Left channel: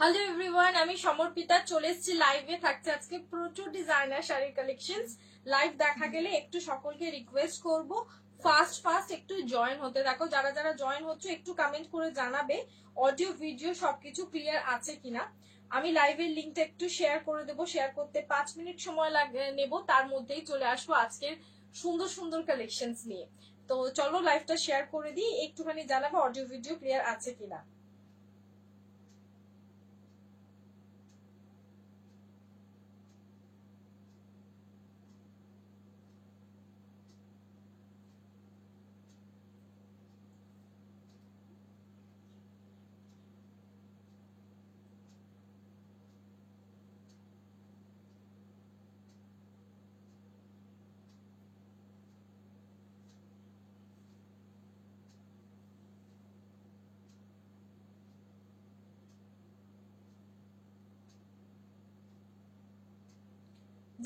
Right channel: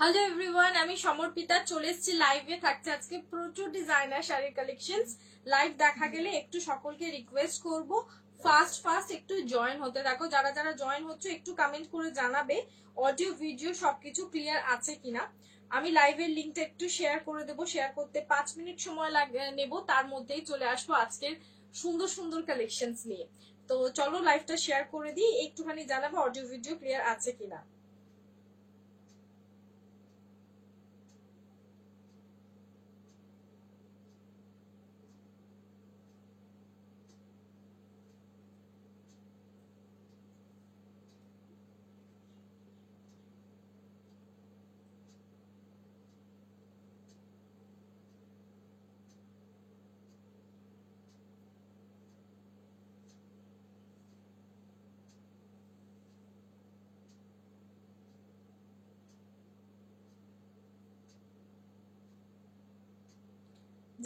Hello everyone, আমি সমর্পিতা চলে এসেছি লাইভে। থাকছে আজকে প্রচুর ডিজাইনার শাড়ির কালেকশনস। লাইভ দেখা গেলে একটু সকলকে রিকোয়েস্ট করব ফাস্ট একটু জয়েন হতে থাকো। যারা যারা জয়েন হচ্ছে একটু কমেন্ট করে জানাবে অডিও ভিডিও সবকিছু ক্লিয়ার আছে কিনা। আমি লাইভের লিঙ্কটা একটু শেয়ার করে দেবো। শেয়ার করতে 5 মিনিট সময় নেব, তার মধ্যেই চলে আসবো আজকের সুন্দর সুন্দর কালেকশনস নিয়ে। তো চলো লাইভটা শেয়ার করে দিই, একটুখানি জানাবো অডিও ভিডিও ক্লিয়ার আছে কিনা।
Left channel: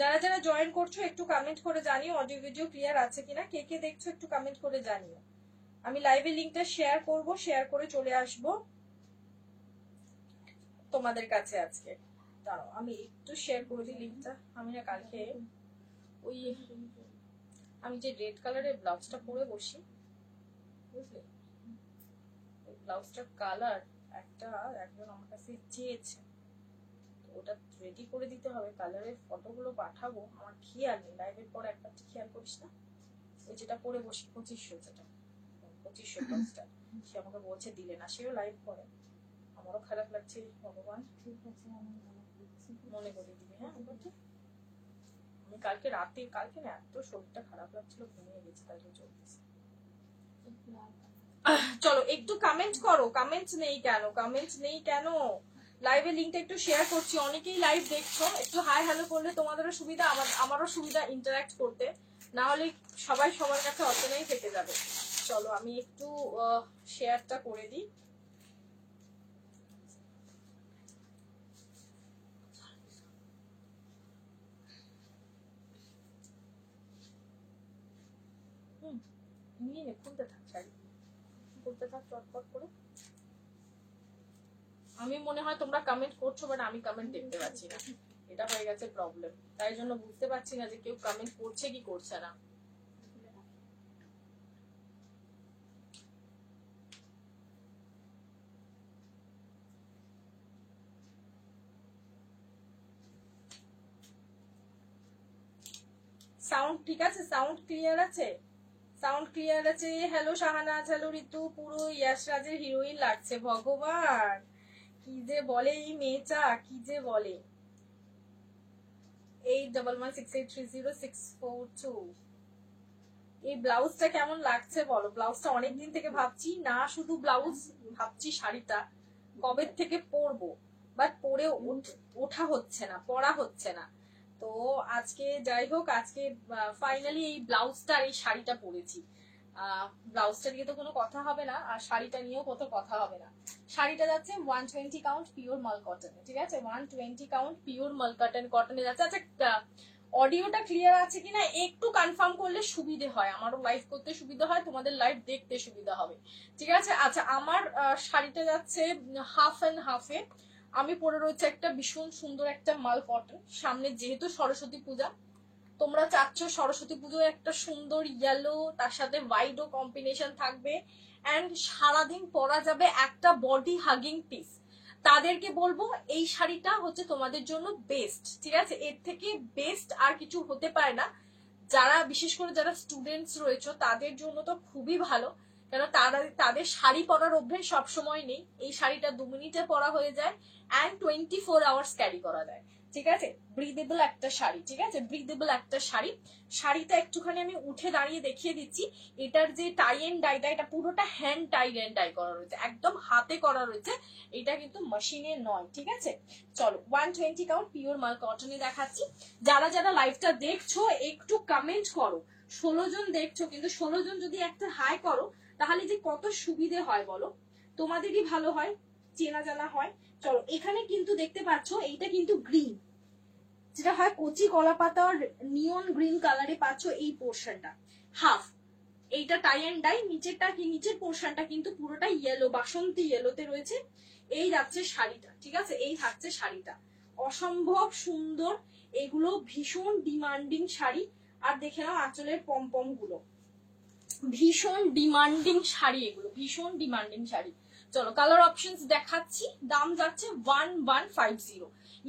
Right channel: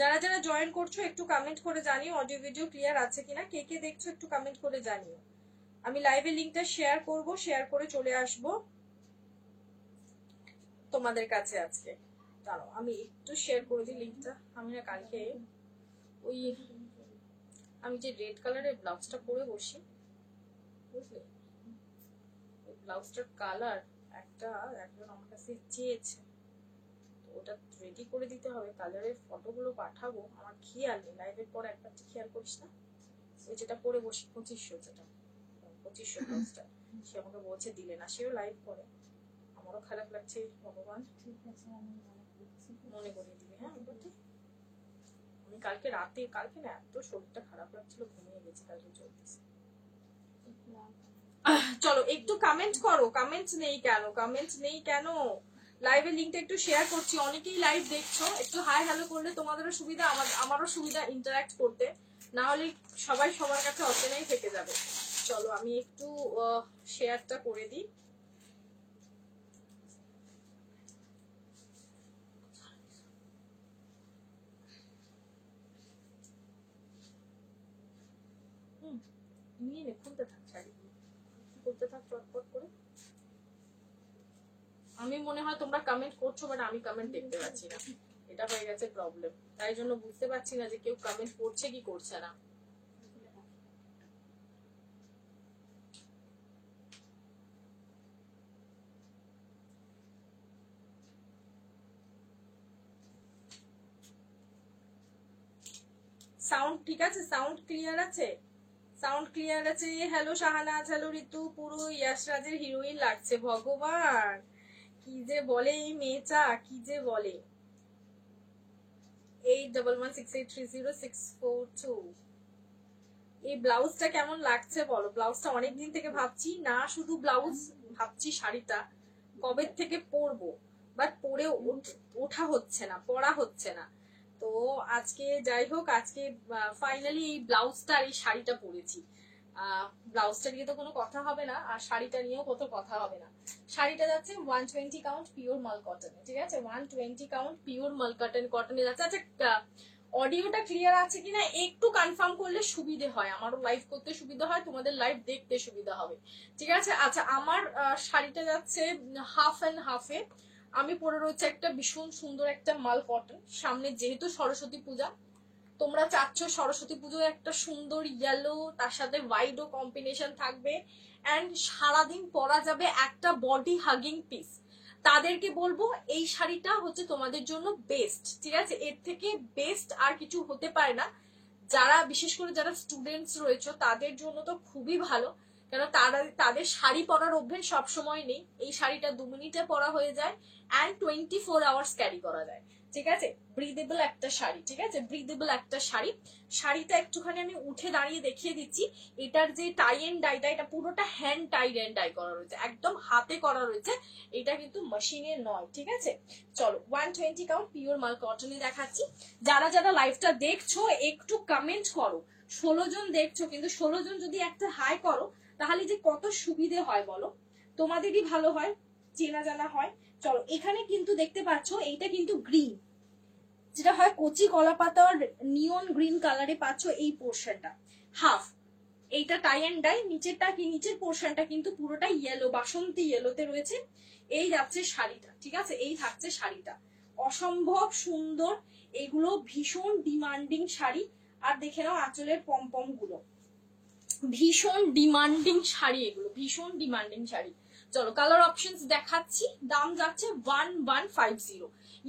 যারা যারা জয়েন করছো একটু কমেন্ট করে জানিও অডিও ভিডিও ক্লিয়ার আছে কিনা। কে কে দেখছো একটু কমেন্ট করে জানিও। আমি লাইভের লিংকটা শেয়ার করব, শেয়ার করে চলে আসব তোমাদের কাছে আজকে। দাঁড়াও আমি একটু শেয়ার করে দিই লিংকটা। আমি না কালকে ওই আমি যে রেড কালারের ব্লাউজটা পরে বসি, বুঝলে, ওই ব্লাউজটার কালার একটা একবার আমার কাছে চেয়েছে, ওটা রেডি করে দিতে হবে। কালারের ফটোগুলো পাঠাবো, আমার খেয়াল নেই। লাইভের পর একটা খেয়াল করছি না, ওই যেটা পরে বসি 2500, যেটা 2500 ব্লাউজটা, সে আমাকে বলছে দিলে না। সেও লাইভ করে, আমারও খারাপ লাগছে। ভগবান ঠিক আছে, আমি মনে করে দিবে। হ্যাঁ, আমি কালকে রাতে, কালকে না এত শরীরটা খারাপ লাগছিল, ঘুমিয়ে গেছি, কালকে চলতেছে। চলো একটু কমেন্ট করো। কমেন্টস নেই কেন, কমেন্টস নেই কেন? লাইভের লিংকটা একটু শেয়ার করছি, অনেকেই লাইভ দেখছো। একটু হাই হ্যালো করলে তোমাদেরও সুবিধা, আমারও সুবিধা ইন্টারঅ্যাক্ট করতে, না হলে সবাই সবার কাছে অপেনেই থেকে যাবে। চলো আমি একটু শেয়ারটা করে দিই। খুলতে থাক শাড়ি, খুলতে থাক চটপট করে। আমি মনে হয় তোমরা কমেন্ট করছো, বাট আমি কমেন্ট দেখতে পাচ্ছি না। এটা হয়ে গেছে প্রবলেম, তাই জন্য বুঝতে পারছি না যে কেউ কমেন্ট করছে কি করছে না। সাউন্ড ঠিক আছে? সাউন্ড ক্লিয়ার আছে? সাউন্ড ক্লিয়ার আছে? হ্যালো শাহানাজ, হ্যালো ঋতু, পুরো ইয়াশরাজের হিরোইন লাগছে। ভগবান কি যে বলে এই মেয়েটা, কি যে বলে। 8116830642। এই ব্লাউজটা কেমন লাগছে বলো? ব্লাউজটা অনেকদিন থেকে ভাবছি, না শুধু ব্লাউজ ভাবছি, শাড়িটা কবে থেকে পরবো, বাট পরে ওঠা হচ্ছে না, পরা হচ্ছে না। তো আজকে যাই হোক, আজকে ফাইনালি এই ব্লাউজটা, এই শাড়িটা পরেছি। ব্লাউজটা নিয়ে তো কোনো কথা হবে না, আর শাড়িটা নিয়েও কত কথা হবে না। শাড়িটা যাচ্ছে 120 কাউন্ট পিওর মাল কটন, ঠিক আছে? 120 কাউন্ট পিওর মাল কটনে যাচ্ছে। আচ্ছা, অডিওটা ক্লিয়ার আছে কিনা একটু কনফার্ম করলে সুবিধে হয়, আমারও লাইভ করতে সুবিধা হয়, তোমাদের লাইভ দেখতে সুবিধা হবে, ঠিক আছে? আচ্ছা, আমার শাড়িটা যাচ্ছে হাফ অ্যান্ড হাফে। আমি পরে রয়েছে একটা ভীষণ সুন্দর একটা মাল কটন। সামনে যেহেতু সরস্বতী পূজা, তোমরা চাচ্ছ সরস্বতী পুজোয় একটা সুন্দর ইয়েলো, তার সাথে হোয়াইটও কম্বিনেশন থাকবে, অ্যান্ড সারাদিন পরা যাবে একটা বডি হাগিং পিস। তাদেরকে বলবো এই শাড়িটা হচ্ছে তোমাদের জন্য বেস্ট, ঠিক আছে? এর থেকে বেস্ট আর কিছু হতে পারে না। যারা বিশেষ করে যারা স্টুডেন্টস রয়েছে তাদের জন্য তো খুবই ভালো, কেন তাদের শাড়ি পরার অভ্যেস সবসময় নেই। এই শাড়িটা 2 মিনিটে পরা হয়ে যায়, অ্যান্ড 24 আওয়ার্স ক্যারি করা যায়, ঠিক আছে? ব্রিদেবল একটা শাড়ি, ঠিক আছে? ব্রিদেবল একটা শাড়ি। শাড়িটা একটুখানি আমি উঠে দাঁড়িয়ে দেখিয়ে দিচ্ছি। এটার যে টাই এন্ড ডাইটা, এটা পুরোটা হ্যান্ড টাই এন্ড ডাই করা রয়েছে, একদম হাতে করা রয়েছে, এটা কিন্তু মেশিনে নয়, ঠিক আছে? চলো 120 কাউন্ট পিওর মাল কটনই দেখাচ্ছি। যারা যারা লাইভটা দেখছো একটু কমেন্ট করো। 16 জন দেখছো, কিন্তু 16 জন যদি একটা হাই করো তাহলে যে কত সুবিধে হয় বলো, তোমাদেরই ভালো হয়, চেনা জানা হয়। চলো, এখানে কিন্তু দেখতে পাচ্ছ এইটা কিন্তু গ্রিন, যেটা হয় কচি কলা পাতার নিয়ন গ্রিন কালারে পাচ্ছ এই পোর্শনটা হাফ। এইটা টাই এন্ড ডাই, নিচেরটা কি, নিচের পোর্শনটা কিন্তু পুরোটা ইয়েলো, বাসন্তী ইয়েলোতে রয়েছে। এই যাচ্ছে শাড়িটা, ঠিক আছে, এই থাকছে শাড়িটা, অসম্ভব সুন্দর। এগুলো ভীষণ ডিমান্ডিং শাড়ি। আর দেখে নাও আঁচলের পমপম গুলো, ভীষণ ডিমান্ডিং শাড়ি, এগুলো ভীষণ ডিমান্ডিং শাড়ি। চলো কালার অপশনস দেখাচ্ছি। দাম যাচ্ছে 1150,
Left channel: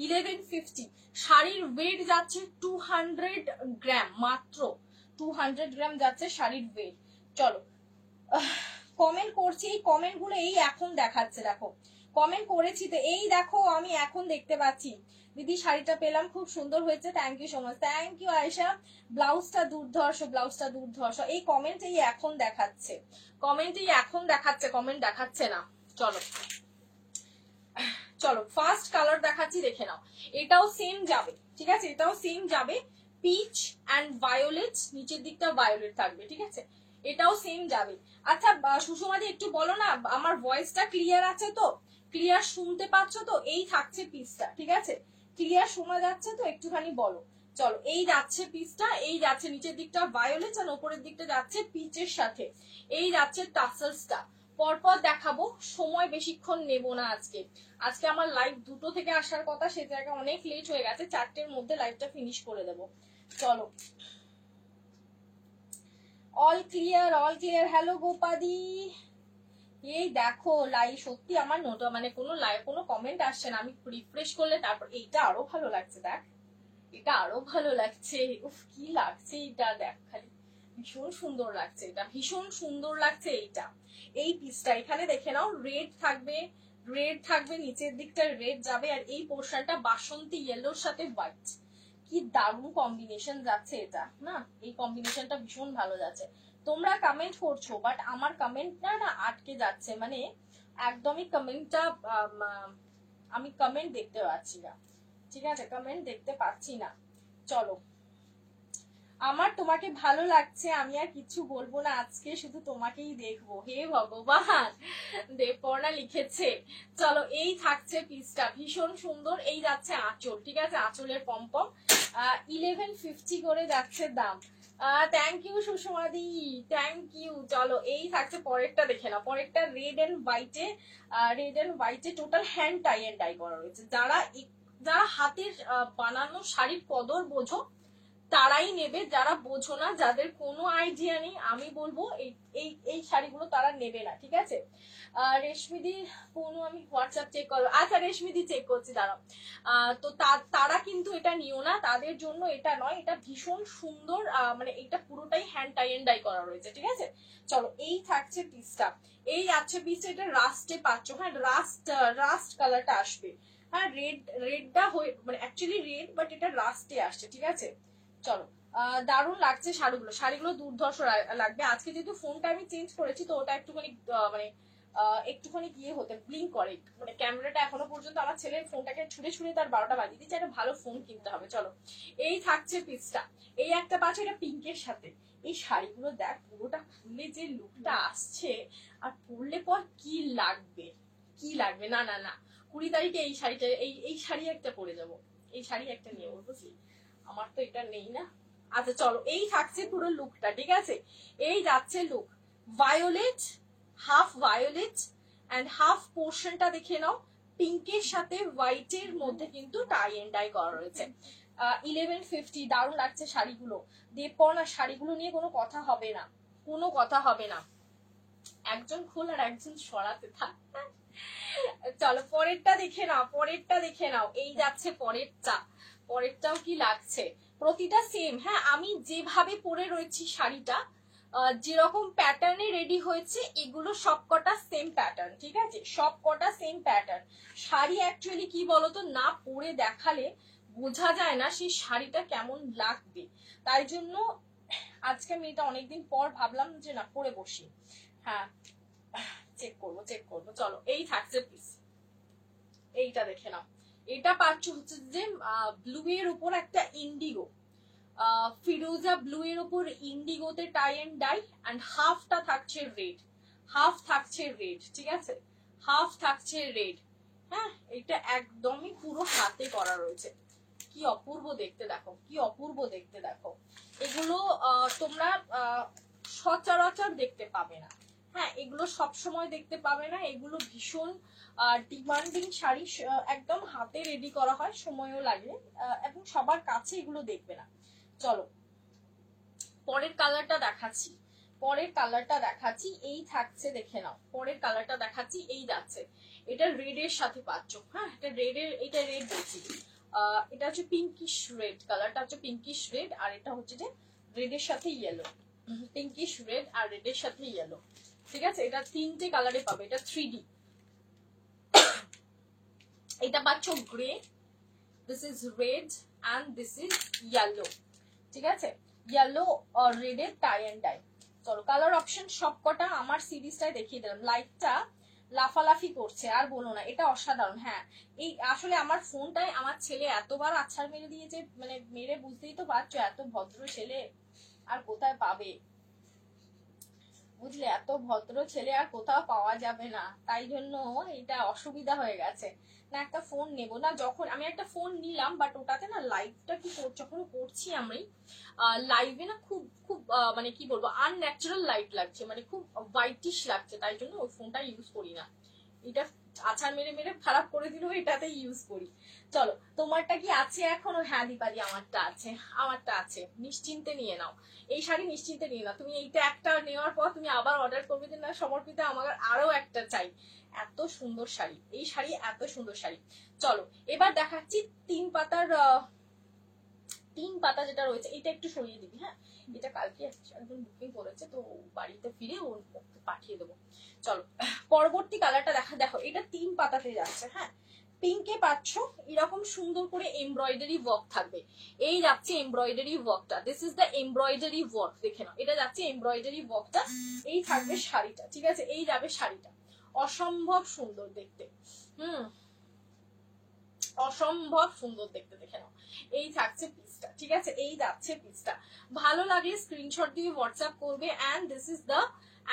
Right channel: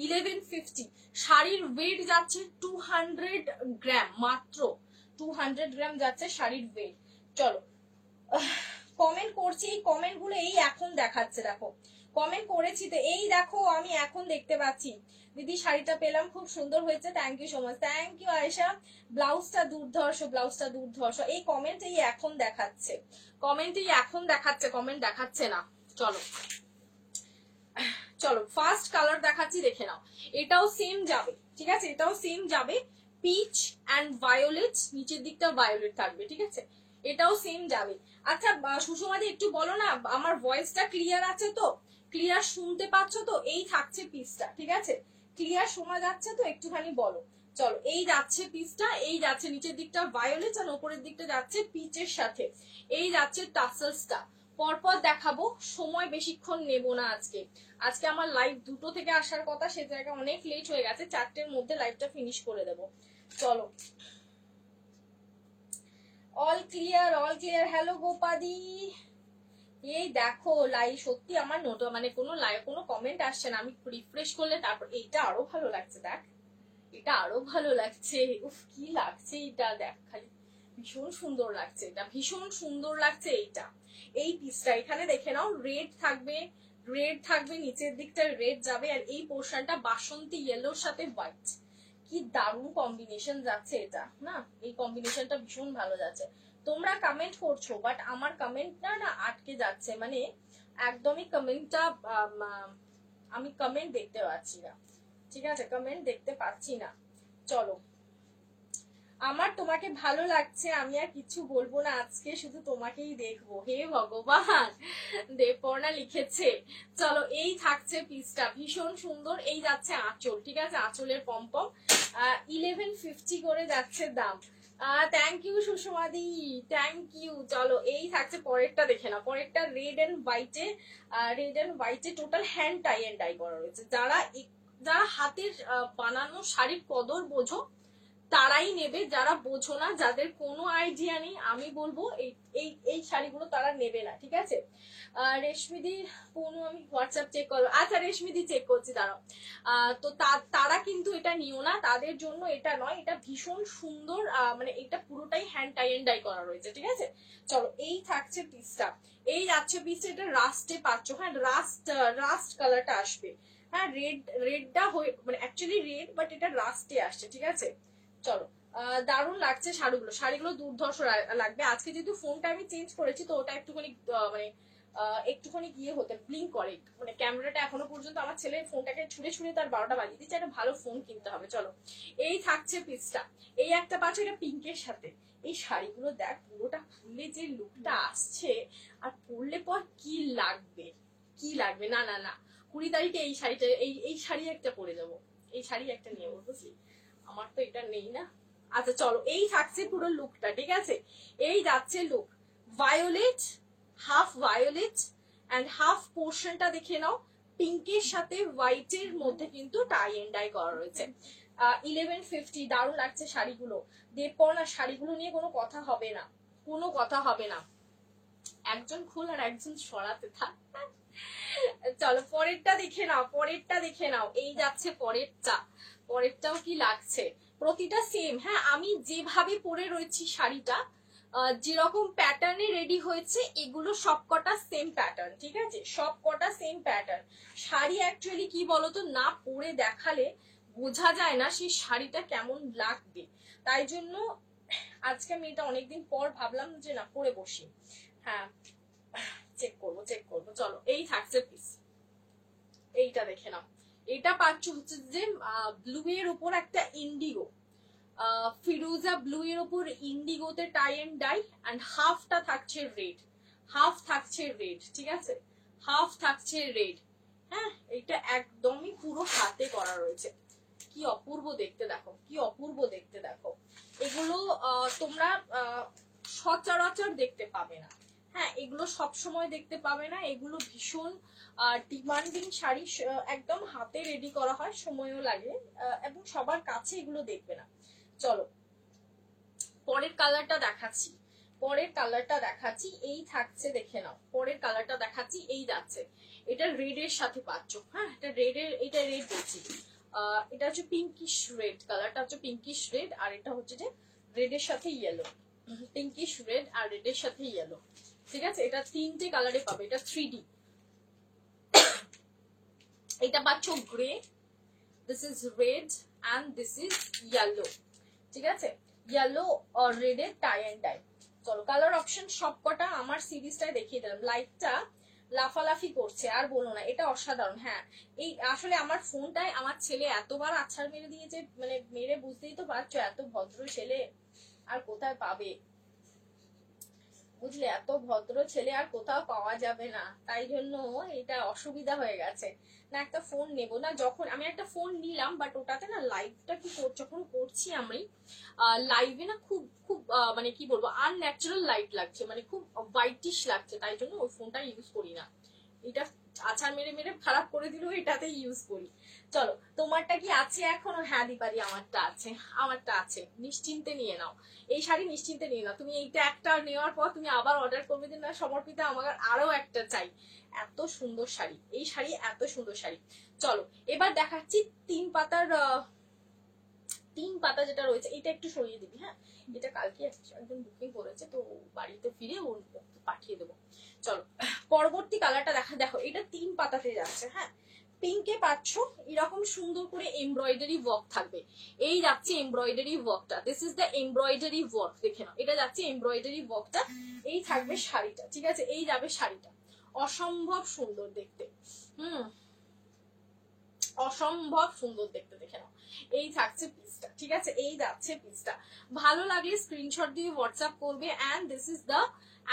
1150। শাড়ির ওয়েট যাচ্ছে 200 গ্রাম, মাত্র 200 গ্রাম যাচ্ছে শাড়ির ওয়েট। চলো কমেন্ট করছি, এই কমেন্ট গুলো এই এখন দেখাচ্ছে, দেখো কমেন্ট করেছি তো, এই দেখো আমি এখন দেখতে পাচ্ছি। দিদি শাড়িটা পেলাম, খুব সুন্দর হয়েছে, thank you so much, thank you Ayesha. ব্লাউজটা দুর্ধর্ষ, ব্লাউজটা দুর্ধর্ষ। এই কমেন্ট এই এখন দেখাচ্ছে, কমেন্ট এই এখন দেখাচ্ছে, কমেন্ট দেখাচ্ছে না। চলো চলো ফার্স্ট কালার দেখাচ্ছি, দেখে নাও। এটাও সেম যাবে, ঠিক আছে, এটাও সেম যাবে, পিচ অ্যান্ড ভায়োলেট, নিচের দিকটা ভায়োলেট থাকবে, ঠিক আছে, এটাও সেম যাবে। আচ্ছা সুষমাদি একটু বলো না, আমার ভয়েসটা ক্লিয়ার আছে তো, ক্লিয়ার শুনতে পাচ্ছ তো? এই থাকছে পিসটা, ঠিক আছে, ক্লিয়ার শোনা যাচ্ছে তো, একটুখানি বলো। চলো এই যাচ্ছে পিসটা, এই যাচ্ছে নিচের দিকটা ভায়োলেট আর উপরের দিকটা যাচ্ছে পিচের সাথে, এই যাচ্ছে টাসেলসটা। পরপর দেখাবো, সময় বেশিক্ষণ নেব না আজকে। আজকে আমার লাইভ 2টো থেকে আসার কথা, সে জায়গায় অনেক লেট হয়ে গেছে, 4টের মধ্যে লাইভটা ফিনিশ করে দেবো। চলো all clear, all clear. Hello গোপাদি, এই দেখো লাইভ, সত্যি আমার নোট মানে কোনো লাইভ কোনো কমেন্ট আসছে না, আমি রিফ্রেশ করলে তারপর এইটা আরো ভালো লাগছে, দেখ এটা আরো ভালো লাগছে, উফ কি লাগছে এটা, দেখ খালি ভীষণ সুন্দর লাগছে, এটা ভীষণ সুন্দর লাগছে এইটা। এই পিসটা এখানে দেখে নাও, রেড থাকবে, রেড থাকবে, নিচের দিকটা রেড যাবে, আর এই পোর্শনটা বাসন্তী ইয়েলোর সাথে হোয়াইট, কি দারুণ কম্বিনেশন যাচ্ছে এটা না, এই কম্বিনেশনটা ভীষণ ভালো যাচ্ছে। তোমরা কমেন্ট করছো বাট আমার কমেন্টটা না আটকে যাচ্ছে, মানে একদমই কমেন্টটা আমি কমেন্ট দেখতে পাচ্ছি না, ঠিক আছে, কমেন্ট দেখতে পাচ্ছি না। চলো আমার তোমাকে ভালো লাগছে, আমি আর কিছু বলবো না, আজকে শুধু তোমাকেই দেখবো, হে ভগবান, দেবপর্ণা লিখেছে। চলো এই থাকছে পিসটা, ভীষণ সুন্দর। এই যাচ্ছে আঁচল, ঠিক আছে, আঁচলের পম্পম, 1150 করে যাচ্ছে দাম। থ্যাংক ইউ সুষমাদি, থ্যাংক ইউ। চলো এই থাকছে পরেরটা, দেখে না, পরেরটা রেড এন্ড হোয়াইটে, রেড এন্ড হোয়াইটে total hand tie and tie করা রয়েছে। যারা যারা হাতের বানানো শাড়ির কদর বোঝো তারাই নেবে, যারা বোঝো না, যাদের কোনো আইডিয়া নেই, আমি বলবো এই শাড়িগুলো তারা নেবে না, ঠিক আছে। রেশমিদি কোনো আমি হোয়াটসঅ্যাপ চেক করবো, আচ্ছা রেশমিদি চেক করছি দাঁড়াও। তো তারা কিন্তু এটা নিও না, তাদের জন্য এটা নয়, এটা ভীষণ সুন্দর, মানে এটা পুরোটাই হ্যান্ড টাই এন্ড ডাই করা রয়েছে, ঠিক আছে। চলো এই থাকছে পিসটা, এই যাচ্ছে পিসটা, এটা রাস্টে পাচ্ছ, হ্যাঁ রাস্ট কালারটা আসবে, হ্যাঁ রেডটা হয়ে মানে অ্যাকচুয়ালি রেড বাট এটা রাস্টে আসছে, ঠিক আছে। চলো দারুণ লাগছে শাড়িগুলো, শাড়িগুলো দুর্ধর্ষ লাগবে। আজকে যেহেতু ফোনটা আমি চেঞ্জ করেছি তো ওটা একটুখানি মানে একটুখানি গিয়ে হতে ব্লিঙ্ক করে, মানে ক্যামেরাটা এখনো পর্যন্ত আমার ছেলের ফোনটাকে ছুঁড়ে ছুঁড়ে তার 12টা বাজিয়ে দিচ্ছে, একটা ভালো ফোন কিনতে হবে। চলো এই থাকছে পিসটা, এই একটা পাচ্ছ এটা পিঙ্কের সাথে। এই শাড়িগুলো দেখ পুরোটা খুলে যে লুকটা আসছে, আর পরলে পর কি লাগবে, কি লাগবে, না না না 20 তারিখে এই শাড়িটা, এই শাড়ি একটা পরে যাবো, এই শাড়ি একটা নিয়ে বুঝলি, আমার তো এটা নেই না। আচ্ছা চলো এই থাকছে পুরো লুকটা, ঠিক আছে, এই যাচ্ছে look, violet, half violet and half পোর্শনটা দেখে নাও, পিঙ্কের সাথে হোয়াইটের মধ্যে কিন্তু টাই এন্ড ডাই করা রয়েছে। 1150, দারুণ লাগছে শাড়িগুলো। দেবপর্ণা শাড়িগুলো নিয়ে কোনো কথা হবে না, কোনো কথা হবে না, একজন খোল আর একজন সরাতে থাক। চলো পরেরটা দেখে নাও, পরেরটা দেখে নাও, এই যাচ্ছে পরেরটা, পরেরটাও কি লাগছে, প্রতিটা সেম, হ্যাঁ আমি যেভাবে পরে রয়েছি শাড়িটা, যেরকম প্যাটার্নে রেডি হয়েছে এগুলো সবকটা সেম প্যাটার্ন, ঠিক আছে, সবকটা সেম প্যাটার্ন। শাড়ি অ্যাকচুয়ালি কি বলতো, না পরে দেখালে বোঝা যায় না সেই শাড়িটা কেমন লাগবে, তাই জন্য আজকে আমি এটা অনেকদিন পর ভাবলাম যে না পরে বসি। হ্যাঁ চেক করবো চেক করবো। চলো এই থাকছে পিস, এইটা দেখে নাও, এটা পাচ্ছ হচ্ছে যে ব্লু এর উপর একটা ইন্ডিগো, ফিরোজা ব্লু এর উপর ইন্ডিগোতে টাই এন্ড ডাই, এন্ড হাফটা থাকছে রেড, হাফ থাকছে রেড, ঠিক আছে, হাফ থাকছে রেড, হ্যাঁ এটা একদমই পুরো হাতে করা রয়েছে, কি অপূর্ব দেখতে দেখো, কি অপূর্ব দেখতে দেখো। এগুলো তোমরা সচরাচর দেখতে পাবে না, হ্যাঁ, এগুলো সব সময় দেখতে পাবে না, এগুলো ভীষণ ডিমান্ডিং শাড়ি, একদম হাতে রেডি করা হয়, সময়ও লাগে, এবং সবার কাছে এগুলো দেখবে না। চলো পরের কালারটা দেখাচ্ছি, পরের কালারটা দেখাচ্ছি, এই থাকছে, দেখে নাও পরের কালারটা দেখাচ্ছি, এই যাচ্ছে, এটা রেড এর সাথে পাচ্ছ। হ্যাঁ, এটা রেড এর, এটা রেড বলছি, এটা হচ্ছে পিঙ্কিশ রেড, কালারটা হচ্ছে পিঙ্কিশ রেড, আর এটা হচ্ছে যে রেড এর সাথে ইয়েলো, পিঙ্কিশ রেড আর রেড এর সাথে ইয়েলো। ঠিক আছে, এটা তিনটে কালারে পাবে, এটা 3D। এটা পাচ্ছ grey, this is red and this is yellow. ঠিক আছে, ইয়েলো আর রেড এর টাই এন্ড ডাই। চলো কালার অপশন সবকটা আমার সিরিজটাই দেখিয়ে দিলাম। লাইটটা লাফালাফি করছে আর বলো না, এটা অসাধারণ। হ্যাঁ, এই আসলে আমার ফোনটায় আমার ছেলে এতবার আছাড় মেরে দিয়েছে, মানে মেরে বুঝতেই তো পারছো, এত ভদ্র ছেলে আর কোথায় পাবে, বুঝলে, এত ভদ্র ছেলে আর কোথাও পাওয়া যাবে না, তাই জন্য এটা অসুবিধা হয়ে গেছে না, একটা ফোন নেব না। যখন আমি একটা ফোন নিলাম, বাট ওটাতে না লাইভটা কি যখন করছি আমি লাইভে না খুব খুব মানে কি বলবো, আনন্যাচারাল লাইট লাগছে, মানে খুব হোয়াইটিশ লাগছে, তাই জন্য ওই ফোনটা ইউজ করি না। এটা আছাড় মেরে মেরে খারাপ করে দিলেও এটাতে ইউজ করি। চলো তোমারটা কি আছে এখনো? হ্যাঁ দীপালি, আমারটা আছে, আমারটা আছে, নিশ্চিন্তে নিয়ে নাও এই শাড়ি, নিশ্চিন্তে নিয়ে নাও। তুমি এইটা একটা নেওয়ার পর তুমি আবার অর্ডার করবে যে না সমর্পিতা আমার আরো একটা চাই। এত সুন্দর শাড়ি, এই শাড়ি এত সুন্দর শাড়ি। চলো এবার দেখাচ্ছি 3 পাতার, 3 পাতা যেটা রয়েছে, এটা একটু সরিয়ে দিবি। হ্যাঁ, এটা কালকে একদম বুকিং করেছে, তো বাড়িতে ফিরে ও পাঠিয়ে দেবো। চলো পরবর্তী কালারটা দেখা, দেখো এটা 3 পাতাতে যাচ্ছে। হ্যাঁ, পিঙ্কে পাচ্ছ এরকম সুন্দর করে এমব্রয়ডারি ওয়ার্ক থাকবে, এই যাচ্ছে এমব্রয়ডারি ওয়ার্কটা, this is the embroidery work, দেখে নাও এটা যাচ্ছে এমব্রয়ডারি ওয়ার্কটা, এই থাকবে শাড়িটা। ঠিক আছে, এই যাবে শাড়িটা, অসম্ভব সুন্দর দেখতে, অসম্ভব সুন্দর দেখতে, দেখে নাও এই থাকছে পিসটা। ঠিক আছে, এই যাচ্ছে পিসটা, ভালো লাগলে স্ক্রিনশট দিয়ে হোয়াটসঅ্যাপ করবে। And this is the,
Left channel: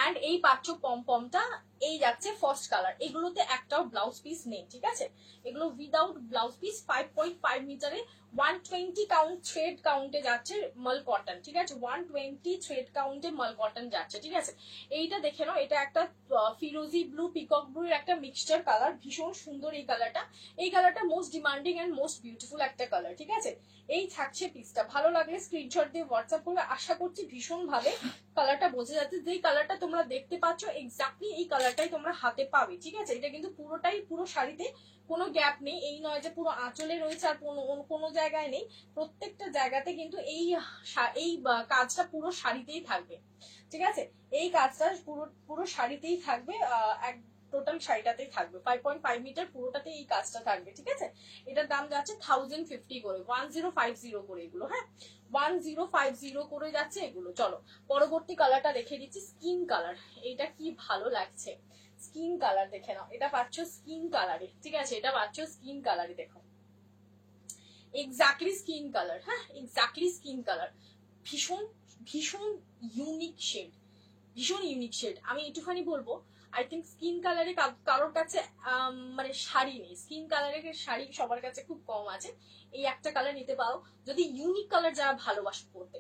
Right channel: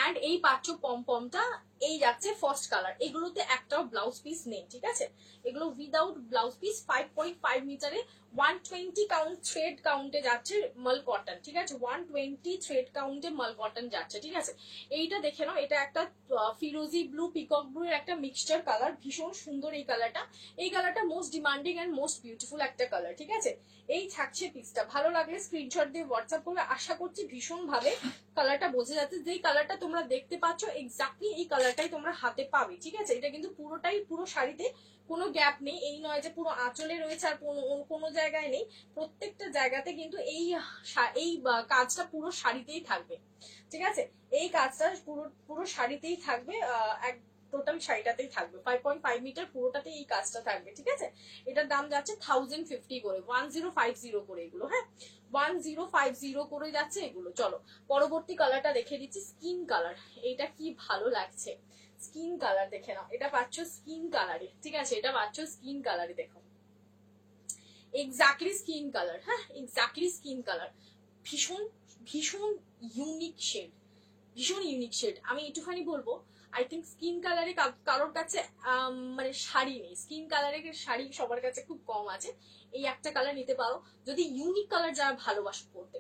and এই পাচ্ছ পমপমটা, এই যাচ্ছে ফার্স্ট কালার। এগুলোতে একটাও ব্লাউজ পিস নেই, ঠিক আছে, এগুলো উইদাউট ব্লাউজ পিস, 5.5 মিটারে 120 কাউন্ট থ্রেড কাউন্টে যাচ্ছে মাল কটন। ঠিক আছে, 120 থ্রেড কাউন্টে মাল কটন যাচ্ছে। ঠিক আছে, এইটা দেখে নাও, এটা একটা ফিরোজি ব্লু পিকক ব্লু এর একটা মিক্সচার কালার, ভীষণ সুন্দর এই কালারটা, এই কালারটা most demanding and most beautiful একটা কালার। ঠিক আছে, এই থাকছে পিসটা, ভালো লাগলে স্ক্রিনশট দিয়ে হোয়াটসঅ্যাপ করলে, আশা করছি ভীষণ ভাবে কালারটা বোঝা যাচ্ছে, যেই কালারটা তোমরা দেখতে পাচ্ছ এক্স্যাক্টলি এই কালারটাই তোমরা হাতে পাবে। ঠিক আছে, এটা কিন্তু পুরোটাই, পুরো শাড়িতে কোনো গ্যাপ নেই, এই নয় যে পুরো আঁচলে রয়েছে আর কোনো জায়গায় নেই, প্রত্যেকটা জায়গাতে কিন্তু এই কাজটা পুরো শাড়িতেই থাকবে। ঠিক আছে, এই কাজটা পুরো শাড়িতেই থাকবে, এক টোটাল শাড়িটাতেই থাকবে, 5.5 মিটার পুরোটাতে এই কাজটা থাকবে। ঠিক আছে, এটার দাম যাচ্ছে 1050 করে, 1050 করে এগুলো। হ্যাঁ, 1050 করে যাচ্ছে এগুলো। চলো পরবর্তী কালারটা দেখে দিচ্ছি, স্কিন কালার, এইটা কি ভালো লাগছে, স্কিন কালার দেখে নাও, এটা পাচ্ছ স্কিন কালারে। ঠিক আছে, এটা পাচ্ছ স্কিন কালারে, দেখো এক্স্যাক্টলি স্কিন কালার। হ্যাঁ, এক্স্যাক্টলি স্কিন কালার, ভীষণ ভীষণ ইউনিক শেড, ভীষণ ইউনিক শেড। আমি একটুখানি বলবো, আই থিঙ্ক স্কিন কালারে কারোর কাছে মানে শাড়ি নেই, স্কিন কালারের শাড়ি সবার কাছে খুব কম আছে, এই একটা কালার নিতে পারো যদি ইউনিক কালার যারা ভালোবাসো পড়তে।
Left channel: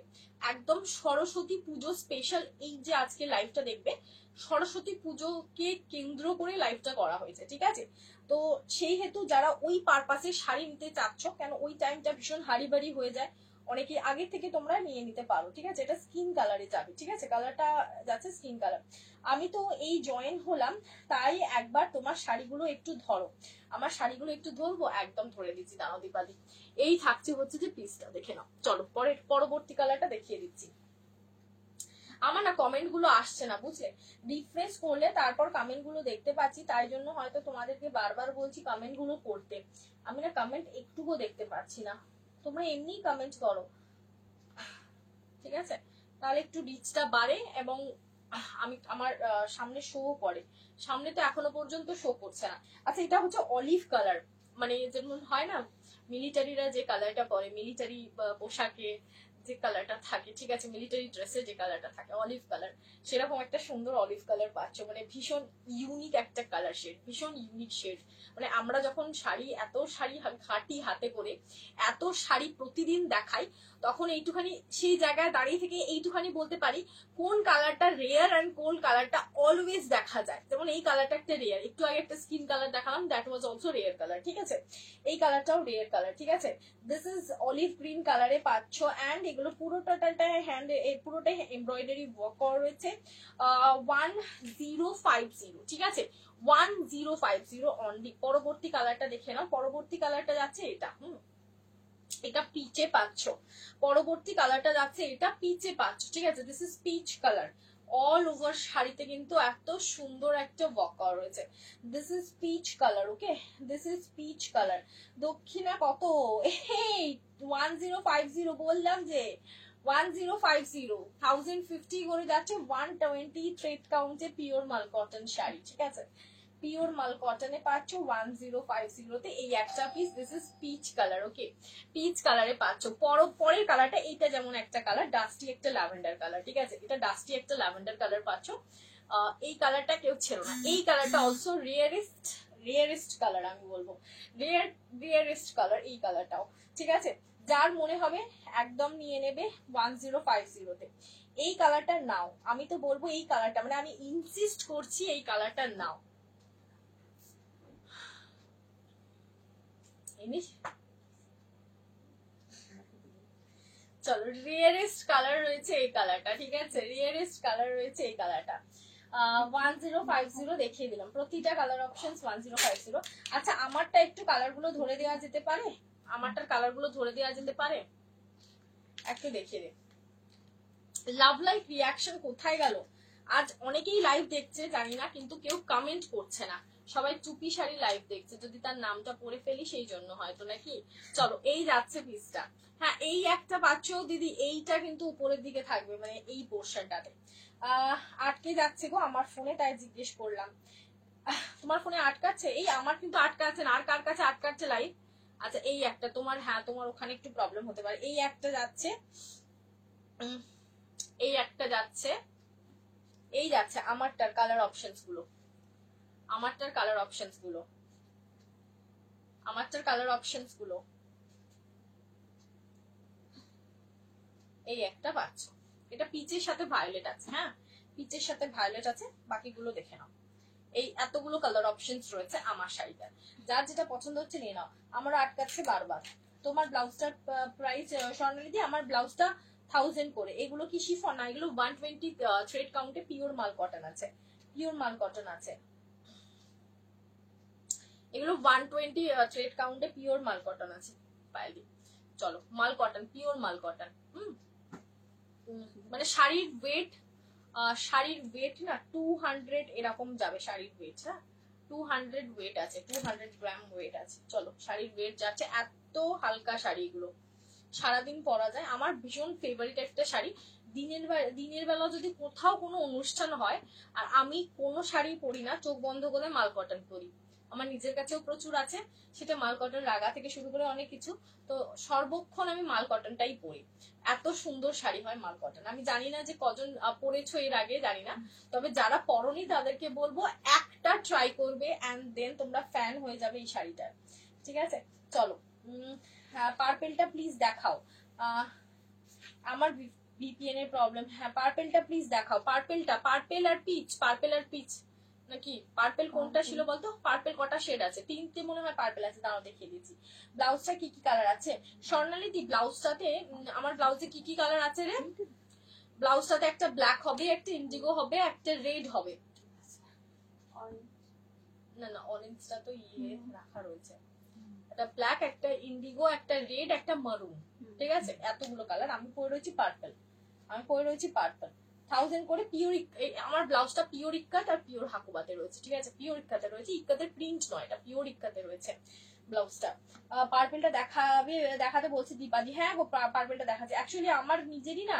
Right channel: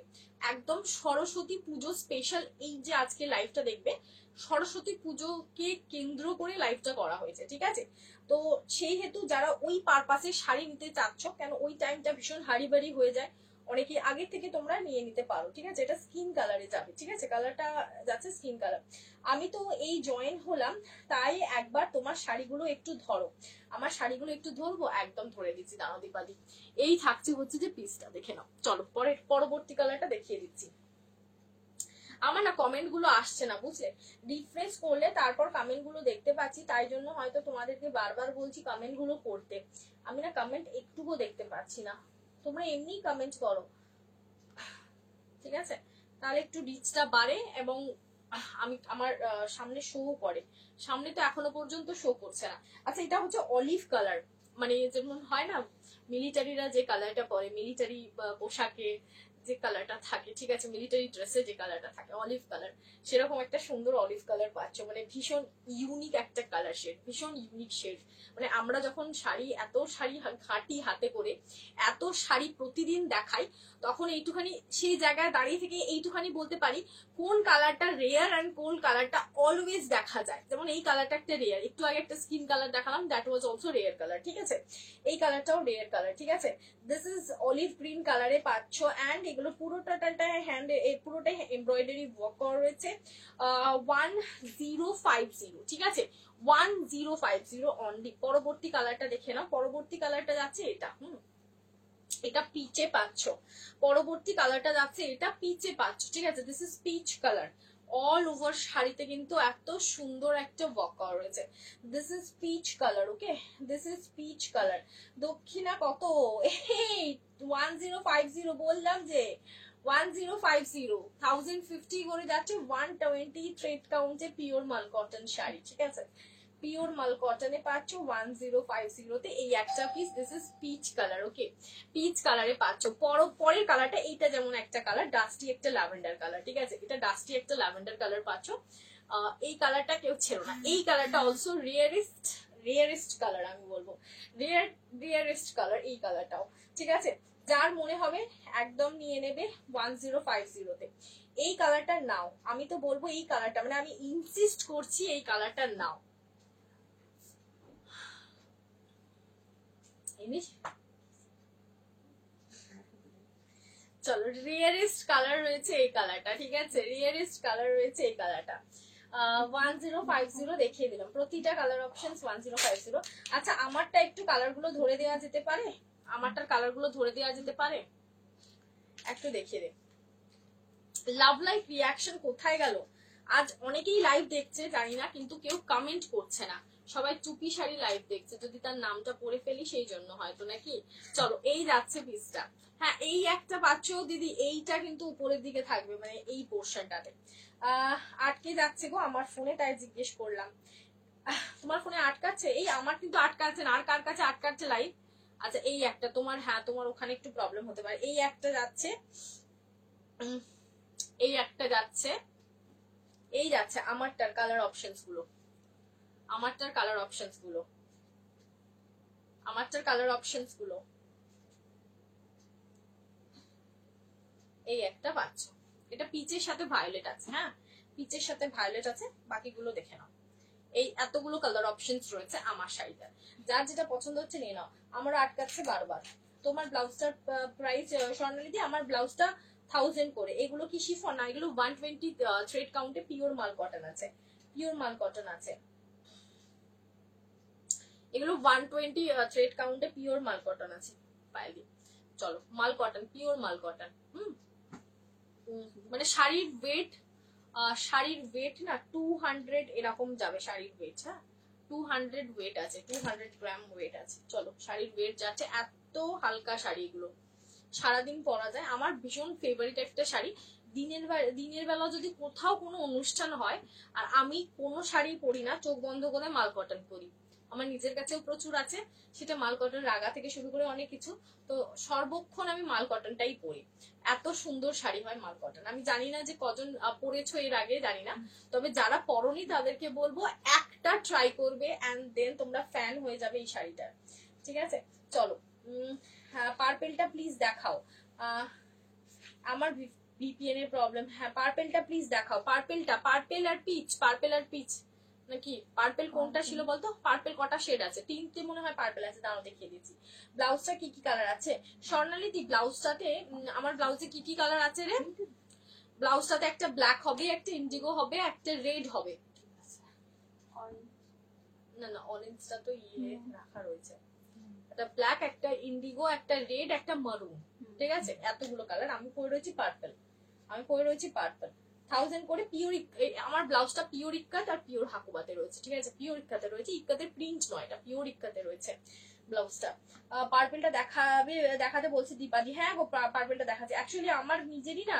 একদম সরস্বতী পুজো স্পেশাল, এই যে আজকে লাইভটা দেখবে সরস্বতী পুজোকে কেন্দ্র করে লাইভটা করা হয়েছে। ঠিক আছে, তো সেই হেতু যারা ওই পারপাসে শাড়ি নিতে চাচ্ছ, কেন ওই টাইমটা ভীষণ হাড়িবাড়ি হয়ে যায়, অনেকে আগে থেকে তোমরা নিয়ে নিতে পারো। ঠিক আছে, এটা স্কিন কালারে যাবে। ঠিক আছে, কালারটা যাচ্ছে স্কিন কালার। আমি তো এই জয়েন হলাম, তাই একবার তোমার শাড়িগুলো একটু ধরো, আমার শাড়িগুলো একটু ধরবো, একদম ধরে দিচ্ছি, দাঁড়ো দীপালি, এই থাকছে হচ্ছে যে পিসটা, দেখে নাও। চলো পরবর্তী কালারটা দেখিয়ে দিচ্ছি। আমার না কমেন্ট গুলো আসছে না, বুঝলে, রিফ্রেশ করলে তারপর কমেন্ট গুলো দেখতে পাচ্ছি, তাই জন্য হয়তো তোমাদেরকে বারবার বলছি কমেন্ট গুলো করতে, আমি না কমেন্ট একটুও দেখতে পাচ্ছি না, তোমরা এমনি কমেন্ট করো। ঠিক আছে, তাহলে একটু রিচটা বাড়ে এবং আমি আমার সামনে শো করে, সামনে তো এখনো পর্যন্ত শো করছে না। আচ্ছা, এটা হচ্ছে অলিভ কালার, মানে যেমন হয় না মিলিটারিরা যে কালারটা পরে মিলিটারি পোশাকে, যে কালারটা থাকে, ঠিক আছে, মিলিটারি ড্রেসে যে কালারটা থাকে অলিভ কালার, সেরকম একটা সুন্দর অলিভ কালার পাচ্ছ, মানে ভীষণ ইউনিক একটা কালার শেড, ভীষণ ইউনিক শেড। মানে আমরা যখন এত শাড়ি ঘাটি হাতে করে, এত শাড়ি প্রতিদিন দেখাই, তখন এইটুখানি সেই জায়গায় দাঁড়িয়ে থেকে এইটুখানি বলতে পারি কোন কালারটা রেয়ার অ্যান্ড কোন কালারটা অলওয়েজ দেখা যায়। যেমন এই কালারটা একটা রেয়ার, একটু আগে একটা স্কিন কালার দেখালাম, that was also rare colour, ঠিক আছে, এই কালারটাও রেয়ার কালার, ঠিক আছে। দিস ইজ অলিভ গ্রিন কালারে পাচ্ছ, অ্যান্ড এগুলো পুরোটাটাই হ্যান্ড, পুরোটাই এমব্রয়ডারি ওয়ার্ক করা রয়েছে। 1050, ঠিক আছে, 1050 অনলি। পরবর্তী কালারটা দেখে নাও, পরবর্তী কালারটা যাচ্ছে এটা, এটা পিচে পাচ্ছ, পরবর্তী কালারটা যাচ্ছে এটা পিচে পাচ্ছ, ঠিক আছে, this is peach colour. All over শাড়িতে কিন্তু এত সুন্দর একটা ওয়ার্ক করা রয়েছে। This is peach colour, okay, this is peach colour. দক্ষিণা কত? 1050, বললাম যে 1050, 1050 করে যাচ্ছে, 120 থ্রেড কাউন্টে পিওর মাল কটন শাড়ি, ঠিক আছে, পিওর মাল কটনে পাচ্ছ 1050 এই একটা পিস। This is peach colour, okay, পিচ কালারে পাচ্ছ। পরের কালারটা এইটা যেমন একটা কালার, ডাস্টি একটা ল্যাভেন্ডার কালার, ঠিক আছে, এটা ডাস্টি একটা ল্যাভেন্ডার কালার পাচ্ছ। এই কালারটা কেউ ছেড়ো না, এই কালারটা অলসো রেয়ারেস্ট কালার, আমি বলবো রেয়ারেস্ট কালার এই কালারটাও, ঠিক আছে। যার মনে হবে একদম নিয়ে নেবে 1050-তে। এই কালারটা নাও, আমি তো বলবো এই কালারটা, মানে আমি ইনসিস্ট করছি এই কালারটা নাও। চলো, রিয়ারেস্ট কালার রয়েছে এই কালারটা, ঠিক আছে, রিয়ারেস্ট কালার রয়েছে এই কালারটা। 1050 দেখিয়ে দিলাম, প্রতিটা কালার অপশন 1050। আচ্ছা, আমারটা একটু কালার গুলো ধরে দেওয়া যেতে পারে, আমারটার কালার গুলো ধরে দেওয়া যেতে পারে, একটু দেখিয়ে দে। লাভ লাইভ রিয়াকশন কোথায় গেল? আজ অনেকেই লাইভ দেখছে জানি না, কিন্তু কেউ কমেন্ট করছে না, সবাই চুপি শাড়ি লাইভ দেখছে, যদি তার নামটা পড়ে ফেলি সেই জন্য হয়তো, নাকি। চলো, এই যাচ্ছে পিসটা, হ্যাঁ, এই একটা পাচ্ছ দিদি, এইটা কিন্তু উপরের দিকে থাকবে, মানে এই পোর্শনটাতে। আটকে যাচ্ছে গো আমার ফোনে, তাই জিজ্ঞেস করলাম। তোমার ফোনে আটকাচ্ছে? এই আমার কিন্তু আটকাচ্ছে না, আর কার কাছে আটকাচ্ছে লাইভ? আচ্ছা, এই একটা তোমার, হ্যাঁ তোমার ওখানে একটু প্রবলেম হতে পারে। এই একটা যাচ্ছে, এই একটা যাচ্ছে, এই যাচ্ছে আমারটার কালার অপশনস গুলো, আমারটার কালার অপশনস গুলো, আমারটার কালার অপশনস গুলো, এই একটা পাচ্ছ, এটা পিচের সাথে ভায়োলেট আছে, হ্যাঁ পিচের সাথে ভায়োলেট আছে, বাকিগুলো দেখে নাও। এই এতগুলো কালার অপশনস রয়েছে আমার শাড়িটার, যার যেটা পছন্দ হচ্ছে নিয়ে নাও। আমার আটকাচ্ছে বারবার। তোমার ব্লাউজটার প্রাইস স্বর্ণালী, আমার ব্লাউজটা 1000 করে। এগুলো কি শিফন না, এগুলো 120 থ্রেড কাউন্টে পিওর মাল কটন আছে, পিওর মাল কটন আছে, এগুলো 120 থ্রেড কাউন্টে পিওর মাল কটন আছে পাইলি। চলো, মাল কটন, পিওর মাল কটন। মানে শাড়ির ওয়েট না 200 এরকম যাবে শাড়ির ওয়েট, হ্যাঁ 200 ওয়েট আছে, 200 গ্রাম ওয়েট আছে। চলো, শাড়ির ওয়েট যাচ্ছে, এত হালকা শাড়ি এগুলো, সারাদিন পরা যায়। আমার ভীষণ ফেভারিট একটা শাড়ি। দিনের বেলা যদি কোথাও কোনো অনুষ্ঠান হয় আর আমি কোনো শাড়ি পরি না, চোখ বন্ধ করে মাল কটন পরি। আমার নিজের কাছেও প্রচুর আছে, সেটা মাল কটন রাগা থেকে শুরু করে অনেক কিছু, তো সর্বক্ষণ আমি মাল কটনটাই পরি। এত সুন্দর শাড়ি হয় মাল কটন। আমি জানি না যে কজন পরেছো এর আগে, জানি না, তবে যারা পরনি তাদেরকে বলবো একটা ট্রাই করবে, এন্ড দেন তোমরা ফ্যান হয়ে যাবে এই শাড়িটার, ঠিক আছে। চলো, পার্পেলটা প্লিজ দেখাও। আমার ভিপিএন এর প্রবলেম, হ্যাঁ পার্পেলটা প্লিজ দেখাও। পার্পেল আর পিচ নাকি? পার্পেল কোনটা ছিল বলতো? পার্পেল কটা শেড আছে? 3টে মনে হয় পার্পেল আছে, দাঁড়াও দেখিয়ে দিচ্ছি। ব্লাউজটা কি কি কালার আছে স্বর্ণালী? ব্লাউজটাতে, আমার ব্লাউজে কি কি কালার আছে রে? ব্লাউজটাতে একটা ব্ল্যাক হবে, একটা ইন্ডিগো হবে, একটা রেড হবে। না অরেঞ্জটা তো ইয়ে রাখা রয়েছে, একটা ব্ল্যাক, একটা ইন্ডিগো, একটা রেড, একটা মারুন, ঠিক আছে, এতগুলো কালার। আমি পরে রয়েছি পার্পল, 1000 করে পিওর। আমার ব্লাউজটা পিওর ইক্কাত আর পিওর হাকুবাতে রয়েছে, ঠিক আছে, পিওর ইক্কাতে রয়েছে, ইক্কাতের প্রিন্ট নয়, এটা পিওর ইক্কাতে রয়েছে ব্লাউজটা। পার্পেলটা দেখাতে বলছে দীপাদি, হ্যাঁ গো পার্পেলটা দেখাচ্ছে। অ্যাকচুয়ালি আমার নিজেরই না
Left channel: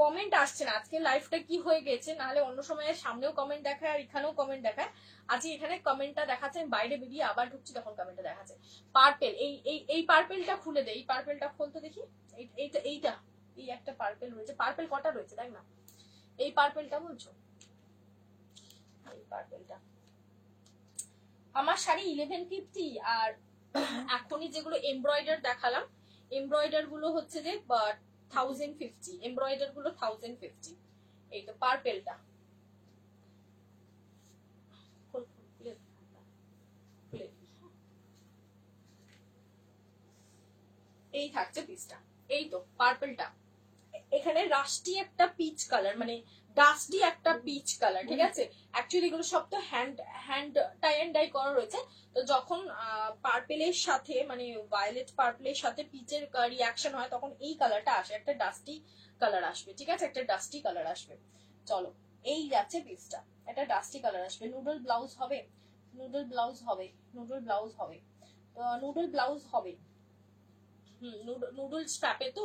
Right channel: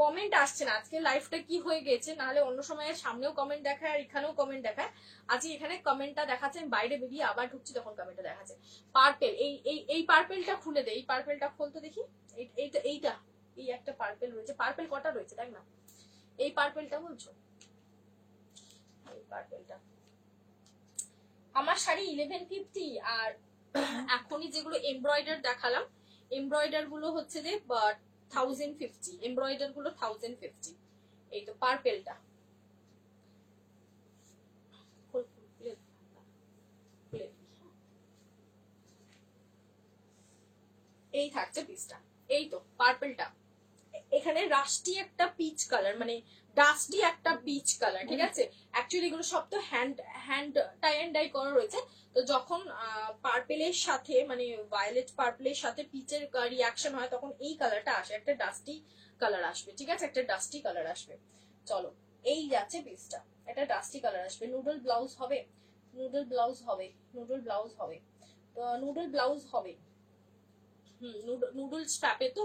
কমেন্ট আসছে না, আজকে লাইফটা কি হয়ে গেছে, নাহলে অন্য সময় সামনেও কমেন্ট দেখায় আর এখানেও কমেন্ট দেখায়। আজকে এখানে কমেন্টটা দেখাচ্ছে, বাইরে বেরিয়ে আবার ঢুকছি তখন কমেন্টটা দেখাচ্ছে। পার্পেল, এই পার্পেলটা খুলে দে, এই পার্পেলটা খুলতে দেখি, এইটা এই একটা পার্পেল রয়েছে, পার্পেল কটা রয়েছে দেখ না, এই পার্পেলটা বলছো, এই পার্পেলটা। আমার শাড়ি 1150, আর এখনই যেগুলো এমব্রয়ডার দেখালাম, এমব্রয়ডার গুলো হচ্ছে যে 1050, এমব্রয়ডার গুলো 1050। এই তো পার্পেলটা, এই থাকছে পিসটা। এই তো পার্পলটা, এখানে রাস্টি একটা পিচ কালার, মানে ডাস্টি একটা পিচ কালার, ঠিক আছে। অ্যাকচুয়ালি এগুলো সব তো হ্যান্ড টাই অ্যান্ড ডাই করা রয়েছে। তো যখন পার্পেলের সাথে মানে ভায়োলেট পার্পেলের সাথে পিচের রিয়াকশন হয় তখন এই কালারটা আসে, একটা ডাস্টি কালার আসবে, ঠিক আছে, একটা ডাস্টি কালার আসবে। চলো এই যাচ্ছে পিসটা, একটা ডাস্টি কালার আসবে। নুডল ব্লাউজ হবে, নুডল ব্লাউজ হবে, নুডল ব্লাউজ হবে, নুডল ব্লাউজ হবে। নুডল স্ট্র্যাপে তো,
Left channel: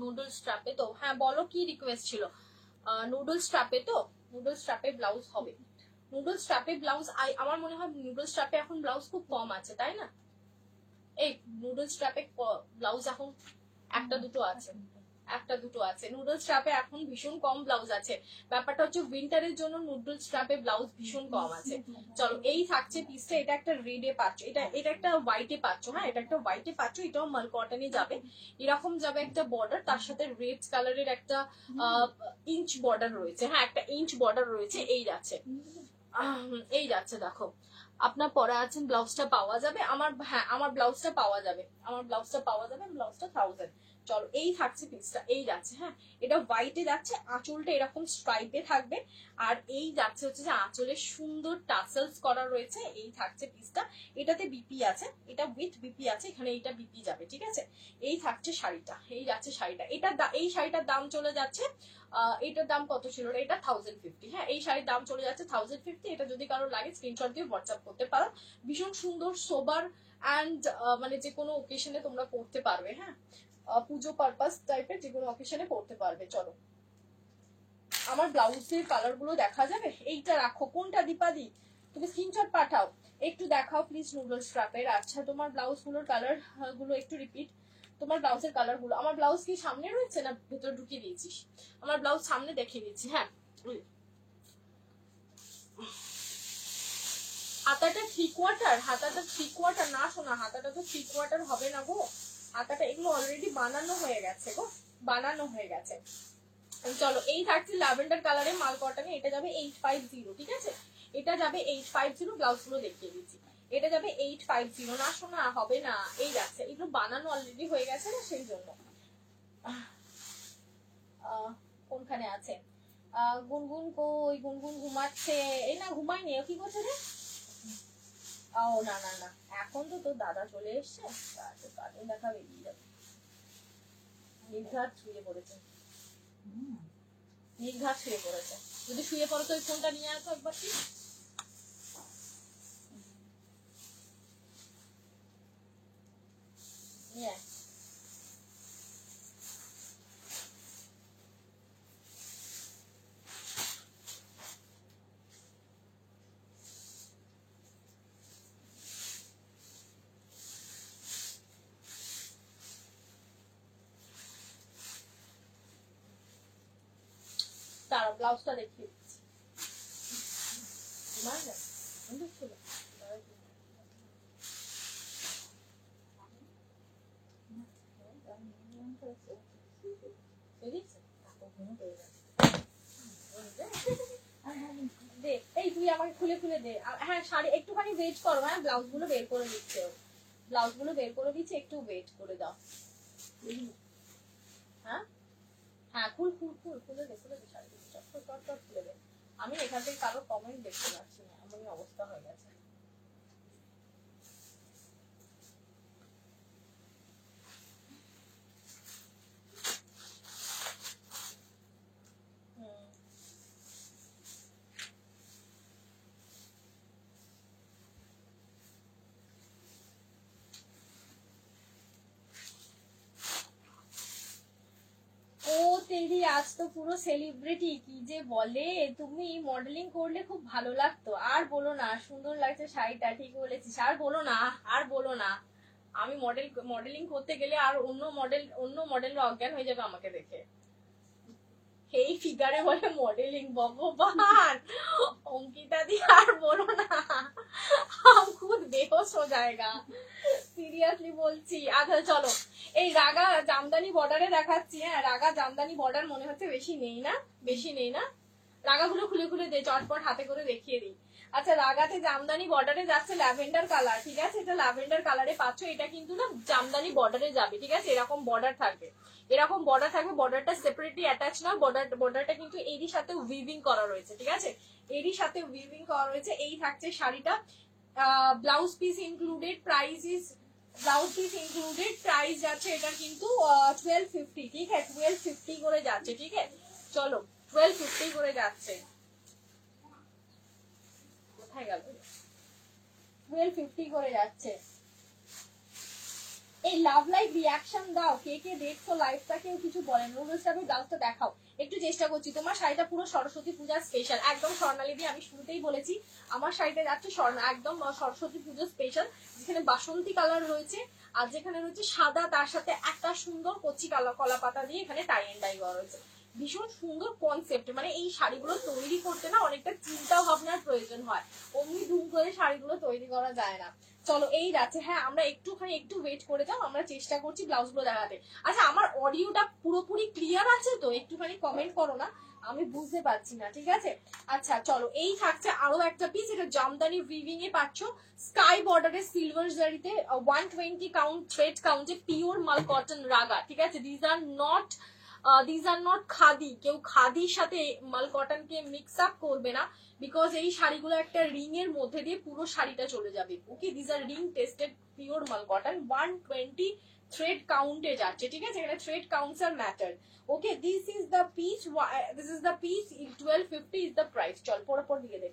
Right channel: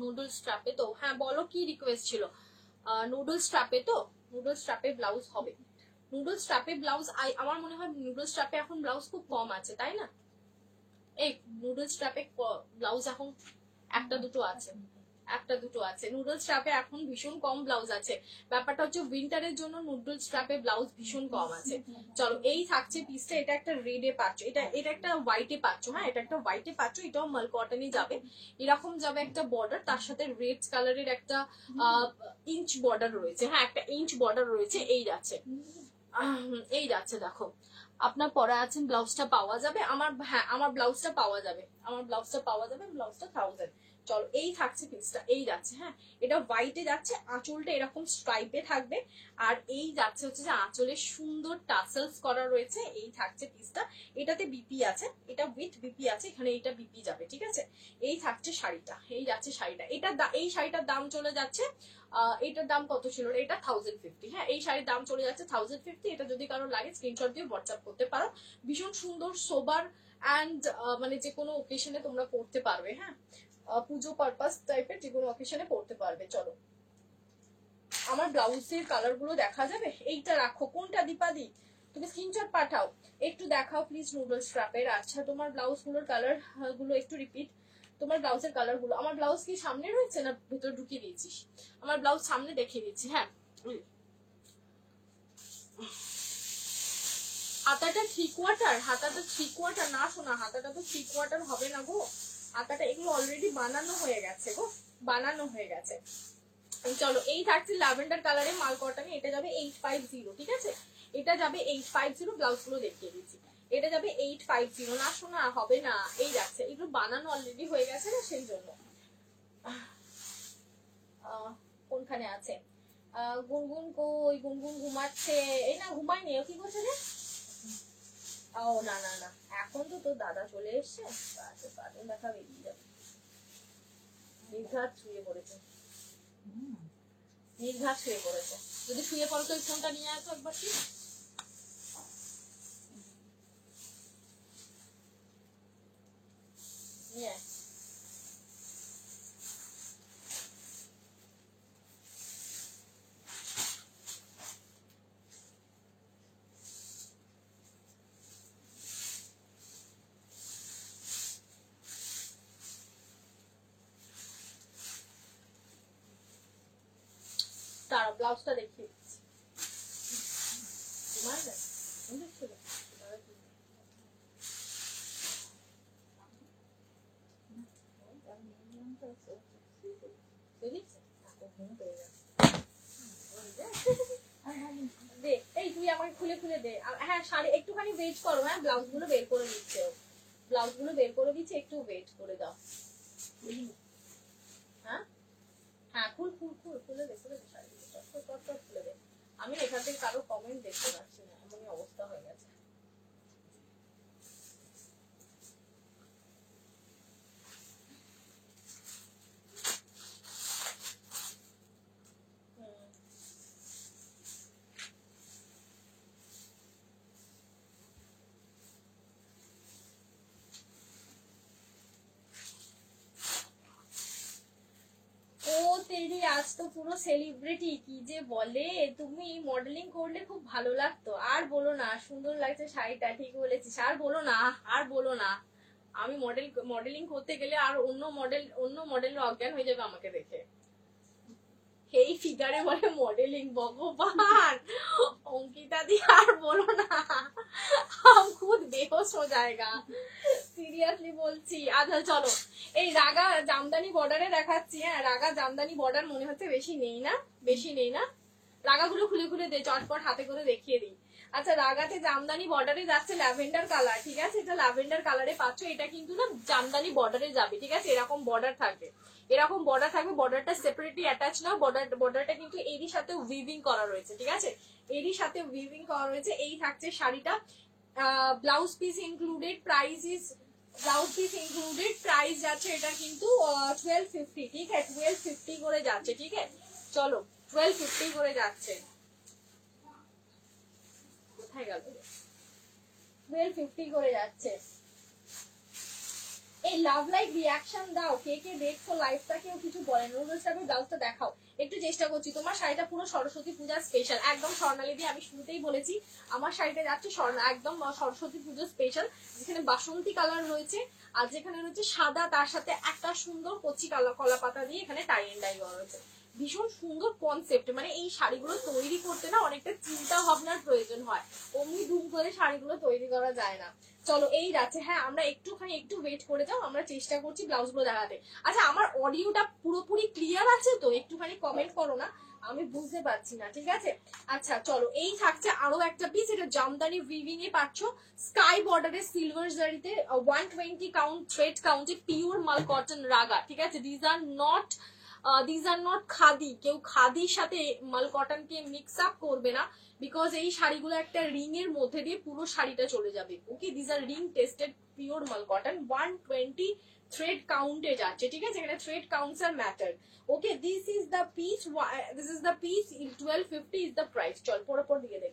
নুডল স্ট্র্যাপে তো, হ্যাঁ বলো কি রিকোয়েস্ট ছিল। নুডল স্ট্র্যাপে তো, নুডল স্ট্র্যাপে ব্লাউজ হবে, নুডল স্ট্র্যাপে ব্লাউজ। আমার মনে হয় নুডল স্ট্র্যাপে এখন ব্লাউজ খুব কম আছে, তাই না? এই নুডল স্ট্র্যাপে ব্লাউজ এখন একটা দুটো আছে, একটা দুটো আছে। নুডল স্ট্র্যাপে এখন ভীষণ কম ব্লাউজ আছে। ব্যাপারটা হচ্ছে উইন্টারের জন্য নুডল স্ট্র্যাপে ব্লাউজ ভীষণ কম আছে। চলো এই থাকছে পিসটা, এটা একটা রেডে পাচ্ছ, এটা একটা হোয়াইটে পাচ্ছ, হ্যাঁ এটা একটা হোয়াইটে পাচ্ছ, এটাও মাল কটনে যাবে। এরকম যাবে একটা বর্ডার, তার সাথে রেড কালারের একটা ইঞ্চ বর্ডার রয়েছে, হ্যাঁ একটা ইঞ্চ বর্ডার রয়েছে। এই যাচ্ছে, এই যাচ্ছে দেখো। আপনার পরা আছেন, ব্লাউজটা পাওয়া যাবে আমার, হ্যাঁ আমার ব্লাউজটা পাওয়া যাবে, আমার ব্লাউজটা পাওয়া যাবে, ব্লাউজটা 1000। চলো এই থাকছে পিসটা, এই যাচ্ছে, হ্যাঁ এটা হোয়াইটে যাচ্ছে, আঁচলটা এরকম স্ট্রাইপে থাকবে, আর এই যাচ্ছে হচ্ছে যে আঁচলে সুন্দর টাসেলস করা রয়েছে। এই থাকছে পিসটা, এটাতে বিপি আছে, এটা উইথ বিপি আছে, এখানে এইটা বিপি যাবে, ঠিক আছে। এই থাকছে শাড়িটা, এই যাচ্ছে শাড়িটা। এটা এই শাড়িটার দাম চলে যাচ্ছে, এটার দাম কত ছিল, এটা 1050, হ্যাঁ এই শাড়ির দাম চলে যাচ্ছে 1050। এটা যদি কারো লাগে স্ক্রিনশট দিয়ে হোয়াটসঅ্যাপ করতে পারো। ভীষণ সুন্দর সোবার অ্যান্ড মানে যে কোনো ওকেশনে তোমরা পড়তে পারবে, হ্যাঁ পুজো পারপাস টাইপের যে কোনো অকেশনে পড়তে পারবে। চলো আমার ব্লাউজের কালার গুলো দেখা যাবে, এইটা রাখো, কোনটা দীপাদি তুমি স্ক্রিনশট পাঠাও, একটু দেখাও প্লিজ নুডল স্ট্র্যাপের। আচ্ছা তোমার ব্লাউজ গুলোর কালার গুলো একটু রিপিট, তোমার ব্লাউজের কালার গুলো। আমার ব্লাউজ কি সামনে রয়েছে না ভেতরে ঢুকিয়ে দিয়েছিস? আমার ব্লাউজ সামনে দেখিয়ে দিচ্ছি, হ্যাঁ। হাতাটা 3/4, হাতাটা 3/4 না শোনা, হাতাটা তো 3/4 হবে না গো, হাতাটা এগুলো অলরেডি বানানো হয়ে গেছে গো, বানানো হয়ে গেছে। চলো এই থাকছে ল্যাভেন্ডার কালারে মাল কটনে, এটা যাবে 850, ঠিক আছে, এটা যাবে 850। ব্লাউজ গুলো দেখিয়ে দিচ্ছি, এটা যাবে 850। না শোনা হবে না, এই যাচ্ছে, এগুলো বানানো অলরেডি হয়ে গেছে না সেই জন্য। কোনখানে আছে গুনগুন? কই গুনগুন? ঘুমাচ্ছে। এই না ঘুমায়নি, ও কি করছে রে? ও না না না, এখন তো তোর দাদা চলে এসছে, কার্টুন দেখা বেরিয়ে যাবে। নির্ঘাত শুয়ে পড়েছে, নির্ঘাত শুয়ে পড়েছে। যদি শুয়ে পড়ো তো ফোনটা নিয়ে আসো একবার কি। তারা ব্লাউজটা দেখিয়ে দিচ্ছি। দে এই তুই আমাকে খুলে খুলে দে, হ্যাঁ শাড়ি একটুখানি ওয়েট করো, হ্যাঁ ব্লাউজ গুলো বের করে দিচ্ছে, ব্লাউজ গুলো বের করে দিচ্ছে, একটু ওয়েট করে দাও। হ্যাঁ হ্যাঁ খুল খুল খুল খুলে দে, খুলে দে শাড়ি চট খুলে দে। আমি এখান থেকে কারো কমেন্ট দেখতে পাচ্ছি না, এমনই অবস্থা হয়ে গেছে। আজ তো পুরো সেলিব্রিটি, কি যে বলে, তুমি মডেলিং করলে খুব ভালো লাগতো। আর বলো না, সুন্দর লাগছে শাড়িটা, ঠিক বলেছিস, আর বলো না, আর বলো না, আমি মডেলিং করতে গেলে আর অন্য মডেল অজ্ঞান হয়ে যাবে আমাকে দেখে। এই ফিগারে বলে মডেলিং, ভগবান অঙ্কিতা দি আর বলো না, খুব বেহোশ হো জায়গা, সিরিয়াসলি বলছি। আচ্ছা চলো এই রাগা জামদানি বর্ডারে দেখাচ্ছি। হ্যাঁ রাগা জামদানি বর্ডার মনে হচ্ছে বেশি নেই না, রাগাগুলো খুলে খুলে দে চটপট হাতে করে দেখিয়ে দিই। আচ্ছা রাগাতে জামদানি বর্ডারে যাচ্ছে ল্যাভেন্ডার কালার, ঠিক আছে, এটা ল্যাভেন্ডার কালারে পাচ্ছ। এটা কিন্তু না জামদানি বর্ডারে যাবে, ঠিক আছে, এরকম বর্ডার থাকবে, বর্ডারটা সেপারেটলি অ্যাটাচ না, বর্ডারটা কিন্তু এরই সাথে উইভিং করা রয়েছে, ঠিক আছে, এরই সাথে উইভিং করা রয়েছে। এই থাকছে শাড়িটা, ব্লাউজ পিস ইনক্লুডেড, প্রাইস যাচ্ছে এটা কিন্তু 1250, ঠিক আছে, 1250 করে যাচ্ছে, ঠিক আছে, চলো 1250 করে যাচ্ছে। কোথায় গেল? 1250 করে যাচ্ছে। এই লাভ লাইক রিয়াকশন দাও, কে কে দেখছো লাইভটা, কেউ কিছু বলেন, নুডলস টাইপের ব্লাউজটা দেখাও একটু, চেষ্টা করছি। তোমার শাড়িটা পুরো সরস্বতী পূজার স্পেশাল, একদম স্বর্ণালী দিয়ে আমি শুরুতেই বলেছি আমার শাড়িটা যাচ্ছে একদম সরস্বতী পুজোর স্পেশাল, যেখানে বাসন্তী কালার রয়েছে আর যেখানে রয়েছে সাদা, তার সাথে একটা সুন্দর কচি কলা পাতা দিয়ে এখানে টাই এন্ড ডাই করা রয়েছে। ভীষণ সুন্দর কনসেপ্ট, মানে এই শাড়িগুলো তৈরি করতে না অনেকটা চিন্তা ভাবনার প্রয়োজন হয়, অমনি ধুম করে শাড়িগুলো তৈরি করা যায় না। চলো এই যাচ্ছে। হ্যাঁ আমরা একটু ওয়েট করে যাও, আমরা চেষ্টা করছি ব্লাউজ গুলো দেখাতে। আচ্ছা আমার অডিওটা পুরোপুরি ক্লিয়ার আছে তো? একটুখানি কমেন্ট করো না, আমি বুঝতে পারছি না, ঠিক আছে। আচ্ছা চলো এই থাকছে আরো একটা পিস, এটা জামদানি উইভিং এ পাচ্ছ, স্কাই বর্ডারে সিলভার জারিতে 120 কাউন্ট থ্রেড কাউন্টে পিওর মাল কটন রাগা, ঠিক আছে, দিজ আর নট খাদি, কেউ খাদির সাথে মাল কটন কে মিক্স আপ করবে না, বিকজ এই শাড়িগুলো একটা রিং এর মধ্যে দিয়ে পুরো শাড়িটা চলে যাবে। Okay, this are ring tested pure মাল কটন, 120 থ্রেড কাউন্টে যাচ্ছে, ঠিক আছে, এখানে thread counts are matter. Okay, this is the piece 1250 is the price. চল পর দিয়ে দেখ।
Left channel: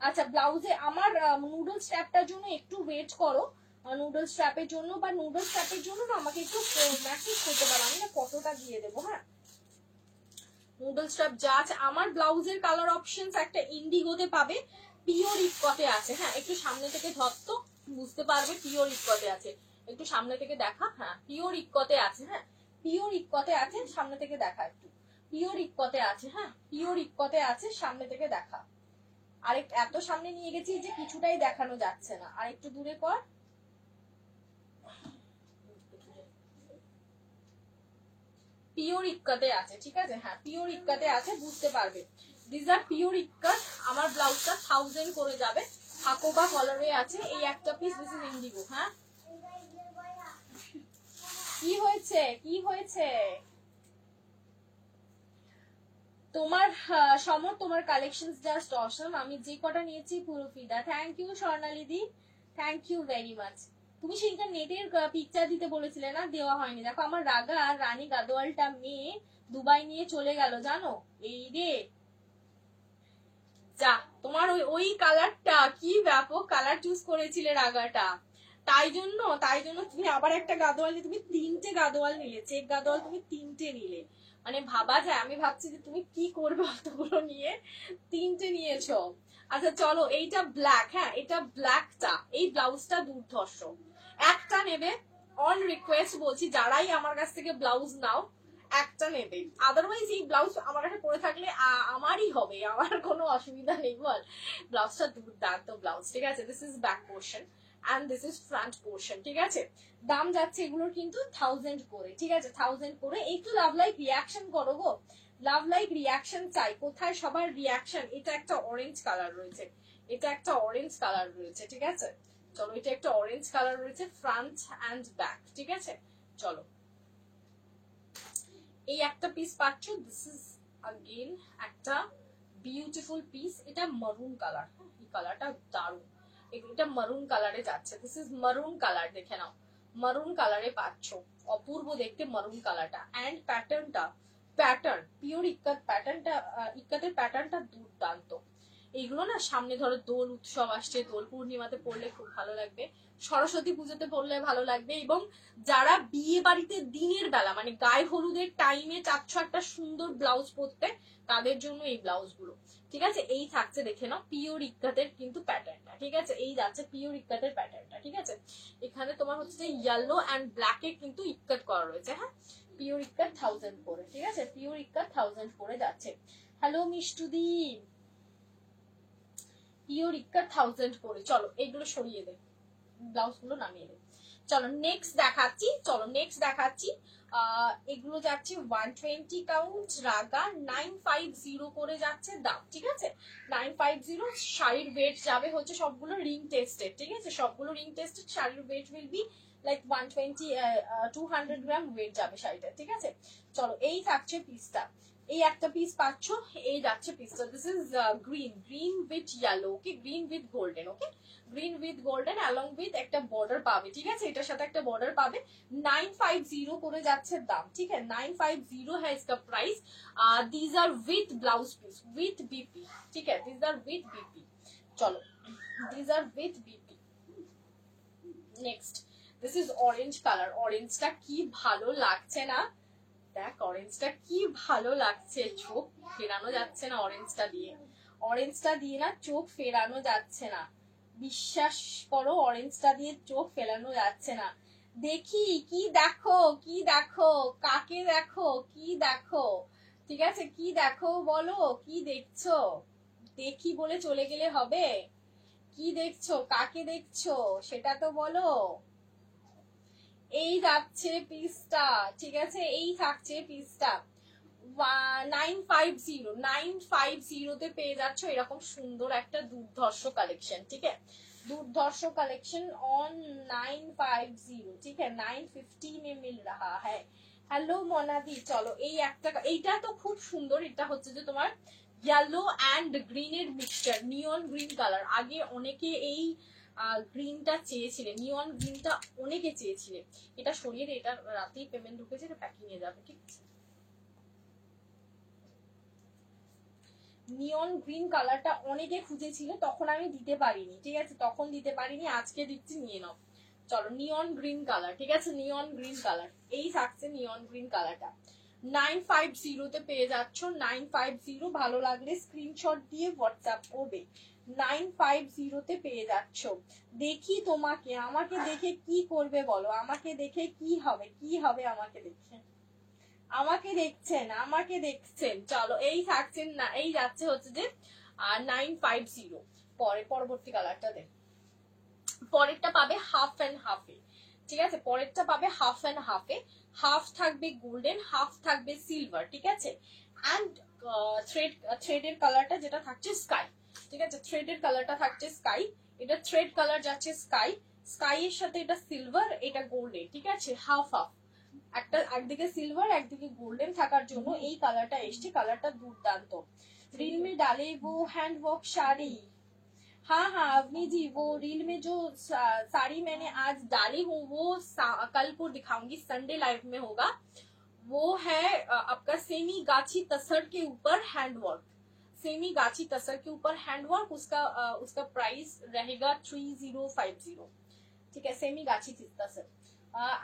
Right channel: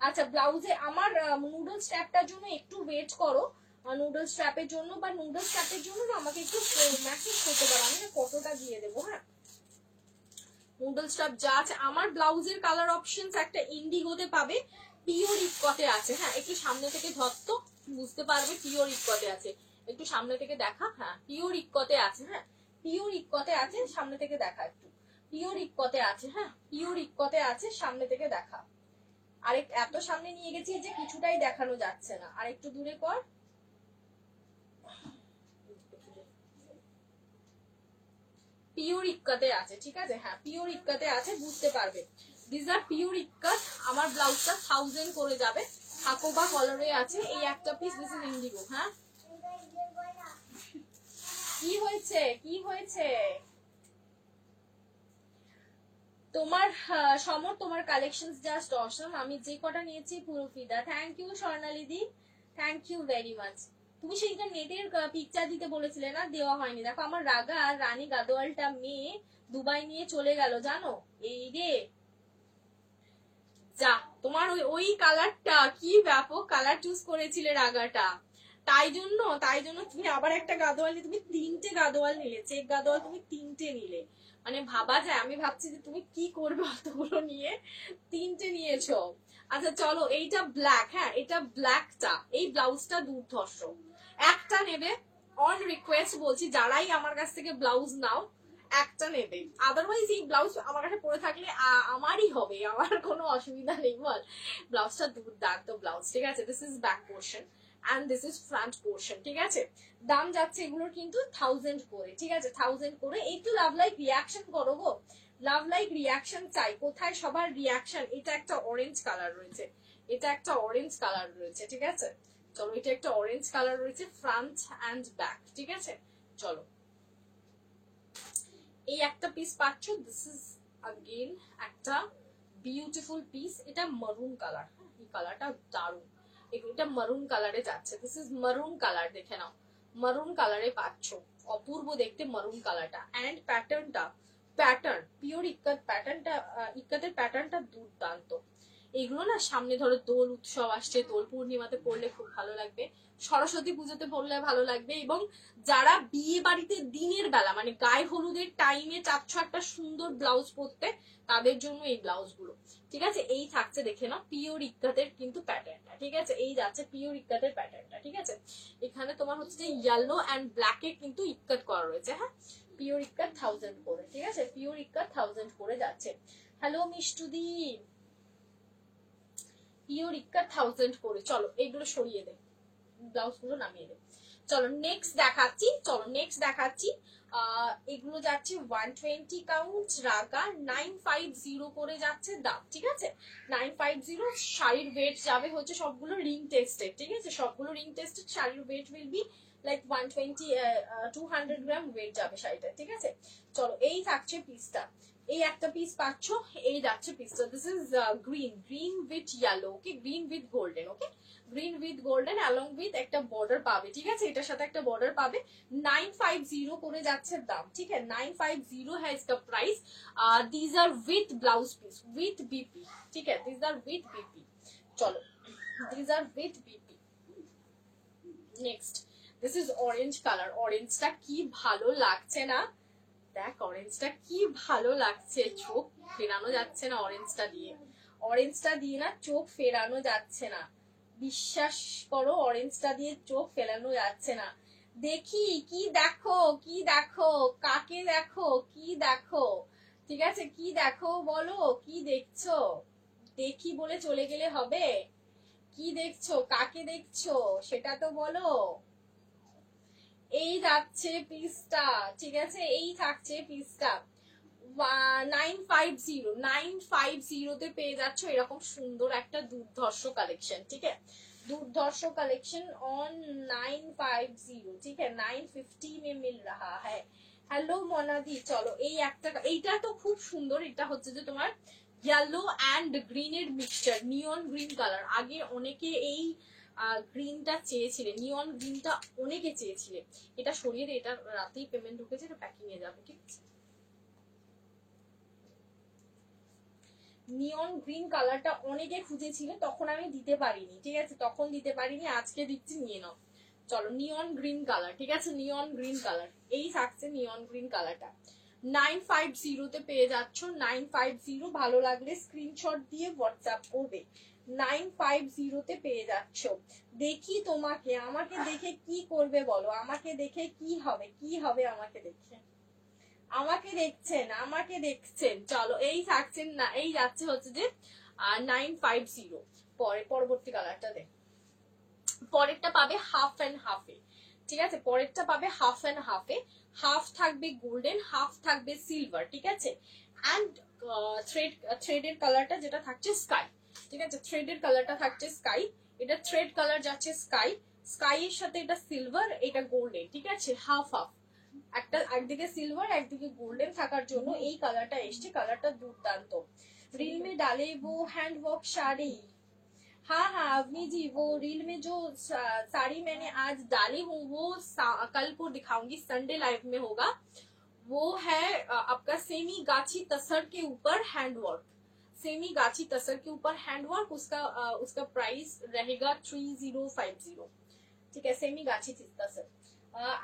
আচ্ছা ব্লাউজে আমার নুডলস স্ট্র্যাপটার জন্য একটু ওয়েট করো, নুডলস স্ট্র্যাপের জন্য আমাকে একটু মেসেজ করতে পারো, আমি না কতটা দিয়ে দেবো। হ্যাঁ নুডল স্ট্র্যাপ যা আছে আমার ব্লাউজের কালার অপশনস একটা ইন্ডিগোতে পাবে, পিওর ইকতে আছে। হ্যাঁ একটু সামনে থেকে ধরতো বুঝতে পারবে পিওর ইকতে আছে, একটু সামনে থেকে দেখা। হ্যাঁ পিওর ইকতে আছে, হ্যাঁ পিওর ইকতে আছে, সামনে থেকে দেখা একটু, পিওর ইকতে আছে, হ্যাঁ পিওর ইকতে আছে, সামনে থেকে দেখা। আরেক এত সামনে নিয়ে গেছি যে কিছুটাই দেখানো যাচ্ছে না, আর একটু দূরে কর। পিওর ইক্কাতে আছে, ঠিক আছে, হ্যাঁ পিওর ইক্কাতে আছে, বুঝতে পারবে। This are pure ikat. আমার ব্লাউজটা 1000 করে যাবে, হাকোবা কলারে আছে এই একটা পিস, দিস ইজ ইন্ডিগো। হ্যাঁ কি হয়েছে তোমার? সমর তোমার কালেকশন জাস্ট অসম, আমি যে কটা নিয়েছি পুরো ফিদা। Thank you Swarnali di, thank you very much. তুমি সেইটা নেটের পিকচার দিতে বলেছিলে না, দেওয়া হয়নি। দেখো আমার রাগা আর রানী গাদোয়ালটা মেয়ে দুবাই নিয়ে চলে গেল জানো, এই রে যা। তোমার ওই কালারটা কি ব্যাপক কালার চুজ করেছিলে রাগাটা, তাই জন্য তুমি আবার একটা গাদোয়াল, তুমি 3টে গাদোয়াল নিলে, চেক গাদোয়াল তুমি 3টে নিলে, মানে ভাবা যায়। আমি ভাবছি যে তুমি কি করবে অতগুলো নিয়ে, 3টে নিয়েছো। আচ্ছা চলো এইটা ব্ল্যাক, হ্যাঁ এটা ব্ল্যাকটা, এই ব্লাউজটা দুর্ধর্ষ, একটা নেবে অন রিকোয়েস্ট বলছি, যারাই আমার কাছ থেকে ব্লাউজ নাও একটা নেবে, আদারওয়াইজ এই ব্লাউজ আমার কাছে পরে থাকলে আমারই হবে, আমার কোনো অসুবিধা নেই বল। ব্লাউজটা দুর্দান্ত ব্লাউজ, ঠিক আছে, this is back portion and this is front portion, ঠিক আছে। দাম যাচ্ছে এগুলোর কিন্তু 1000 করে, ঠিক আছে, 1000 করে। একটু লাভ লাইক রিয়াকশন করো গো, লাভ লাইক রিয়াকশন চাই, কোথায় সবার রিয়াকশন। এটা একটা অরেঞ্জ কালার রয়েছে, ঠিক আছে, চলো এটা একটা অরেঞ্জ কালার রয়েছে, ফ্রন্ট অ্যান্ড ব্যাক, ঠিক আছে। চলো এই একটা পিস পাচ্ছ, দিস ইজ अगेन একটা বিউটিফুল পিস, এটা মারুন কালার, এই কালারটা দারুণ, এটা মারুন কালারে যাচ্ছে, দিস ইজ মারুন কালার, দেখে নাও মারুন কালারে পাচ্ছ, অপূর্ব দেখতে মারুন কালারটা। এন্ড প্যাটার্ন পিওর ইক্কাত, ইক্কাতের প্যাটার্নটা দুর্দান্ত। এইগুলো না সামনে ধরো দোল উৎসব আসছে, দোল পূর্ণিমাতে পড়লে খুব ভালো লাগবে, সরস্বতী পুজোতে পড়লে ভালো লাগবে, এবং যারা বিয়ে বাড়িতে দিনের বেলা মানে গায়ে হলুদের টাইমে চাচ্ছ একটা সুন্দর ব্লাউজ পরতে, তাদের জন্য এই ব্লাউজ গুলো, ঠিক আছে। এই থাকছে দেখে নাও পিওর ইক্কাতের কিন্তু প্যাটার্নটা, ঠিক আছে, এই যাচ্ছে পিওর ইক্কাতের প্যাটার্নটা, ঠিক আছে। এখানে তোমার হচ্ছে যে ইয়েলো অ্যান্ড ব্ল্যাকে কিন্তু ইক্কাট করা রয়েছে। হ্যাঁ, পিওর ইক্কাট 1000 করে, ঠিক আছে, পিওর ইক্কাট 1000 করে যাচ্ছে। হ্যালো মিষ্টুদি, পিওর ইক্কাট 1000 করে। চলো এইগুলো সরিয়ে দে, ব্লাউজ গুলো নামিয়ে দে। চলো নেক্সট দেখাচ্ছি, এগুলো যাচ্ছি 120 কাউন্ট রাগা 950 করে যাচ্ছে দাম, ঠিক আছে, 950। শাড়ির ওয়েট যাবে হচ্ছে সবগুলো রিং টেস্টেড, ঠিক আছে, সবগুলো রিং টেস্টেড। শাড়ির weight will be like 120 200 gram weight যাবে শাড়িটা, ঠিক আছে। চলো এই থাকছে পিসটা, এই একটা পিস পাচ্ছ, এই যাচ্ছে পিসটা। This is green with yellow, okay, green with golden, okay, green with golden along with একটা বর্ডার পাবে, ঠিক আছে, এটার সাথে একটা বর্ডার পাবে। 950 করে যাচ্ছে দাম, ঠিক আছে, 950 है इसका price. These are with blouse piece with BP, ठीक है, दीज आर विथ बीपी। चलो these are with BP. Next this is orange colour, ऑरेंजটা কি ভালো লাগছে না, দেখ অরেঞ্জটা কি ভালো লাগছে, চোখ ফেরানো যাচ্ছে না অরেঞ্জটা দিয়ে না চোখ ফেরানো যাচ্ছে না, বিশ্বাস করো অরেঞ্জটা দিয়ে চোখ ফেরানো যাচ্ছে না। দেখি কি দেখো, কাকে দেখো, কি দেখো, ঠিক আছে, কি দেখো বলো, কি দেখছো, দেখি বলে চলে গেলে হবে, কি দেখছো, কাকে দেখছো সেটা তো বলো। এই যাচ্ছে পিসটা, ঠিক আছে, এই থাকছে পিসটা 950 তে পেয়ে যাচ্ছ এরকম সুন্দর একটা দুর্ধর্ষ কালেকশন, ঠিক আছে, দুর্ধর্ষ কালেকশন অন 950, ঠিক আছে, 950 में मिल रहा है। হ্যালো মোনাদি, চলো এই একটা, এইটা তো খুব সুন্দর, এটা হচ্ছে যে তোমার ইয়েলো অ্যান্ড গ্রিনের মিক্সচার, নিয়ন গ্রিন কালার। আগে অনেকে এই গ্রিনটা চেয়েছিলে, নিয়ন গ্রিনটা অনেকে চেয়েছিলে, এটা সরিয়ে এটা রাতেই পেমেন্ট ঢুকেছে, এটা প্যাকিং এ যাবে, ঠিক আছে। নিয়ন গ্রিন কালারটা অনেকে খুঁজেছিল, তখন আমি দিতে পারিনি, ঠিক আছে, তখন দিতে পারিনি, আজকে দিচ্ছি, নিয়ে নাও। চলো নিয়ন গ্রিন কালার, ঠিক আছে, নিয়ন গ্রিন কালার, এই থাকছে নিয়ন গ্রিন কালারটা 950 তে পেয়ে যাচ্ছ। 950 ভালো লাগলে স্ক্রিনশট দিয়ে হোয়াটসঅ্যাপ করবে। 950 তে পেয়ে যাচ্ছ। দেখি তোমাকে, আমাকে দেখে কি করবে বলো, আমাকে দেখে কি হবে, আমাকে দেখে, আমাকে দেখছেন। চলো এই থাকছেন না, এই যাচ্ছে হচ্ছে যে 950। পরবর্তী কালারটা দেখ, পরেরটা পাবে হাফ অ্যান্ড হাফে, ঠিক আছে, পরেরটা পাবে হাফ অ্যান্ড হাফে, হাফ থাকবে গোল্ডেন, হাফ থাকবে সিলভার, ঠিক আছে, অ্যান্ড থ্রেডের কালারটা যেটা থাকছে স্কাই, ঠিক আছে, থ্রেডের কালারটা থাকছে স্কাই, এটা থ্রেড কালার যাচ্ছে স্কাই, স্কাই এর সাথে এটা সিলভার, এটা গোল্ডেন, ঠিক আছে, হাফ হাফ, একটা একদিকে সিলভার একদিকে গোল্ডেন থাকার জন্য এই কালারটা এসছে, কালারটা দুর্দান্ত। रील में डाले वो हैंड वर्क साड़ी, हाँ अवनी जी, वो रील में जो साड़ी मैंने आज डाली हूँ वो कल को दिखाऊंगी, संडे लाइव में होगा। वो है आपका सेमी गाछी तसर के ऊपर हैंडवर्क, सेमी गाछी तसर के ऊपर हैंडवर्क, उसका प्राइस रहेगा 3050, ठीक है, सेमी गाछी तसर।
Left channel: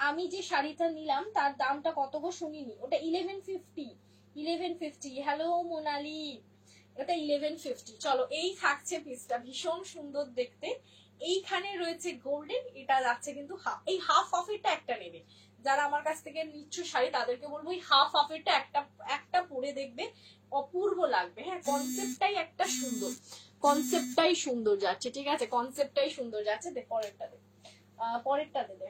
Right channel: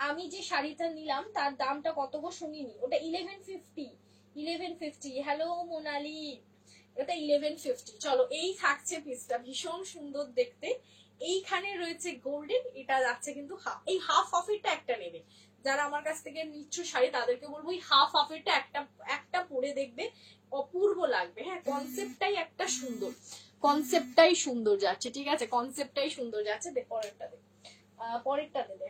আমি যে শাড়িটা নিলাম তার দামটা কত গো শুনিনি, ওটা 1150। হ্যালো মোনালি, ওটা 1150। চলো এই থাকছে পিসটা, ভীষণ সুন্দর দেখতে, এইখানে রয়েছে গোল্ডেন, এটা যাচ্ছে কিন্তু এই হাফ অফেরটা একটা নেবে, যারা আমার কাছ থেকে নিচ্ছ শাড়ি তাদেরকে বলবো এই হাফ অফেরটা একটা পরে দেখবে, অপূর্ব লাগবে। হ্যাঁ, কনসেপ্টটাই সুন্দর যাচ্ছে, ঠিক আছে, কনসেপ্টটাই সুন্দর যাচ্ছে। পরেরটা দে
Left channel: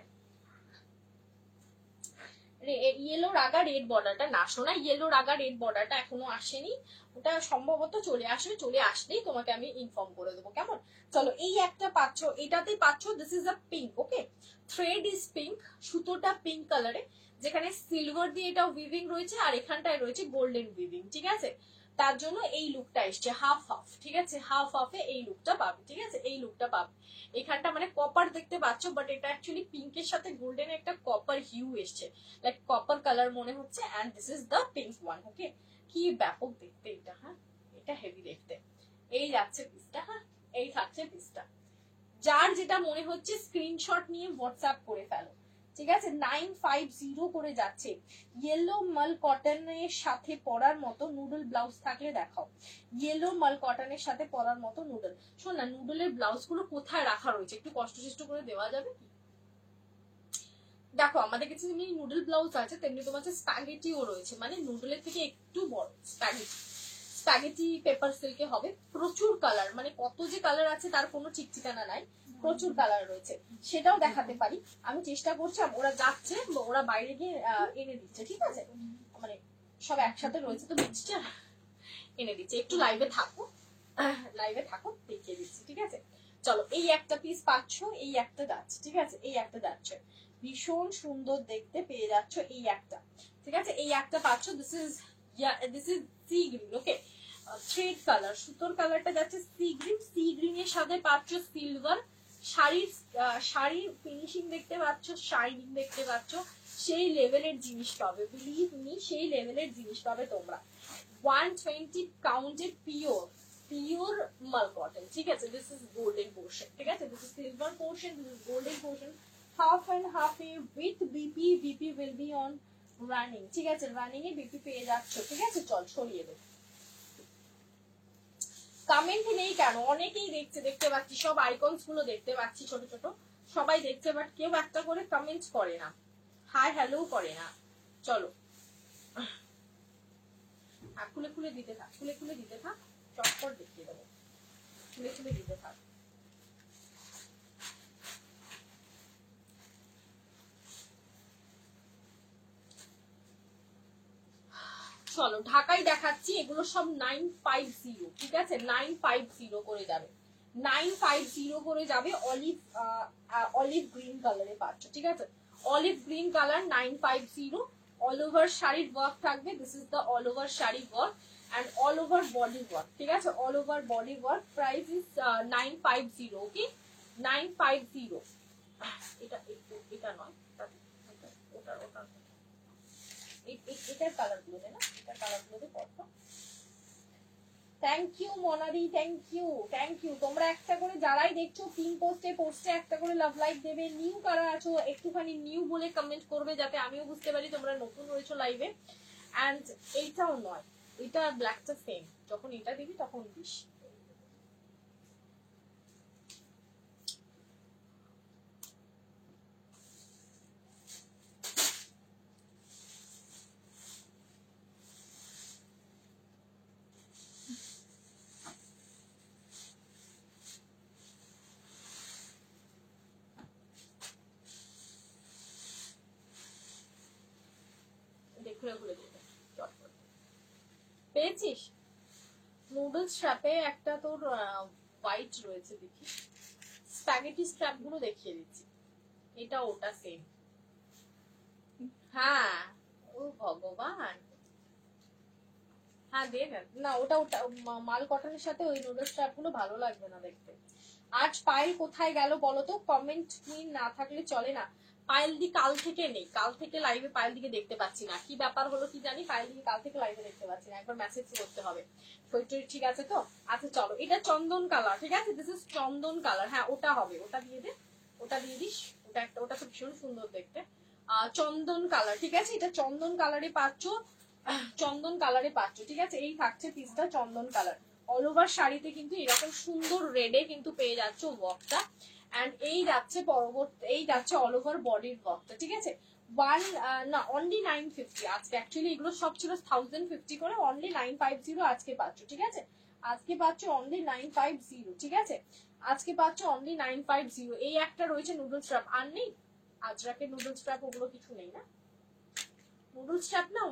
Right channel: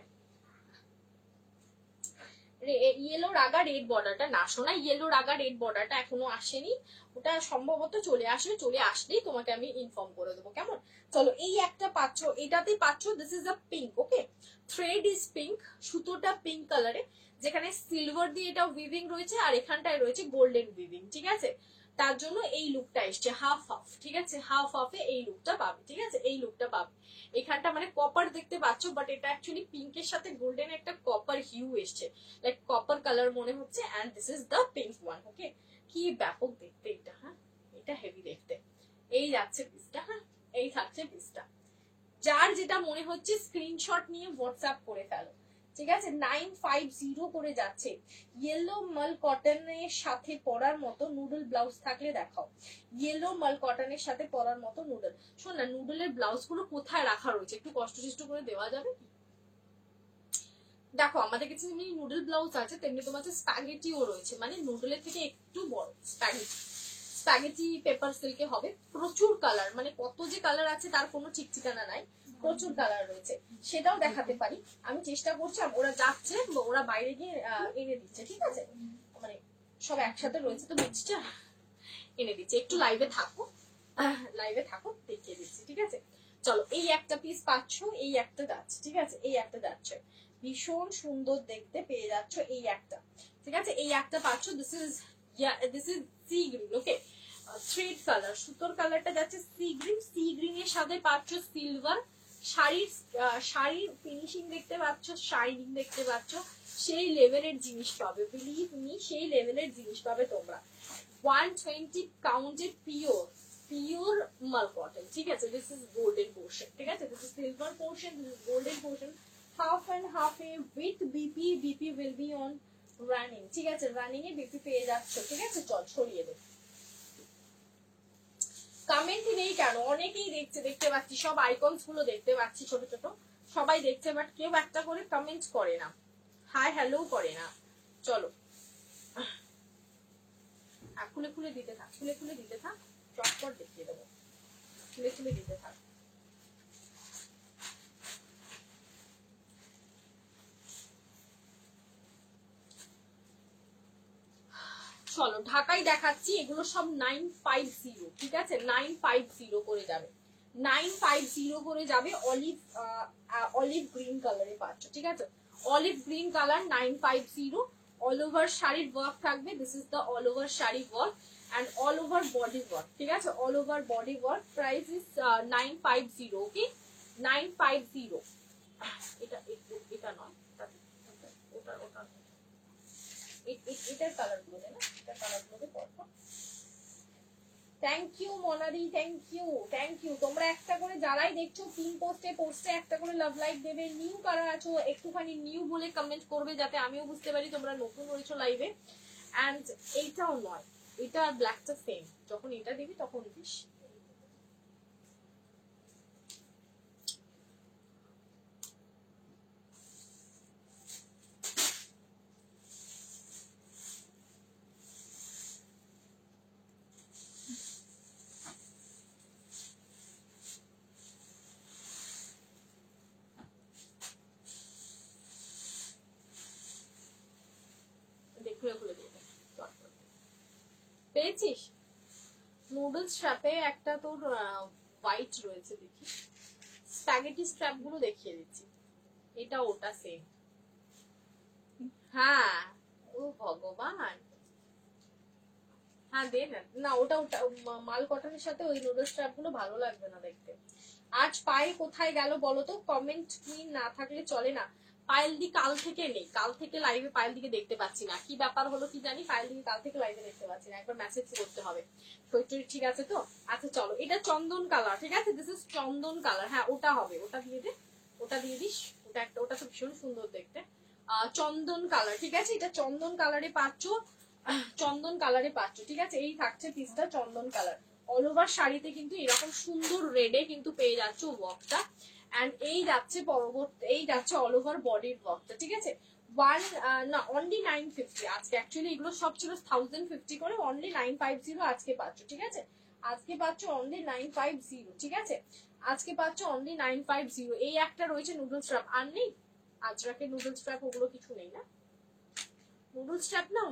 ইয়েলো রাগা রেড বর্ডারটা না, শোনা, ইয়েলো রাগা রেড বর্ডারটা এখনো আসেনি, ওটা সম্ভবত চলে আসলেই তোমাকে আমি ইনফর্ম করে দেবো, কেমন। চলো এই একটা পাচ্ছ, এটাতেই পাচ্ছ, this is a pink, okay, thread is pink, সুতোটা পিঙ্ক কালারে, যেখানে সিলভার দিয়ে এটা উইভিং রয়েছে আর এখানটায় রয়েছে গোল্ডেন উইভিং, ঠিক আছে, তার জন্য এই লুকটা এসছে হাফ হাফ, ঠিক আছে, হাফ হাফে এই লুকটা পাবে, ঠিক আছে, এই লুকটা পাবে। এখানটা মানে কপার দেখতে পাচ্ছ, বাট এটা অ্যাকচুয়ালি পিঙ্কের সাথে গোল্ডেন একটা কপার হিউ এসছে, লাইক কপার কালার মনে হচ্ছে, and this is the pink one, okay, কি ব্যাপক দেখতে এটা, হ্যাঁ, এটা হেভি দেখতে। এই যাচ্ছে পিসটা, হ্যাঁ, এই থাকছে পিসটা, যার যেটা মনে হচ্ছে স্ক্রিনশট নিয়ে হোয়াটসঅ্যাপ করে ফেলো, ঠিক আছে। 950 করে যাচ্ছে। ইয়েলো মাল কটনের সাথে পরার মতো নুডল ব্লাউজ থাকলে দেখাও, ইয়েলো মাল কটনের সাথে পরার মতো নুডল। শোন না, নুডলের ব্লাউজ গুলো কোথায় রাখা রয়েছে, একটু কষ্ট করে দেওয়া যাবে কি? দেখো আমাদের কাছে যেমনি নুডল ব্লাউজ আছে তেমনি তোমার কাছে স্প্যাগেটিও রয়েছে, মানে নুডলের থেকে একটু বড় স্প্যাগেটি পেপার সিল্কে হবে, প্রচুর কালার, মানে কত যে কালার আছে তার কোনো ঠিক ঠিকানা নাই, প্রচুর কালার রয়েছে, সেটাও দেখাতে পারি। আমি চেষ্টা করছি, ওরা যাচ্ছে, ওরা বাইরে গিয়ে এনে দিচ্ছে, ঠিক আছে, মানে সব একসাথে রয়েছে তো মিক্সচার, এনে দিচ্ছে, একটু লাইভে থাকো, দেখিয়ে দিচ্ছি, ঠিক আছে। চলো, এই একটা পিস পাচ্ছ, এই একটা যাচ্ছে, ঠিক আছে, এই একটা যাচ্ছে, ভীষণ সুন্দর দেখতে পেয়ে যাচ্ছ, এই একটা, ঠিক আছে, এই একটা পাচ্ছ, this is sea green, okay, thread colour, সুতোর কালারটা যাচ্ছে সি গ্রিন এর সাথে পাচ্ছ সিলভার, শাড়ির ফিনিশিং দেখতে পাচ্ছ, শাইনিং দেখতে পাচ্ছ, সেই লেভেলের জিনিস পাবে, বিলিভ মি, সেই লেভেলের জিনিস পাবে তোমরা। 120 কাউন্টেড পিওর মাল কটন, ঠিক আছে, দিস ইজ গোল্ডেন পোর্শন, ঠিক আছে, this is silver portion, this is golden portion, half and half a with BP will be on running, ঠিক আছে, রানিং এ বিপি পেয়ে যাচ্ছ, ঠিক আছে। চল ছড়িয়ে দে, কমেন্ট নেই কেন, অনেকেই দেখছে, দেখতে পাচ্ছি, সব আইকনস গুলো দেখতে পাচ্ছি, ছোট ছোট সবাই দেখছে, বাট কেউ একটা করে কমেন্ট করে না, হাই হ্যালো করে না। চলো, খুলে খুলে দিতে থাক, চটপট দেখিয়ে দেবো, খুলে দিতে থাক। চলো, ঢাকাই দেখাচ্ছি, এগুলো সব 950, ঠিক আছে, 950 করে যাবে, 950 করে যাবে, অলিভ গ্রিন কালারে পাচ্ছ, ঠিক আছে, olive green colour 950, all over শাড়ির ওয়ার্ক থাকবে, this is the all over sari work and all over body work, ঠিক আছে, all over body work, price is 950, okay, 950, এটা নয়, এটার কালার গুলো না, এটার কালার গুলো পড়তো। থ্যাংক ইউ মনারি, থ্যাংক ইউ, তোমরা একটা করে যারাই দেখছো পিন পোস্টে একটা করে লাভ লাইক দেবে, নিউ কারা আছো একটুখানি নিউ বলে কমেন্ট করবে, যাতে আমিও বুঝতে পারি তোমরা নতুন রয়েছো লাইভে। এন্ড এইটাও নয়, এটা আর ব্ল্যাকটা সেম, যখন এটা দিবি তখন দিস। পেয়েছিস? নুডলস স্ট্র্যাপে একটা তোর হোয়াইট রয়েছে, দেখি স্প্যাগেটি স্ট্র্যাপ গুলো দেখিয়ে দিচ্ছি, এটা ওটা সেম, হ্যাঁ, ও ভগবান, হ্যাঁ দে না, ওটা মাল কটনের সাথে ওই নুডলস স্ট্র্যাপ গুলো ভালো লাগবে না দেখতে। আজ পায়েল কোথায় গেল বলো তো, কমেন্ট কুইন না থাকলে চলে না, পায়েল দি কাল থেকে নেই, কাল থেকে লাইভে পায়েল দিকে দেখতে পাচ্ছি না, কি ব্যাপার হলো কি জানি, পায়েল দিকে কাল থেকে লাইভে দেখতে পাচ্ছি না, একবার মেসেজ করতে হবে। ঠিক আছে তো, আচ্ছা চলো, এটা চন্দন কালার, ঠিক আছে, দিস ইজ চন্দন কালার, হ্যাঁ ওটা হবে, ওটা দিয়ে দে, ওটা দিয়ে দিস, ওটা তো ভীষণ সুন্দর দেখতে, চন্দন কালার, ঠিক আছে, এটা চন্দন কালারে পাচ্ছ, ঠিক আছে, এই থাকছে পিসটা চন্দন কালার, অল ওভার শাড়িতে কিন্তু এরকম সুন্দর রেডে কিন্তু পেয়ে যাচ্ছ ওয়ার্কটা, এন্ড এই যাচ্ছে পরবর্তী, এই যাচ্ছে অল ওভার বডির ওয়ার্কটা, ঠিক আছে, অনলি 950, আজকে অ্যাকচুয়ালি এগুলো সব ছিল 1050 করে, অনলি 950 আজকে পাচ্ছ, ঠিক আছে, আজকে পাচ্ছ অনলি 950, ঠিক আছে, আজকে পাচ্ছ অনলি 950, এই একটা রয়েছে নুডলস স্ট্র্যাপ, আর নেই আজরাকে নুডলস স্ট্র্যাপ, ওগুলো কিছু নেই না, নুডলস স্ট্র্যাপ না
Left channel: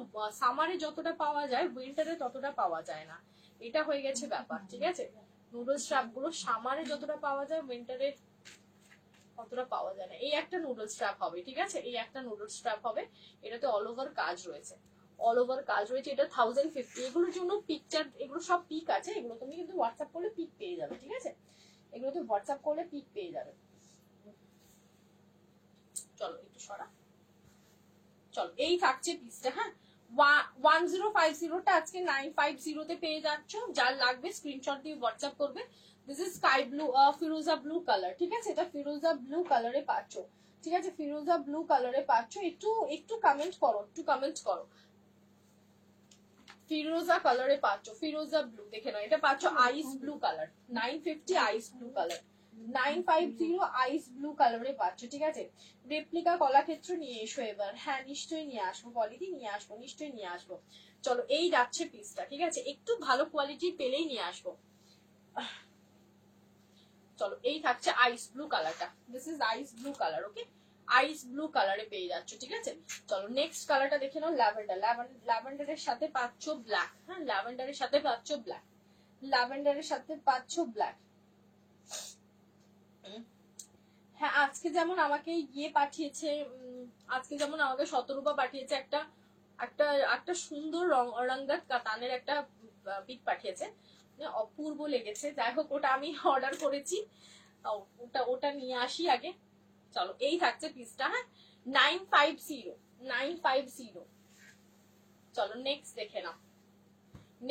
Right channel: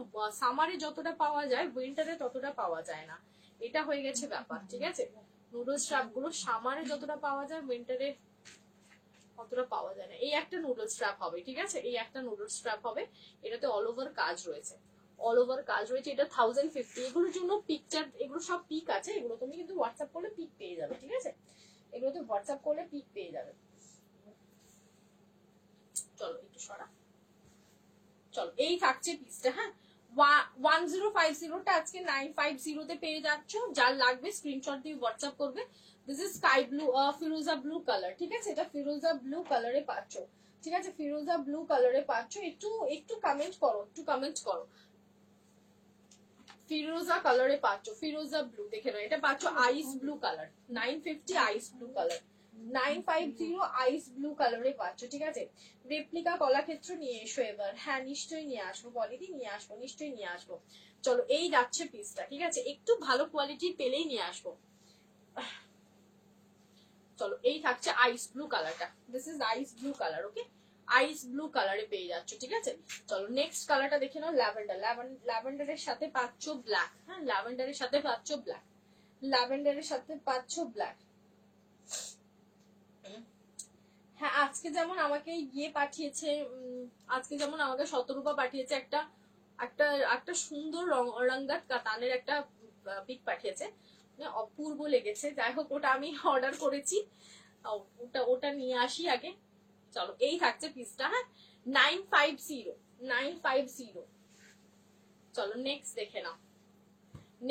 সামারে যতটা পাওয়া যায় উইন্টারে ততটা পাওয়া যায় না, এটা হয়ে গেছে ব্যাপার, ঠিক আছে, নুডলস স্ট্র্যাপ গুলো সামারে যতটা পাওয়া যায় উইন্টারে অতটা পাওয়া যায় না, এই একটা নুডলস স্ট্র্যাপ হবে, ঠিক আছে, এই একটা নুডলস স্ট্র্যাপ হবে, এটাতে অল ওভার কাজ রয়েছে, এটা 1050, এগুলোর জন্য পিকচার, এগুলো সব পিক আছে, এগুলো তুমি কিন্তু হোয়াটসঅ্যাপ করলে পিক পেয়ে যাবে, ঠিক আছে, এগুলো তো হোয়াটসঅ্যাপ করলে পিক পেয়ে যাবে। চলো একটু সরা, চলো এই থাকছে পিসটা, হ্যাঁ 1050টা আজকে 950 তে পেয়ে যাচ্ছ, যার লাগবে স্ক্রিনশট দিয়ে হোয়াটসঅ্যাপ করবে, this is sky blue, Firoza blue colour, ঠিক আছে, এটা ফিরোজা ব্লু কালারে পাচ্ছ, ঠিক আছে, ফিরোজা ব্লু কালারে পাচ্ছ, একটু কমেন্ট করো, ফিরোজা কালারে পাচ্ছ, ফিরোজা ব্লু দেখে নাও, এটা পাচ্ছ আইস ব্লু কালার, 950 আইস ব্লু কালার, 950 আইস ব্লু কালারে পাচ্ছ, ঠিক আছে। রেপ্লিকা কলাক্ষেত্র নিয়ে এসো এবার। হ্যাঁ নিশ্চয়ই নিয়ে আসবো, বলিদি নিয়ে আসবো, নিশ্চয়ই নিয়ে আসবো। চলো এই যাচ্ছে পিসটা, ঠিক আছে, একটু ভালো কোয়ালিটির পেলেই নিয়ে আসবো। চলো এই থাকছে আইস ব্লু কালারটা, this is ice blue colour, okay, ice blue কালারে পেয়ে যাচ্ছ, ঠিক আছে। চলো নেক্সট কালারটা দেখে নাও, ল্যাভেন্ডার। ল্যাভেন্ডারের সাথে পাচ্ছ ব্ল্যাক, হ্যাঁ ল্যাভেন্ডারের সাথে পাচ্ছ ব্ল্যাক, ল্যাভেন্ডারের সাথে পাচ্ছ ব্ল্যাক। হ্যাঁ আজকে যেমন আমাকে ইয়ে পাঠিয়েছে, আজকে যেমন আমাকে শতরূপা পাঠিয়েছে একটা একটা একটা সুন্দর রঙ্গার কাতানের একটা পিক পাঠিয়েছে, অপূর্ব লেগেছে। যাই হোক ওটা আমি অর্ডার করেছি, ওটা ওটা নিয়ে আসি আগে। চলো এই থাকছে পিসটা, হ্যাঁ 950। চলো নেক্সট দেখে নাও।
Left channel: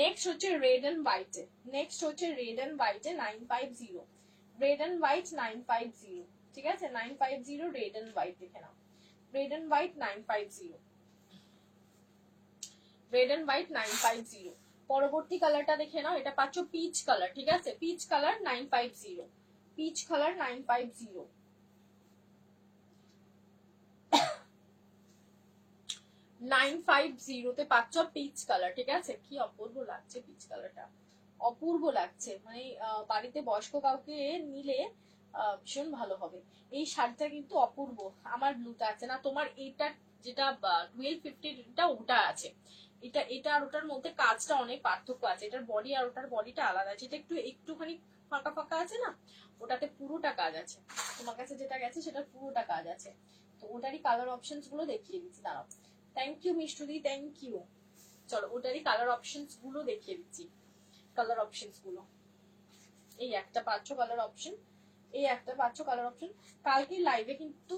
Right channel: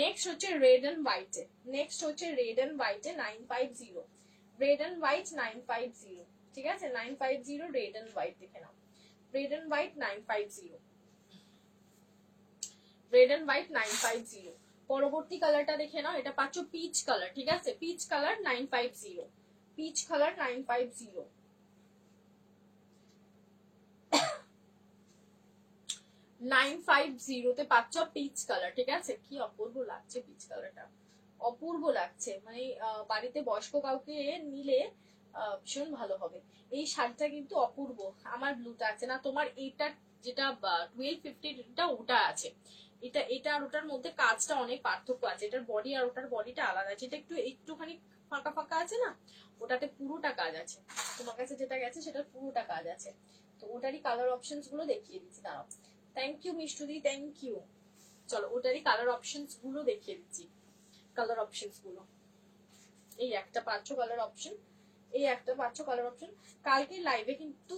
নেক্সট হচ্ছে রেড এন্ড হোয়াইটে, নেক্সট হচ্ছে রেড এন্ড হোয়াইটে 950, রেড এন্ড হোয়াইট 950, ঠিক আছে 950 রেড এন্ড হোয়াইট দেখে নাও, red and white 950, red and white 950। পরবর্তী কালারটা দেখে নাও, এটা পাচ্ছ পিচ কালার, ঠিক আছে, পিচ কালার 950, পিচ কালার 950, 950 তে পাচ্ছ পিচ কালার, ঠিক আছে। কি অপূর্ব লাগছে পিচ কালারটা, অপূর্ব লাগছে, মানে বাড়িতে বয়স্ক কাউকে নিলে ভীষণ ভালো হবে। এই শাড়িটা কিন্তু অপূর্ব। আমার ব্লুটা আছে না, তোমার এইটা যেটা 1250 ওটা আছে, এটা এটা আর ওটার মধ্যে কাজটা অনেক পার্থক্য আছে, এটার বডি আর ওটার বডিটা আলাদা আছে, এটা একটুখানি ফাঁকা ফাঁকা আছে না, ওটাতে পুরোটা কাজ আছে। তোমার কাছে যেটা গেছে সেটা পুরোটা কাজ আছে। তো ওটারই কালার অপশনস গুলো দেখিয়ে দিচ্ছি, দাঁড়াও। থ্যাংক ইউ মিষ্টুদি, থ্যাংক ইউ। চলো ওটারই কালার অপশনস গুলো দেখিয়ে দিচ্ছি, কালার অপশনস গুলো। এই একটা পাচ্ছ কালার অপশন, এই একটা পাচ্ছ কালার অপশন। কালকে লাইভে কিন্তু,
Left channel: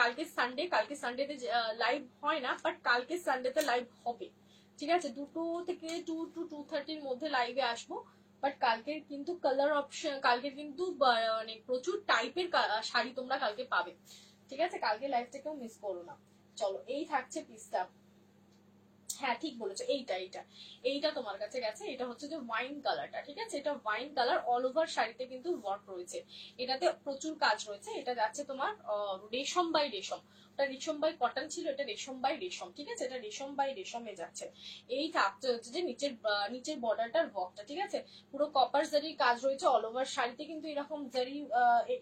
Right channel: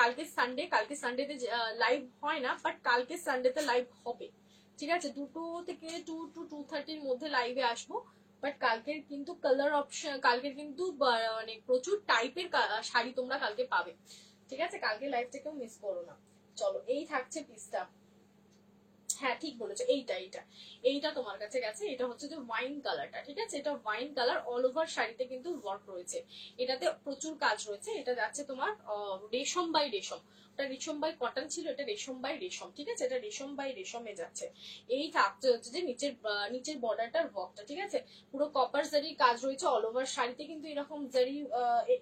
কালকে সানডে, কালকে সানডেতে লাইভ হয় না, বাট কালকে সানডেতে লাইভ হবে, ঠিক আছে। 2 থেকে 2 to 2:30 মধ্যে লাইভে আসবো। বাট কালকের কিন্তু কালার অপশন, কালকের কিন্তু মানে প্রচুর টাইপের শাড়ি তোমরা কালকে পাবে, ঠিক আছে। কালকে লাইভটা কেউ মিস করো না। চলো এই থাকছে পিসটা, হ্যাঁ ঠিক বলেছো, এইটা এইটা এইটা তোমার কাছে গেছে, এটা হচ্ছে যে ওয়াইন কালারটা, ঠিক আছে। এটা ওয়াইন কালার, অল ওভার শাড়িতে কিন্তু ওয়ার্ক রয়েছে, এটাতে প্রচুর কাজ রয়েছে। এটা যাচ্ছে তোমার রেশম বাই রেশম, এটা রেশম বাই কটন ছিল, এটা রেশম বাই রেশম, ঠিক আছে, এটা রেশম বাই রেশমে যাচ্ছে। এই থাকতে হচ্ছে যে নিচের বর্ডারটার ওয়ার্কটা, ঠিক আছে, পুরো কপার জারির কাজ রয়েছে অল ওভার শাড়িতে, কিন্তু এরকম জারি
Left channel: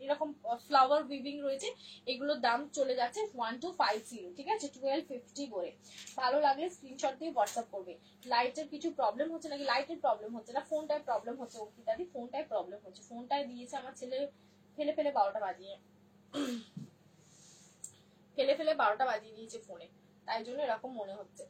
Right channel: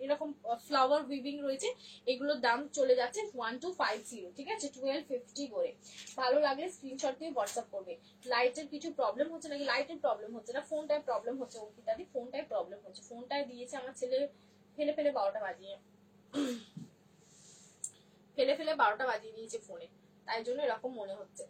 এরকম ফ্লাওয়ার উইভিং রয়েছে। এগুলোর দাম চলে যাচ্ছে 1250, ঠিক আছে, 1250 করে। ভালো লাগলে স্ক্রিনশট দিয়ে হোয়াটসঅ্যাপ করবে। লাইটের কিছু প্রবলেম হচ্ছে নাকি? লাইটের প্রবলেম হচ্ছে না, ফোনটায় প্রবলেম হচ্ছে, অঙ্কিতাদি ফোনটায় প্রবলেম হচ্ছে, ফোনটায় দিয়েছে আমার ছেলে ফেলে ফেলে 12টা বাজিয়ে, ফেলে ফেলে 12টা বাজিয়ে দিয়েছে ফোনে, তাই জন্য এরকম মনে হচ্ছে।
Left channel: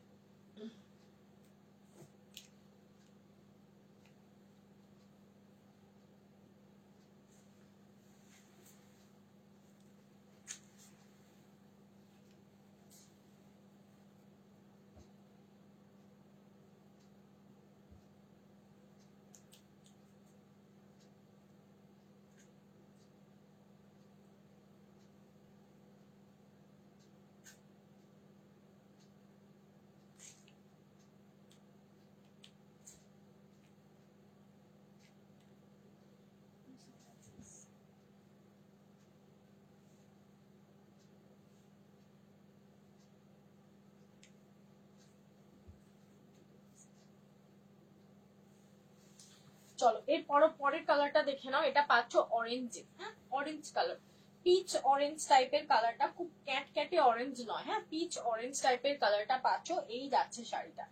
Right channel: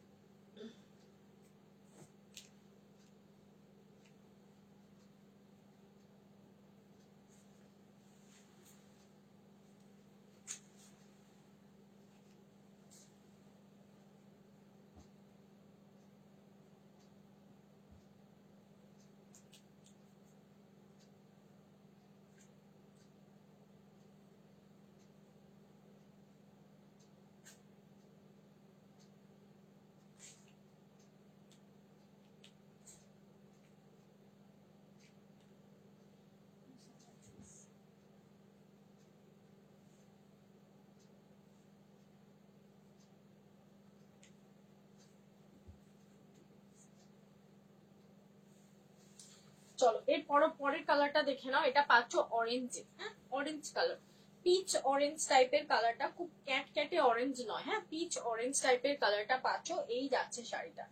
চলো এর পরের কালারটা দেখে নাও, এটা পাচ্ছ অরেঞ্জে, হ্যাঁ অরেঞ্জ কালার, পিচ অরেঞ্জ টাইপের কালারটা, খুব ক্যাটে অরেঞ্জ নয়, হ্যাঁ পিচ অরেঞ্জ টাইপের কালারটা পাচ্ছ। এই যাচ্ছে শাড়িটা,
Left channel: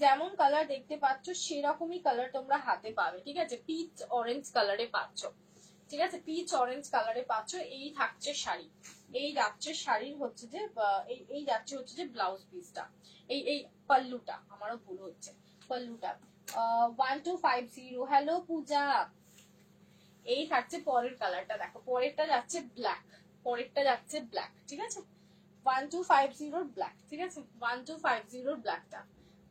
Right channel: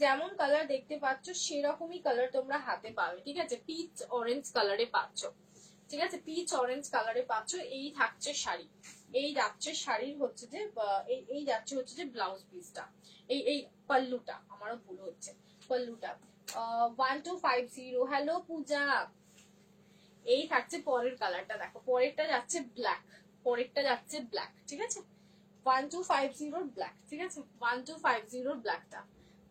যেমন কালার দেখতে পাচ্ছ সেরকমই কালার তোমরা হাতে পাবে, ঠিক আছে, পিচ অরেঞ্জ কালারে পাচ্ছ, ঠিক আছে, পিচ অরেঞ্জ কালারে পাচ্ছ। এই থাকছে শাড়ি, এই যাচ্ছে শাড়ির হচ্ছে যে এই যাচ্ছে হচ্ছে যে ব্লাউজ পিসটা, এই পাল্লুটা, আমারও ভুল হচ্ছে, পাল্লুটা 1250। হ্যালো পূজা। এই থাকছে পরের কালারটা, দেখো পরেরটা যাচ্ছে ব্ল্যাক, পরেরটা যাচ্ছে ব্ল্যাক, ঠিক আছে 1250 ব্ল্যাক, ঠিক আছে 1250 ব্ল্যাকটা,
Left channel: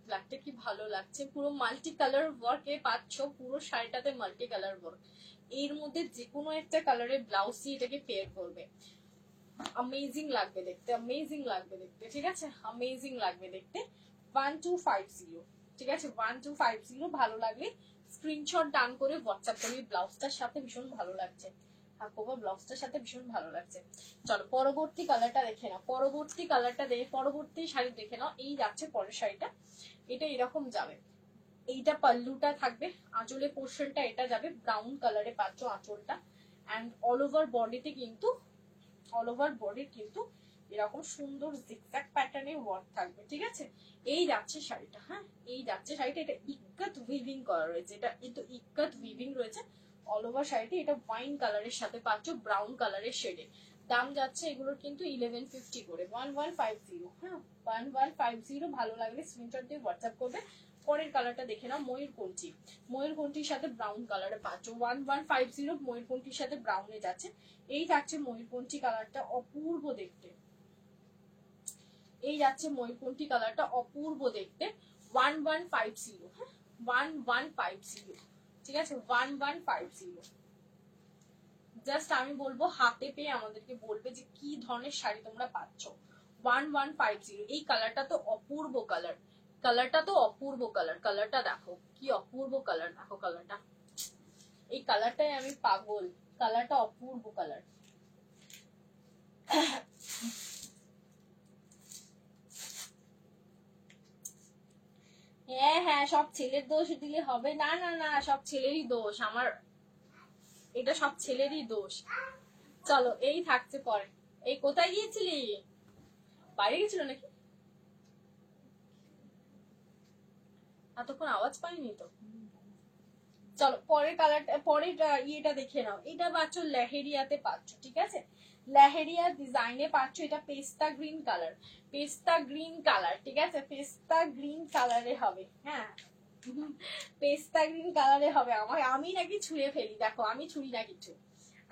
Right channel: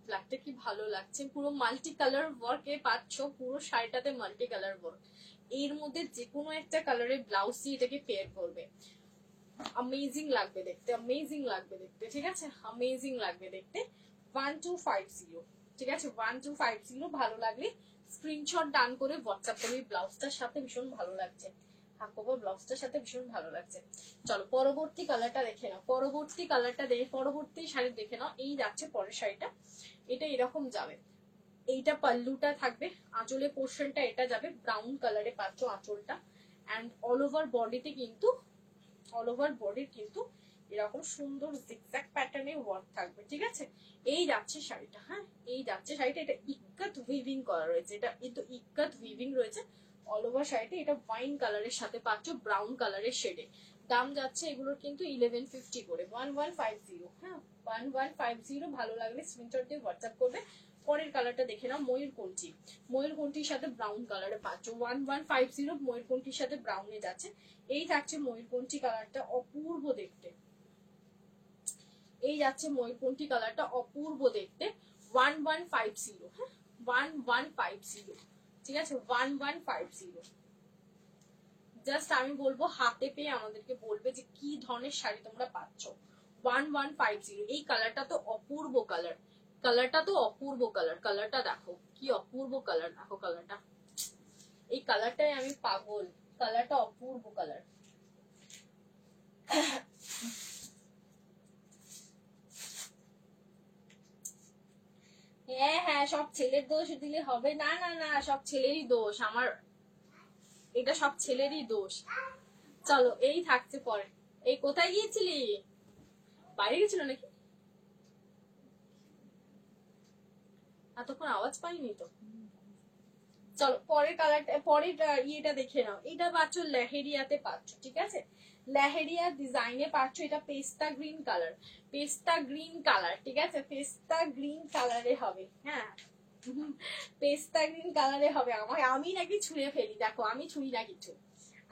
ব্ল্যাকটা কি ভালো লাগছে, পুরো মাল্টি কালার ওয়ার্ক এ পাচ্ছ, পুরো শাড়িটাতে মাল্টি কালার ওয়ার্ক। এর মধ্যে যে কোনো একটা কালারের ব্লাউজ দিয়ে এটাকে পেয়ার করবে, অ্যামেজিং লাগবে দেখতে, অ্যামেজিং লাগবে দেখতে, ঠিক আছে, অ্যামেজিং লাগবে দেখতে। 1250, ঠিক আছে 1250। ভালো লাগলে স্ক্রিনশট ডান করে হোয়াটসঅ্যাপ করবে, ব্লাউজটার সাথে ভীষণ ভালো লাগছে, হাকোবা ব্লাউজটার সাথে ভীষণ ভালো লাগছে। চলো পরবর্তী কালারটা দেখে নাও, পরবর্তী কালারটা দেখে পরবর্তী শাড়ি দেখে নাও। এই যাচ্ছে পরের শাড়িটা, এটা এরকম যাবে, এইটা পাল্লুটা থাকবে, আঁচলের পোর্শনটা এটা যাবে ব্রাউন কালারে পাচ্ছ আঁচলটা, অ্যান্ড অল ওভার বডিতে কিন্তু অল ওভার বডির কিন্তু এরকম সুন্দর জিগজ্যাগ প্যাটার্নে ওয়ার্ক থাকবে, ঠিক আছে। এই যাচ্ছে শাড়িটা, হ্যাঁ এই যাচ্ছে শাড়িটা, এটা ইক্কাত উইভিং করা রয়েছে, এটা কিন্তু ইক্কাত উইভিং রয়েছে অল ওভার শাড়িটা। এটা ওয়াইন কালারের সাথে পাচ্ছ ব্রাউন কালারের শেডে। দাম যাচ্ছে এগুলোর কিন্তু 1150 করে, 1150, হ্যাঁ 1150। ভালো লাগলে স্ক্রিনশট দিয়ে হোয়াটসঅ্যাপ করবে। পরের কালারটা দেখে নাও, ময়ূরকণ্ঠী, ময়ূরকণ্ঠীর সাথে ব্রাউন কালারে পাচ্ছ 1150, ময়ূরকণ্ঠীর সাথে ব্রাউনে যাচ্ছে। এই যাচ্ছে ময়ূরকণ্ঠী কালারটা, অপূর্ব দেখতে। এই যাচ্ছে ময়ূরকণ্ঠী কালারটা, অপূর্ব দেখতে, 1150, হ্যাঁ 1150, ঠিক আছে 1150। জাস্ট আমি বলবো হাতে পেয়ে আমাদেরকে বলবে যে কি ধরনের শাড়ি তোমরা পাচ্ছ। 1150। এই কালারটা তো অপূর্ব কালার, কালারটা তো অপূর্ব কালার, কালারটা দেখো কি অপূর্ব কালার, দেখো কালারটা, এই কালারটাই আমি পাগল, কালারটা অপূর্ব কালার। হ্যাঁ হ্যাঁ, সব ছেলের দোষ দিলে হবে না, না না সব ছেলেরই দোষ, আমার এটা সব ছেলেরই দোষ। চলো এই থাকছে পরে। এই কোথায় গিয়েছিলি, বাইরে গেছিল নাকি, এতক্ষণ আওয়াজ পাইনি তো। চলো পরের কালারটা, পরের ইয়েটা দেখে নাও। এটা পাচ্ছ লেহেরিয়াতে পাচ্ছ, ঠিক আছে লেহেরিয়া ডিজাইনে পাচ্ছ। এটা পেস্তা গ্রিন কালার, পেস্তা গ্রিন কালার, ঠিক আছে পেস্তা গ্রিন কালারে হবে, হ্যাঁ পেস্তা গ্রিন কালারে হবে। আমি নাকি ছুঁয়ে ফেলি, দেখো আমি ছুঁই না কিছু,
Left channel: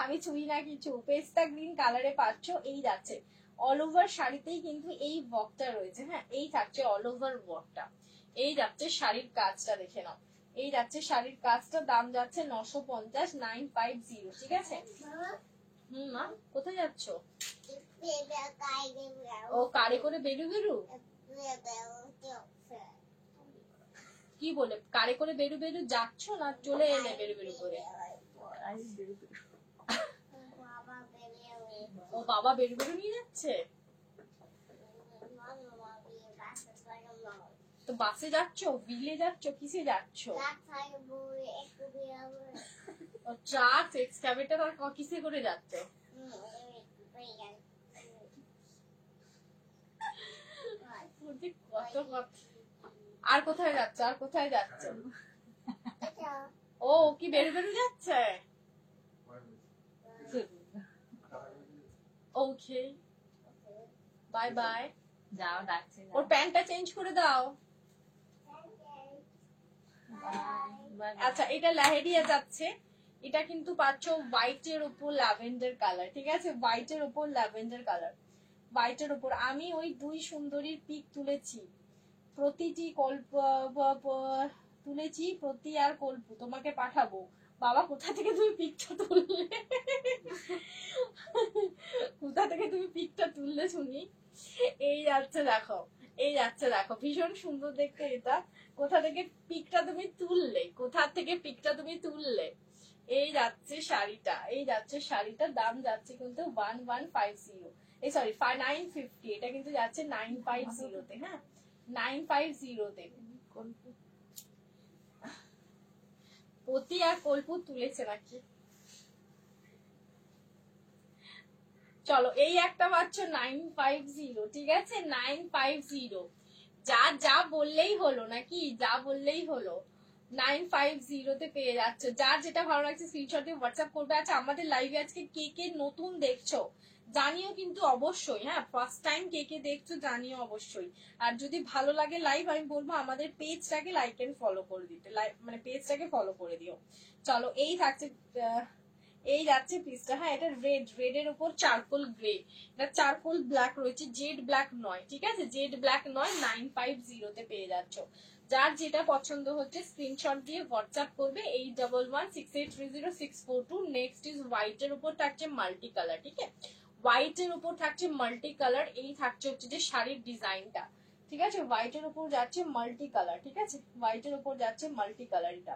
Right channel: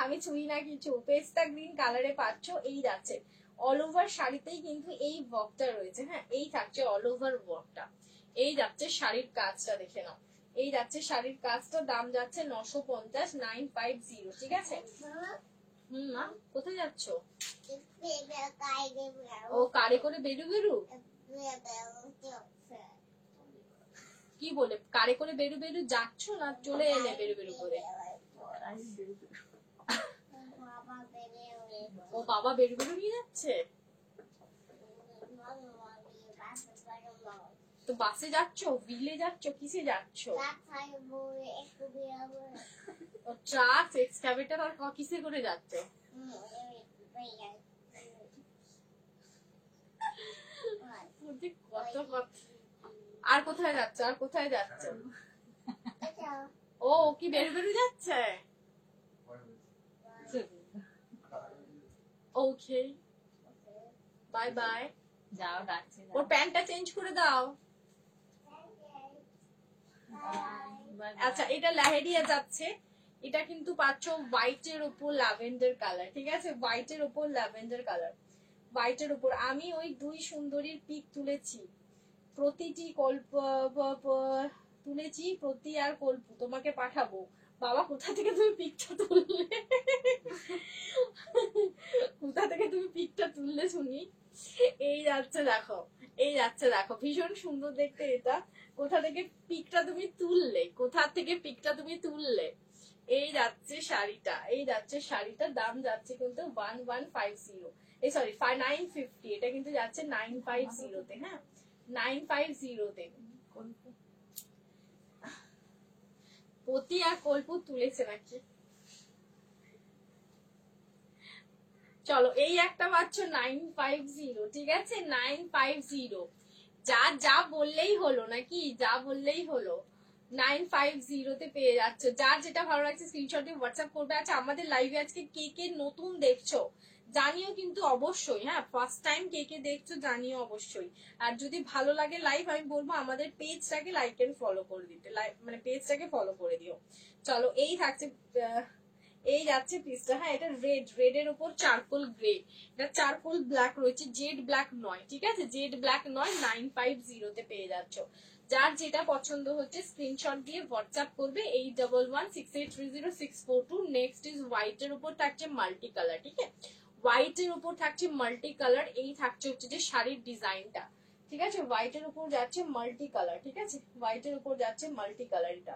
আমি ছুঁই না কিছু। পেস্তা গ্রিন কালারে পাচ্ছ। এই যাচ্ছে অল ওভার শাড়িতেই কিন্তু এই ওয়ার্কটা রয়েছে, হ্যাঁ এই থাকছে অল ওভার ওয়ার্কটা। এই যাচ্ছে শাড়ির কাজটা দেখে নাও, এই যাচ্ছে শাড়ির কাজটা, দাম যাচ্ছে 950, 950, ঠিক আছে। মা কোথায় যাচ্ছ? ও কারে করে বেরু বেরু, কি বলে কারে করে বেরু বেরু যাচ্ছ, না চলে এলে বেরু বেরু করে? ও বাবা বেরু বেরু নিয়ে যাচ্ছে, তো বাসে যাচ্ছ, হুইলে যাচ্ছ, কিসে যাচ্ছ? ট্রাক এক্সকাভেটর আর কিসে করে যাচ্ছে? কত আর কোথায় যাচ্ছে, আর কোথায় যাচ্ছে? ও কি বেরু বেরু যাচ্ছে, ওকে বাই বাই, যাও ডাকছে, ওর প্যান্টটা চেঞ্জ করে দাও। আচ্ছা এটা লেহেরিয়া যাচ্ছে, এটা কিন্তু পাচ্ছ হোয়াইটের উপর ল্যাভেন্ডার কালার, ঠিক আছে হোয়াইটের উপর ল্যাভেন্ডার কালার, হোয়াইটের উপর। আমি ওই দুই সুন্দরীর পিক তুলেছি, প্রতিটি তুলেছি, প্রতি আর কল্প তোমাকে পাঠাবো। বাবা কোথা থেকে তুমি পিকটা তুললে, কোথা থেকে তুমি পিকটা তুললে শুনি। এই যাচ্ছে দেখো, এই যাচ্ছে দেখো, ভীষণ সুন্দর দেখতে এটা, কোথা থেকে পিকটা তুমি তুললে, কোথা থেকে পিকটা তুমি তুললে। এই যাচ্ছে শাড়িটা, এই যাচ্ছে শাড়িটার দাম যাচ্ছে কিন্তু 1150, এই সরি 950, এটা কিন্তু যাচ্ছে 950 তে, হ্যাঁ 950 তে। পতি আর কল্পু তুলেছে নাকি? চলো এই একটা পাচ্ছ 950, ঠিক আছে 950, যা যা বললেই হলো নাকি, যা বললেই হলো 950 তে পেয়ে যাচ্ছ। যার যেটা ভালো লাগছে স্ক্রিনশট দিয়ে হোয়াটসঅ্যাপ করবে। আচ্ছা আমাদের লাইভে আজকে কে কে নতুন দেখছো জানিও কিন্তু অবশ্যই, হ্যাঁ ফার্স্ট টাইম কে কে দেখছো জানিও অবশ্যই। আর যদি ভালো লাগে লাইভ, আমি বলবো আমাদের পেজটাকে লাইক এন্ড ফলো করে দিতে, মানে পেজটাকে ফলো করে দিও। চলো এই থাকছে, এই যাচ্ছে পিসটা, হ্যাঁ এটা রেড এর উপর চারকোল গ্রে, এটা চারকোল ব্ল্যাক রয়েছে, জেড ব্ল্যাক নয়, ঠিক আছে জেড ব্ল্যাক নয়, 950 তে পেয়ে যাচ্ছ। যার যেটা পছন্দ হচ্ছে স্ক্রিনশট দিয়ে হোয়াটসঅ্যাপ করবে 8116830642। নেক্সট ইজ হোয়াইট এর উপর থাকছে মাল্টি কালার, ঠিক আছে হোয়াইট এর উপর থাকছে মাল্টি কালার। এই থাকছে হচ্ছে যে শাড়ির ডিজাইনটা, ঠিক আছে হোয়াইট এর উপর যাচ্ছে মাল্টি কালার, ঠিক আছে হোয়াইট এর উপর যাচ্ছে মাল্টি কালার, এটা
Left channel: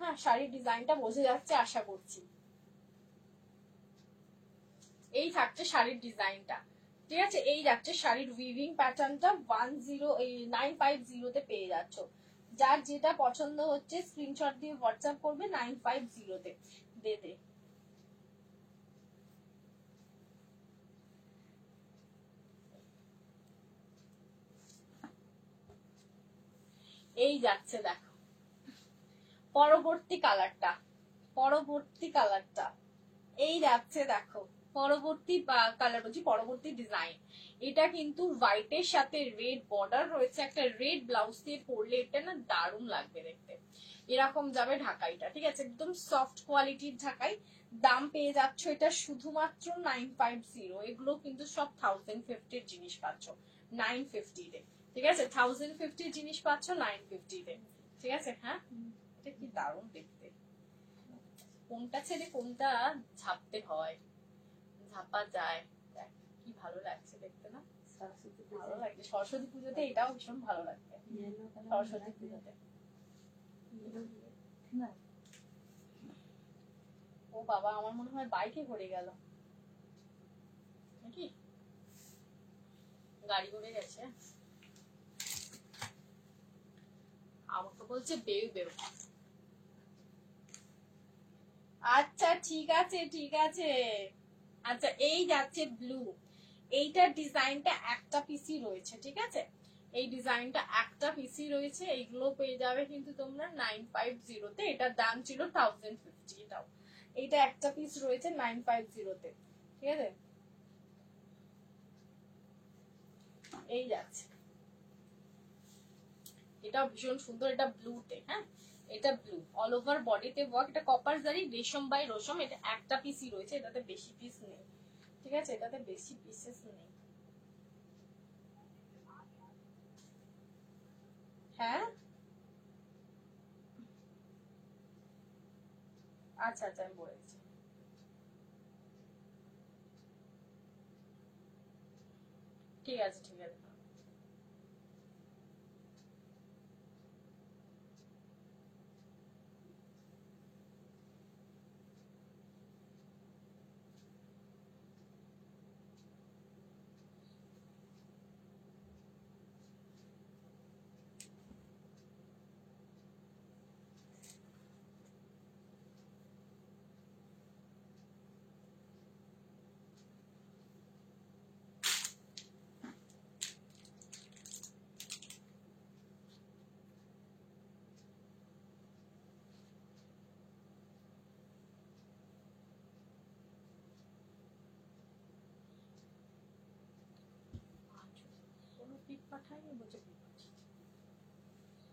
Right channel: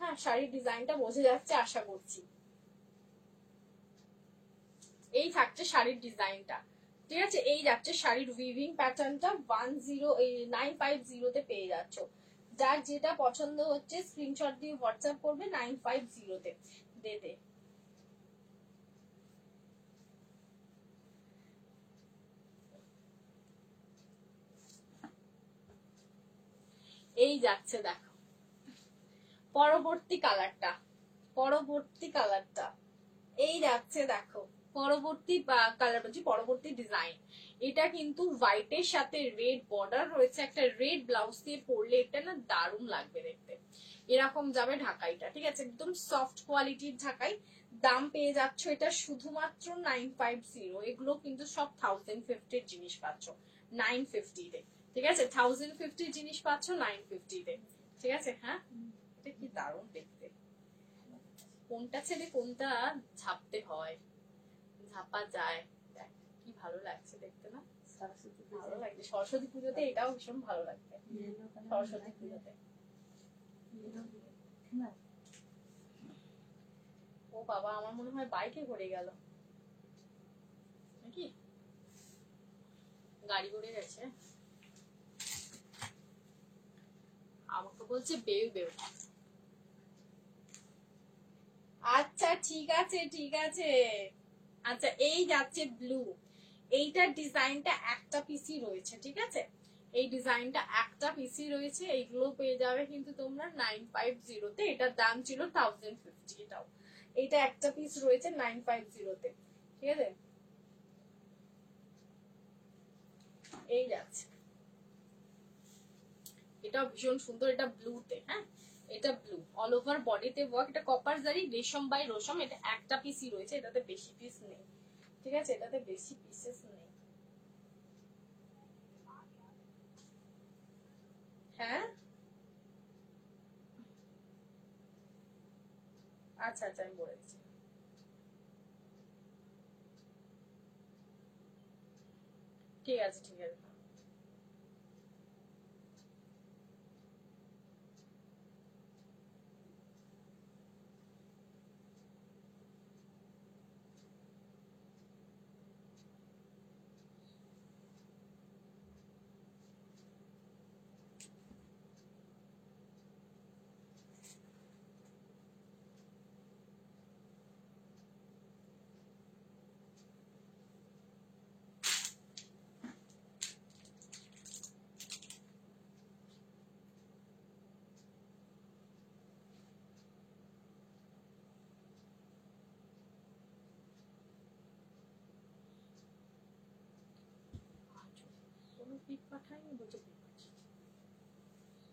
হ্যাঁ শাড়ির ডিজাইনটা বোঝা যাচ্ছে আশা করছি। এই থাকছে শাড়ির ডিজাইনটা, ঠিক আছে। এই যাচ্ছে শাড়ির উইভিং প্যাটার্নটা 950 পেয়ে যাচ্ছ। যার যেটা পছন্দ হচ্ছে স্ক্রিনশট দিয়ে হোয়াটসঅ্যাপ করবে 950 দে। এই যাচ্ছে দেখো পরবর্তী কালারটা, এই যাচ্ছে দেখো পরবর্তী কালার হচ্ছে পরবর্তী ডিজাইন। এটা কিন্তু হোয়াইটের সাথে রেড বর্ডার রয়েছে, একটা রেড ব্লাউজ দিয়ে পরলে এটা না দারুণ লাগবে দেখতে। এরকম যাবে ঢাকাইটা, ঠিক আছে, একদম সফট কোয়ালিটির ঢাকাই। দাম পেয়ে যাচ্ছ এটা শুধুমাত্র 950। এগুলো কিন্তু সব 1050 জিনিস পাচ্ছ 950 ঠিক আছে। 1050 জিনিস পাচ্ছ 950 ঠিক আছে। হ্যাঁ, এটা কি দারুণ দেখতে, কোনটা ছেড়ে কোনটা ঝাপতে হয়, ঝাপা যায়, কি ভালো লাগছে দেখতে না। ভালো লাগছে সরস্বতী পুজোতে, এটাও ভীষণ ভালো লাগবে সরস্বতী পুজোতে। ও বাবা, আমার মনে হয় বাইকে করে গেল নাকি, গাড়ি করে গেছে। আমাকে বলছে বেউ বেউ। আচ্ছা ঠিক আছে ঠিক আছে। আচ্ছা এই যাচ্ছে ব্লু, এইটার ডিজাইনটা একটা পিসি রয়েছে, ঠিক আছে। এই ডিজাইনটা একটা পিসি রয়েছে, এইগুলো পেয়ে যাবে কিন্তু তোমরা 950 এটার দাম ছিল 1050। এটাও এইটা একটা পিস রয়েছে 950 ঠিক আছে। এই যাচ্ছে, এটাও ভীষণ সুন্দর, এটা ব্লুতে। হ্যাঁ, এটা ব্লু, অল ওভার বডিতে ওয়ার্ক, এটা কপার জারি রেশম বাই রসম। এটা একটা পিসই রয়েছে, এটাতে বেশি পিস নেই, ঠিক আছে, এটাতে বেশি পিসেস নেই। হ্যাঁ আচ্ছা আচ্ছা, আমি বলে দিচ্ছি। ঠিক আছে ঠিক আছে।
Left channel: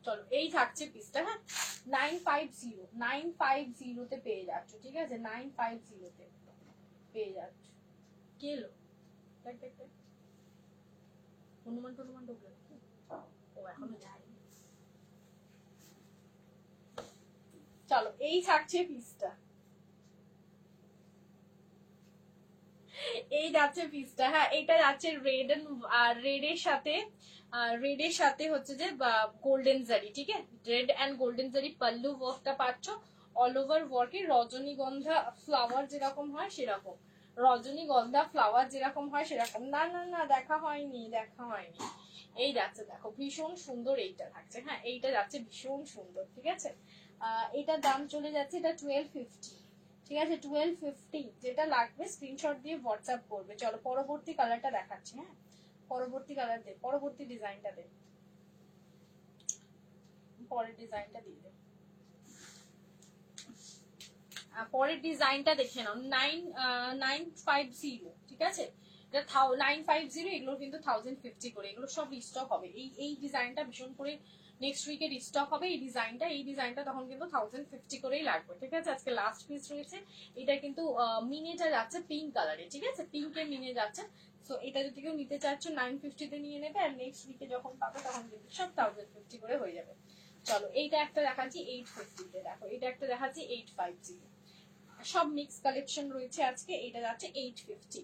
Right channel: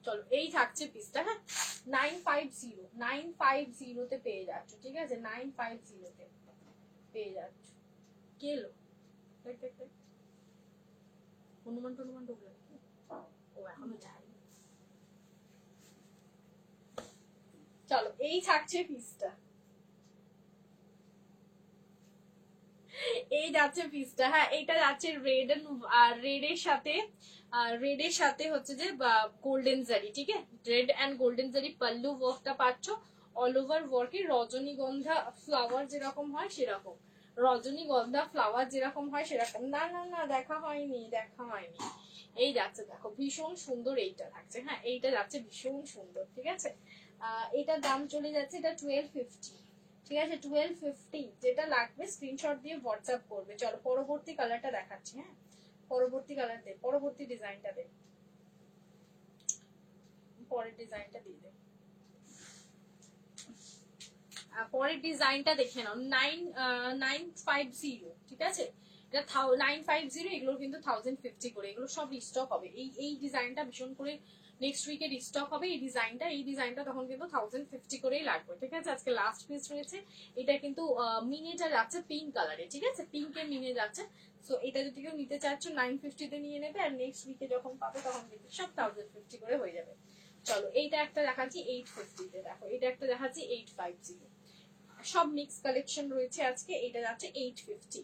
চলো এই থাকছে পিসটা। হ্যাঁ, 950 পেয়ে যাচ্ছ, ঠিক আছে, 950 পেয়ে যাচ্ছ। কে এলো? হনুমান টনুমান ঢুকলো, ও এখনো যায়নি। চলো এই থাকছে পিসটা, এই যাচ্ছে পিসটা। হ্যাঁ, এটা যাচ্ছে রেড এন্ড রেড এর সাথে হচ্ছে যে গোল্ডেন জারি, ঠিক আছে, রেড এন্ড গোল্ডেন জারি পাল্লু ওয়ার্কটা পাচ্ছ। অল ওভার ওয়ার্কে রজনীগন্ধা ফ্লাওয়ার যেরকম হয় সেরকম, রজনীগন্ধা ফ্লাওয়ার যেরকম হয় সেরকম। না না না, দেখা হয়নি দেখা হয়নি। এই যাচ্ছে দেখো ভীষণ সুন্দর, এইটা থাকছে। হ্যাঁ, এইটা যাচ্ছে ভীষণ সুন্দর, ঠিক আছে। এটার দাম চলে যাচ্ছে, এটা 1250, ঠিক আছে, 1250। যেটা লাগবে স্ক্রিনশট দিয়ে হোয়াটসঅ্যাপ করবে। চলো পরবর্তী কালারটা দেখাচ্ছি। হ্যাঁ, পরবর্তী কালার দে, পরবর্তী ডিজাইনটা দে, পরের ডিজাইনটা দিয়ে দে। পরের ডিজাইনটা দেখে নাও, 950, ঠিক আছে। এটা 950, এগুলো কিন্তু 1050 করে, এগুলো সব রিস্টক হবে। এই ডিজাইনটা ভীষণ করে নেক্সট উইকে রিস্টক হবে। এই ডিজাইনটা তখন কিন্তু 1050 করেই লাগবে, ঠিক আছে। আজকে লাস্ট পিস রয়েছে। এটা কিন্তু মিনিটা যাচ্ছে পিঙ্ক কালারে, ঠিক আছে, পিঙ্কে মিনে যাচ্ছে। সো এটা যদি কেউ নিতে চাচ্ছ 950 নিয়ে নেবে, আর নেক্সট উইকে যখন পাবে তখন কিন্তু সব 1050 করে হয়ে যাবে। চলো এইটা একটা দেখাচ্ছি 850, দেখো এটা একটা দেখাচ্ছি 850। সব মিক্স কালেকশন রয়েছে আজকে। এটা যাচ্ছে 850,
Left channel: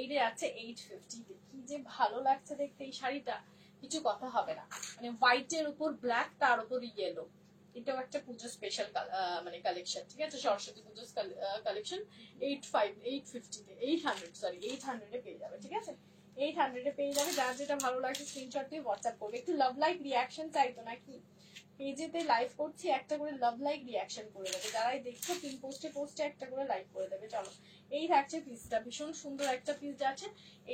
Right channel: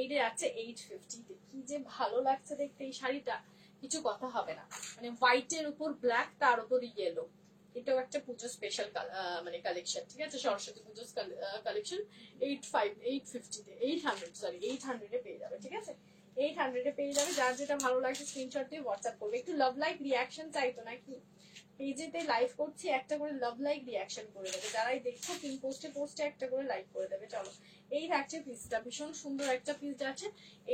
এইটা যাচ্ছে 850। কি যে ভালো লাগছে দেখতে এই শাড়িটা, কিছু কথা হবে না। মানে হোয়াইটের উপর ব্ল্যাক, তার উপর ইয়েলো, এটাও একটা পুজো স্পেশাল মানে কালেকশন, ঠিক আছে, সরস্বতী পুজোর কালেকশন। 800 পেয়ে যাবে, ঠিক আছে, 800 পেয়ে যাবে। যার যেটা ভালো লাগছে স্ক্রিনশট দিয়ে হোয়াটসঅ্যাপ করবে। একটু লাভ লাইক রিয়াকশন চাইতো নাকি, পেজেতে লাইভ করছি, একটা করে লাভ লাইক রিয়াকশন করে দেবে। যারাই দেখছো পিন পোস্টে একটা করে লাইক করে দেবে। চলো, এই থাকছে পিসটা, ভীষণ সুন্দর একটা পিস যাচ্ছে,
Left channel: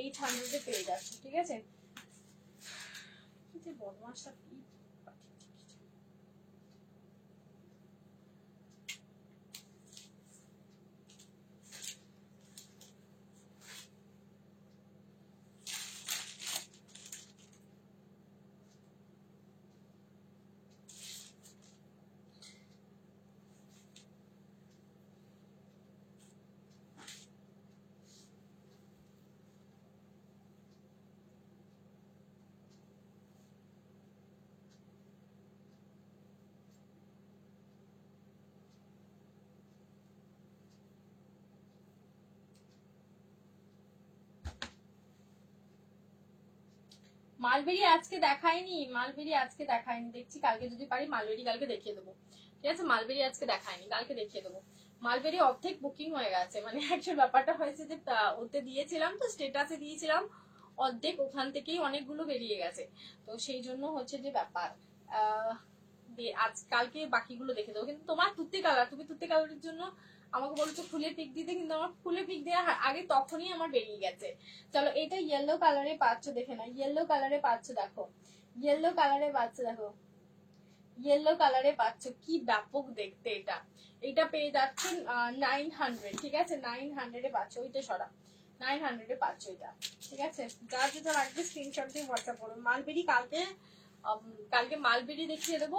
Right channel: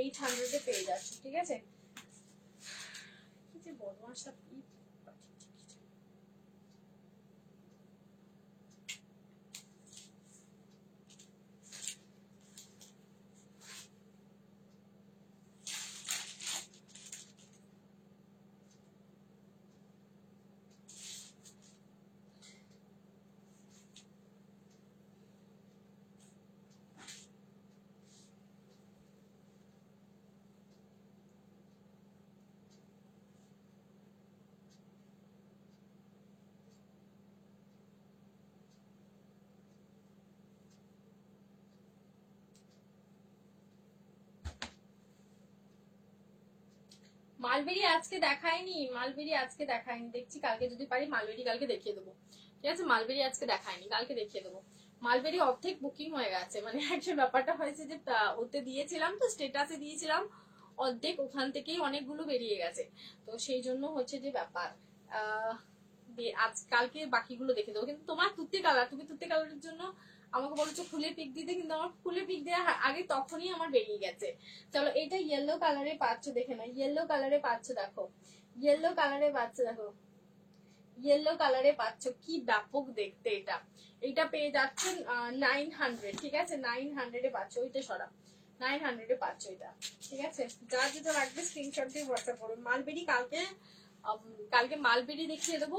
800 পেয়ে যাচ্ছে, ঠিক আছে। কি যে বদমাশটা কি, মালবেরি আজকে দেখায়নি, মালবেরি আজকে দেখায়নি, দেখছি কালকে যদি পারি মালবেরি কালকে দেখিয়ে দেবো, ঠিক আছে। মালবেরি আজকে দেখায়নি, কালকে দেখিয়ে দেবো। মালবেরি অর্ধেক বুকিং হয়ে গেছে, মানে একটা ব্যাপারটা হয়েছে যে ওতে দিয়েছিলাম তো, স্টেটাসে দিয়েছিলাম, অর্ধেক ওখান থেকেই অনেকগুলো বেরিয়ে গেছে, তো সেই জন্য হচ্ছে যে ব্যাপার। আজ কালকে বাকিগুলো দেখে দেবো। কিন্তু তোমার তুতে কালার, তুমি তুতে কালারের জন্য আমাকে বলছো খুলে পিক দিতে, কিন্তু আমার খুলে পিক দেওয়া আগে তখনই আমার বেরিয়ে গেছে। চলো, এটা ইয়েলো কালারে পাচ্ছ, দেখে না, ইয়েলো কালারে পাচ্ছ, দেখো ইয়েলো কালারে পাচ্ছ, দেখো ইয়েলো কালারে পাচ্ছ, কি ব্যাপক দেখতে এটা। এটা পেয়ে যাচ্ছে 900, ঠিক আছে, 900 পাচ্ছ, ওইটা সরা 900 পাচ্ছ এটা, ঠিক আছে। যারা যেটা রাখবে স্ক্রিনশট দিয়ে হোয়াটসঅ্যাপ করো। মালবেরি কালকে মালবেরি দেখিয়ে দেবো,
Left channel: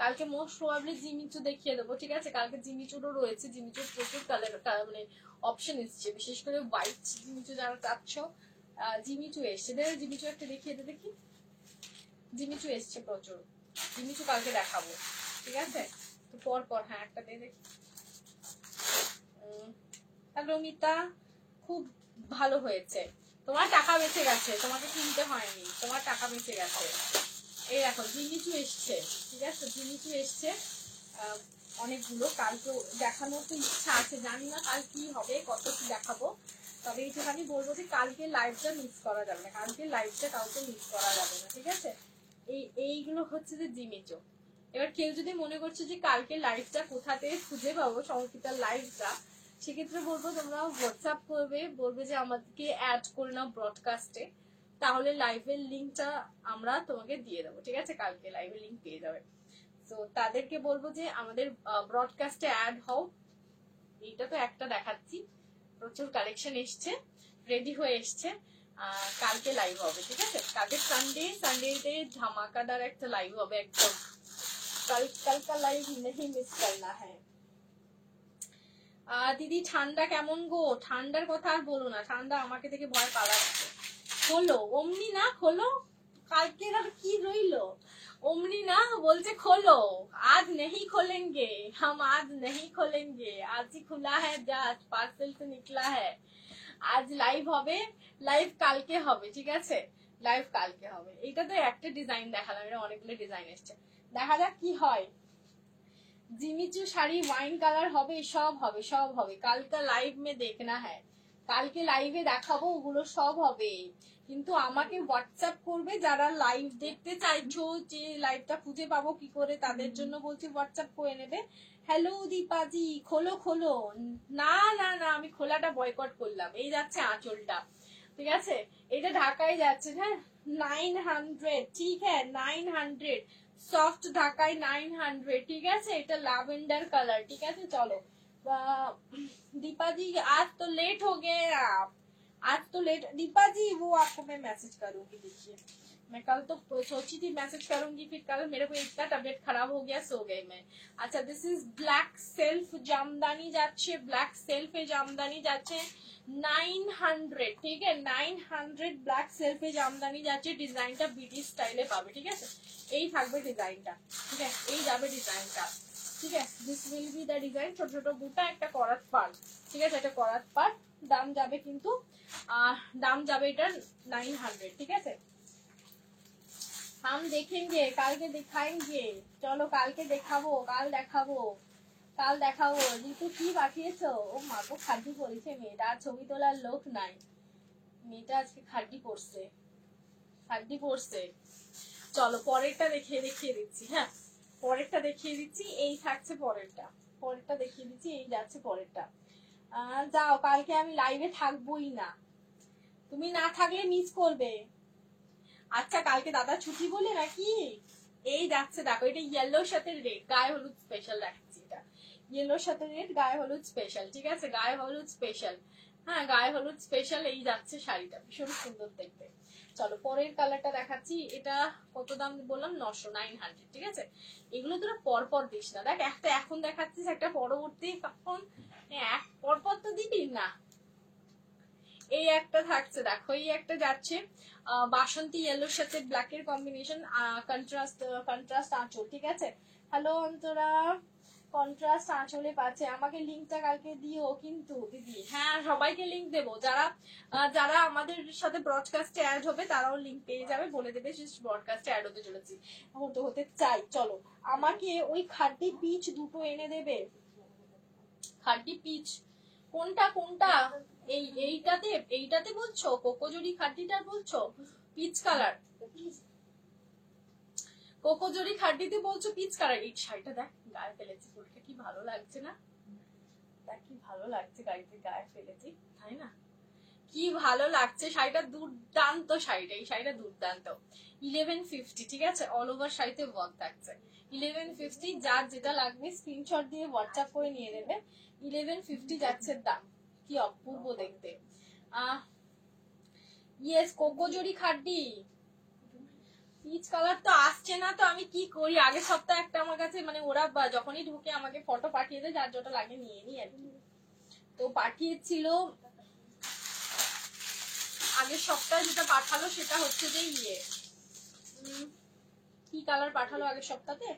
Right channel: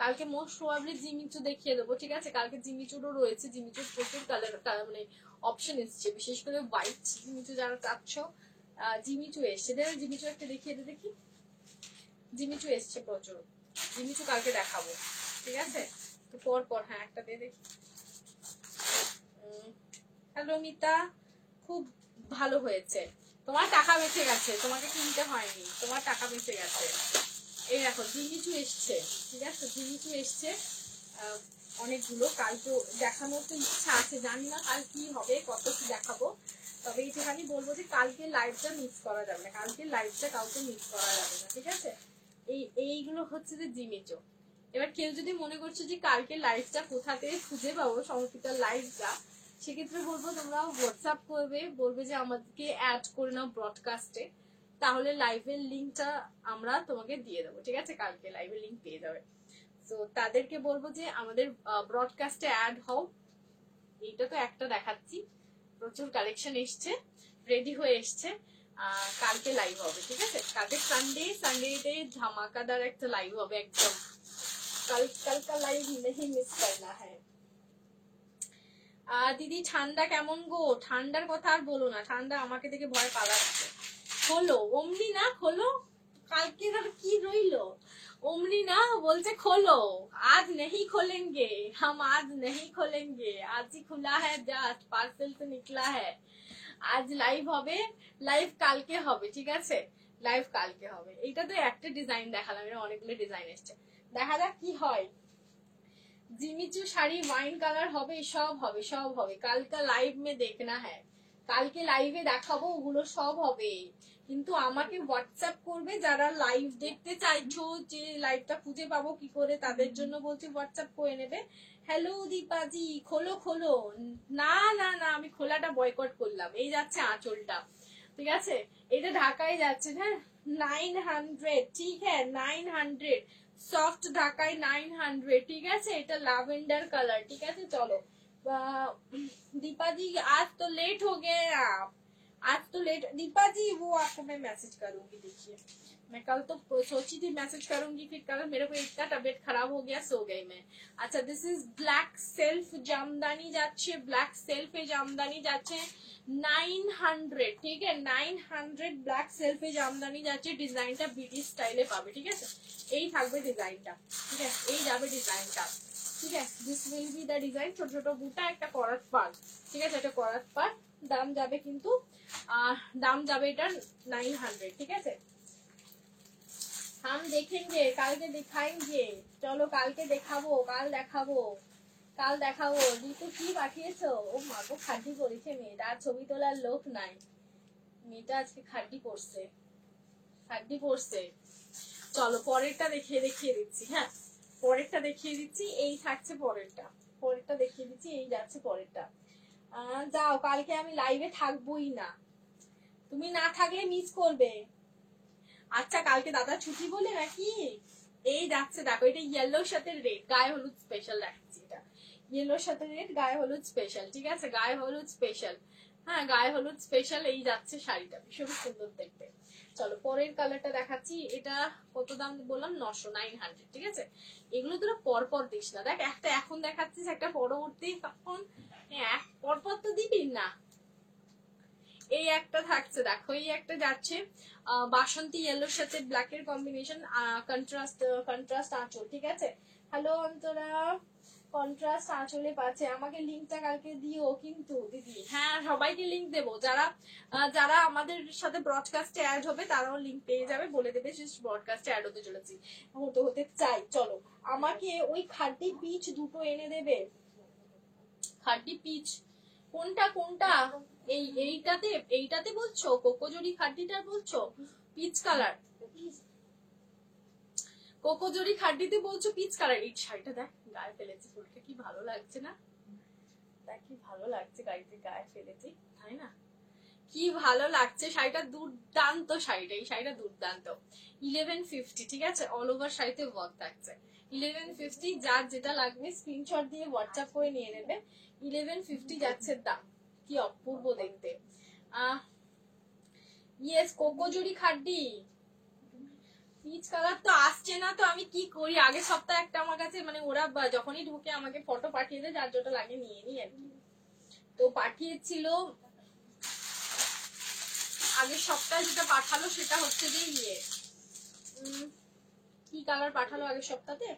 কালকে মোস্ট প্রবাবলি জিমিচু দেখিয়ে দেবো, ঠিক আছে। কালকে জিমিচুরও রয়েছে, জিমিচুর প্রচুর কালার মানে অপশন এসছে, বিশেষ করে হোয়াইট জিমিচু যারা চাচ্ছ, জিমিচু এসছে, জিমিচু একটা দেখিয়ে দে দেখি, জিমিচু এসছে প্রচুর, জিমিচু কালকে দেখাবো, ঠিক আছে। তো পর হ্যাঁ একটা দিয়ে দেখি। হ্যালো মিতা, খুব ভালো হয়েছে, তোমার টাকা বেঁচে গেছে, তোমাকে কিনতে হয়নি, তোমার টাকা বেঁচে গেছে। এই দেখো জিমিচু এসছে, ঠিক আছে, জিমিচু এসছে অনেকগুলো। কালকে দেখানোর তো ইচ্ছা আছে, জানি না কাল কি হবে, কত কি দেখাবো, তবে এইখানে বলবো যে কালকে লাইভটা মিস করা যাবে না, কালকে লাইভটা কাউকে মিস করা যাবে না, ঠিক আছে। এইগুলো হচ্ছে যে জিমিচু। এবার কেউ যদি মনে করছে যে কালকে লাইভটা কোথা থেকে খুঁজে পাবো, সংস্কৃতার লাইভটা, সেক্ষেত্রে বলবো তোমরা হোয়াটসঅ্যাপ করবে, বলবে যে আমাদেরকে অ্যাড করে নাও ব্রডকাস্টে, তাহলে লাইভের লিঙ্কটা আমরা তোমাকে দিয়ে দেবো, ঠিক আছে। কালকে লাইভের লিঙ্ক পেয়ে যাবে। তো তাদেরকে বলবো যে আমাদের ব্রডকাস্টে অ্যাড হও। এইটা তো একটা দেখাচ্ছি, প্রচুর কালেকশন এসছে, রেডি হয়ে এসছে, কালকে লাইভ হবে, ঠিক আছে। কালকে সানডেতে ধামাকাদার একটা লাইভ হবে একদম, कल का लाइव नहीं मिस करना है। দিদি ঠান্ডা কেমন গো? ঠান্ডার কথা আর বলো না, ঠান্ডা আমাকে দেখে ভয় পালাচ্ছে। খোলো, অমনি না খোলো, কালকে কি রইলো, অমনি না বলছে খোলো, आज नहीं खोलेंगे हम, आज नहीं खोलेंगे, आज ही खुला है, जस्ट पार्सल से निकला है। আজ লাইভ হবে, লাইভ কালকে হবে, ঠিক আছে, লাইভ কালকে হবে। এটা তো একটা ডিজাইন দেখালাম, এটা অনেকগুলো ডিজাইন এসছে, দেখা যাক কি হয়। জিমিচু শাড়ি ওয়াইন কালার হবে, সব হবে, সব হবে, কালকে লাইভ মে দেখনা হ্যায়, কালকে লাইভে দেখাবো, ওগুলো সব হবে। কিন্তু আমাকে হোয়াটসঅ্যাপ করবে যারা লাইভ দেখতে চাইছো, যে লাইভটা খুঁজে পাবো কি করে, তাদের জন্য বলছি হোয়াটসঅ্যাপ করে নেবে। হ্যালো দীপাজি, খোলো খোলো, না না না আমি খোলাটা বয়কট করলাম। এই যাচ্ছে আঁচলটা, ঠিক আছে, এটা ঢাকায় যাচ্ছে, হ্যাঁ 900, ঠিক হ্যাঁ 900 সফট ঢাকায় 900, ঠিক আছে। এটা ল্যাভেন্ডার কালার, ঠিক আছে। চলো दीपा जी, आज तो लेट हो गए आप, आज तो लेट। दीपा जी वो आपको मैं मैसेज करूंगी, देखिए मैं कल तो सोची थी मैसेज करूंगी, फिर कल मेरे को इतना तबियत खराब हो गया, सो गई मैं। अच्छा, this is black self Jamdani যাচ্ছে, ব্ল্যাক সেলফে জামদানি যাচ্ছে 900, ঠিক আছে, 900 ব্ল্যাক সেলফে জামদানি যাচ্ছে। ডিজাইনটা বিটি স্টাইলে পাবে, ঠিক আছে, এই থাকবে ডিজাইনটা, ঠিক আছে, এই যাবে ডিজাইনটা, ঠিক আছে। This will be the design, ছোট ছোট বুটা, একটা করাত পার, ঠিক আছে, এটা করাত পার। দাম যাবে কিন্তু দাম যাবে এটার 900, ঠিক আছে। हम देखेंगे, কালকে দেখাएंगे, চলো কালকে দেখাবো, কাল দেখাবো, কাল দেখাবো। ঋতু কি পাঠিয়েছো? ও মা গো, খাড্ডি করেছে মেয়েটা, ছবি তোলার লোক নাই, মেয়েটা আজকে খাড্ডি করছে, খাড্ডি করছে। চলো পরেরটা দেখিয়ে দিচ্ছি। হ্যাঁ, পরেরটা দেখিয়ে দিচ্ছি, এই থাকছে পরেরটা, পরেরটা দেখিয়ে দিচ্ছি, এই যাচ্ছে পরেরটা। যাও, কালকে আমি লাইভে থাকবোই না, তুমি না থাকলে মিস করবে। আচ্ছা, কালকে দাদা ছুটি বলে নাকি? এই যাচ্ছে দেখো, এটা ইয়েলোর সাথে রেড, গায়ে হলুদ স্পেশাল দেখাচ্ছি, এটা ইয়েলোর সাথে রেড, গায়ে হলুদ স্পেশাল, ঠিক আছে, গায়ে হলুদ স্পেশাল। হ্যাঁ, গায়ে হলুদ স্পেশাল, এই যাচ্ছে শাড়িটা, ভীষণ সুন্দর দেখতে। চলো পরের কালারটা দেখাচ্ছি। এটা কত দাম বললাম? 900, ঠিক আছে। এগুলো তোরা পরপর দিস না, দেখ একটা এখন দেখাচ্ছিস, একটা পরবর্তী, তখন পরপর তো দিবি না। এই একটা থাকছে দেখো, এই একটা যাচ্ছে বাসন্তী ইয়েলোর সাথে ব্ল্যাক এর কম্বিনেশন, কন্ট্রাস্ট আঁচল, ঠিক আছে। হ্যালো অন্তরা, কন্ট্রাস্ট আঁচলে পাচ্ছে, আমাকে লিঙ্কটা কালকে দিও কিন্তু দিদি। হ্যাঁ, সবাইকে লিঙ্ক দেবো, যারা যারা আমাদের সাথে ব্রডকাস্টে অ্যাড হবে তারাও লিঙ্ক পেয়ে যাবে, বলে দেবে যে ব্রডকাস্টে অ্যাড হতে চলেছি, হতে চাই। চলো, আমাকে ওই খাড্ডি পিচ দুটো এনে দেবে, খাড্ডি পিচ। কোনটা কোনটা? এইটাতে বলছো? কোকোজুরি খাড্ডিটার বলছো? পিচ কালার, কোকোজুরি খাড্ডিতে বলছো পিচ কালার। এই শাড়িটা দেখ, গায়ে ফেলেছি, ফুলটা কি ভালো লাগছে না? দেখ কি ভালো লাগছে, গাড়িতে গায়ে ফেলেছি, তাই না? কি ভালো লাগছে শাড়িটা, দুর্দান্ত শাড়িটা, এই শাড়িটা দুর্দান্ত। 1150, ঠিক আছে, অল ওভার শাড়িতে ওয়ার্ক থাকছে। 1150, যার যেটা লাগবে স্ক্রিনশট দিয়ে হোয়াটসঅ্যাপ করে নিয়ে নেবে। 1150 যাচ্ছে দাম, কি অপূর্ব দেখতে। ইয়েস, কোকোজুরি খাড্ডি পিচ কালার তো আসছে না, তো আমি কি করি? আগের সপ্তাহে একটা আমার কাছে, মানে ওরা যখনই ঢুকে আমাকে ফটো পাঠিয়ে দেয়, যার যেটা লাগে নিয়ে নি আর কি। তো পাঠিয়েছিল আগের সপ্তাহে, যেটা পাঠালো সেটা হচ্ছে যে কি কালার পাঠালো আগের সপ্তাহে?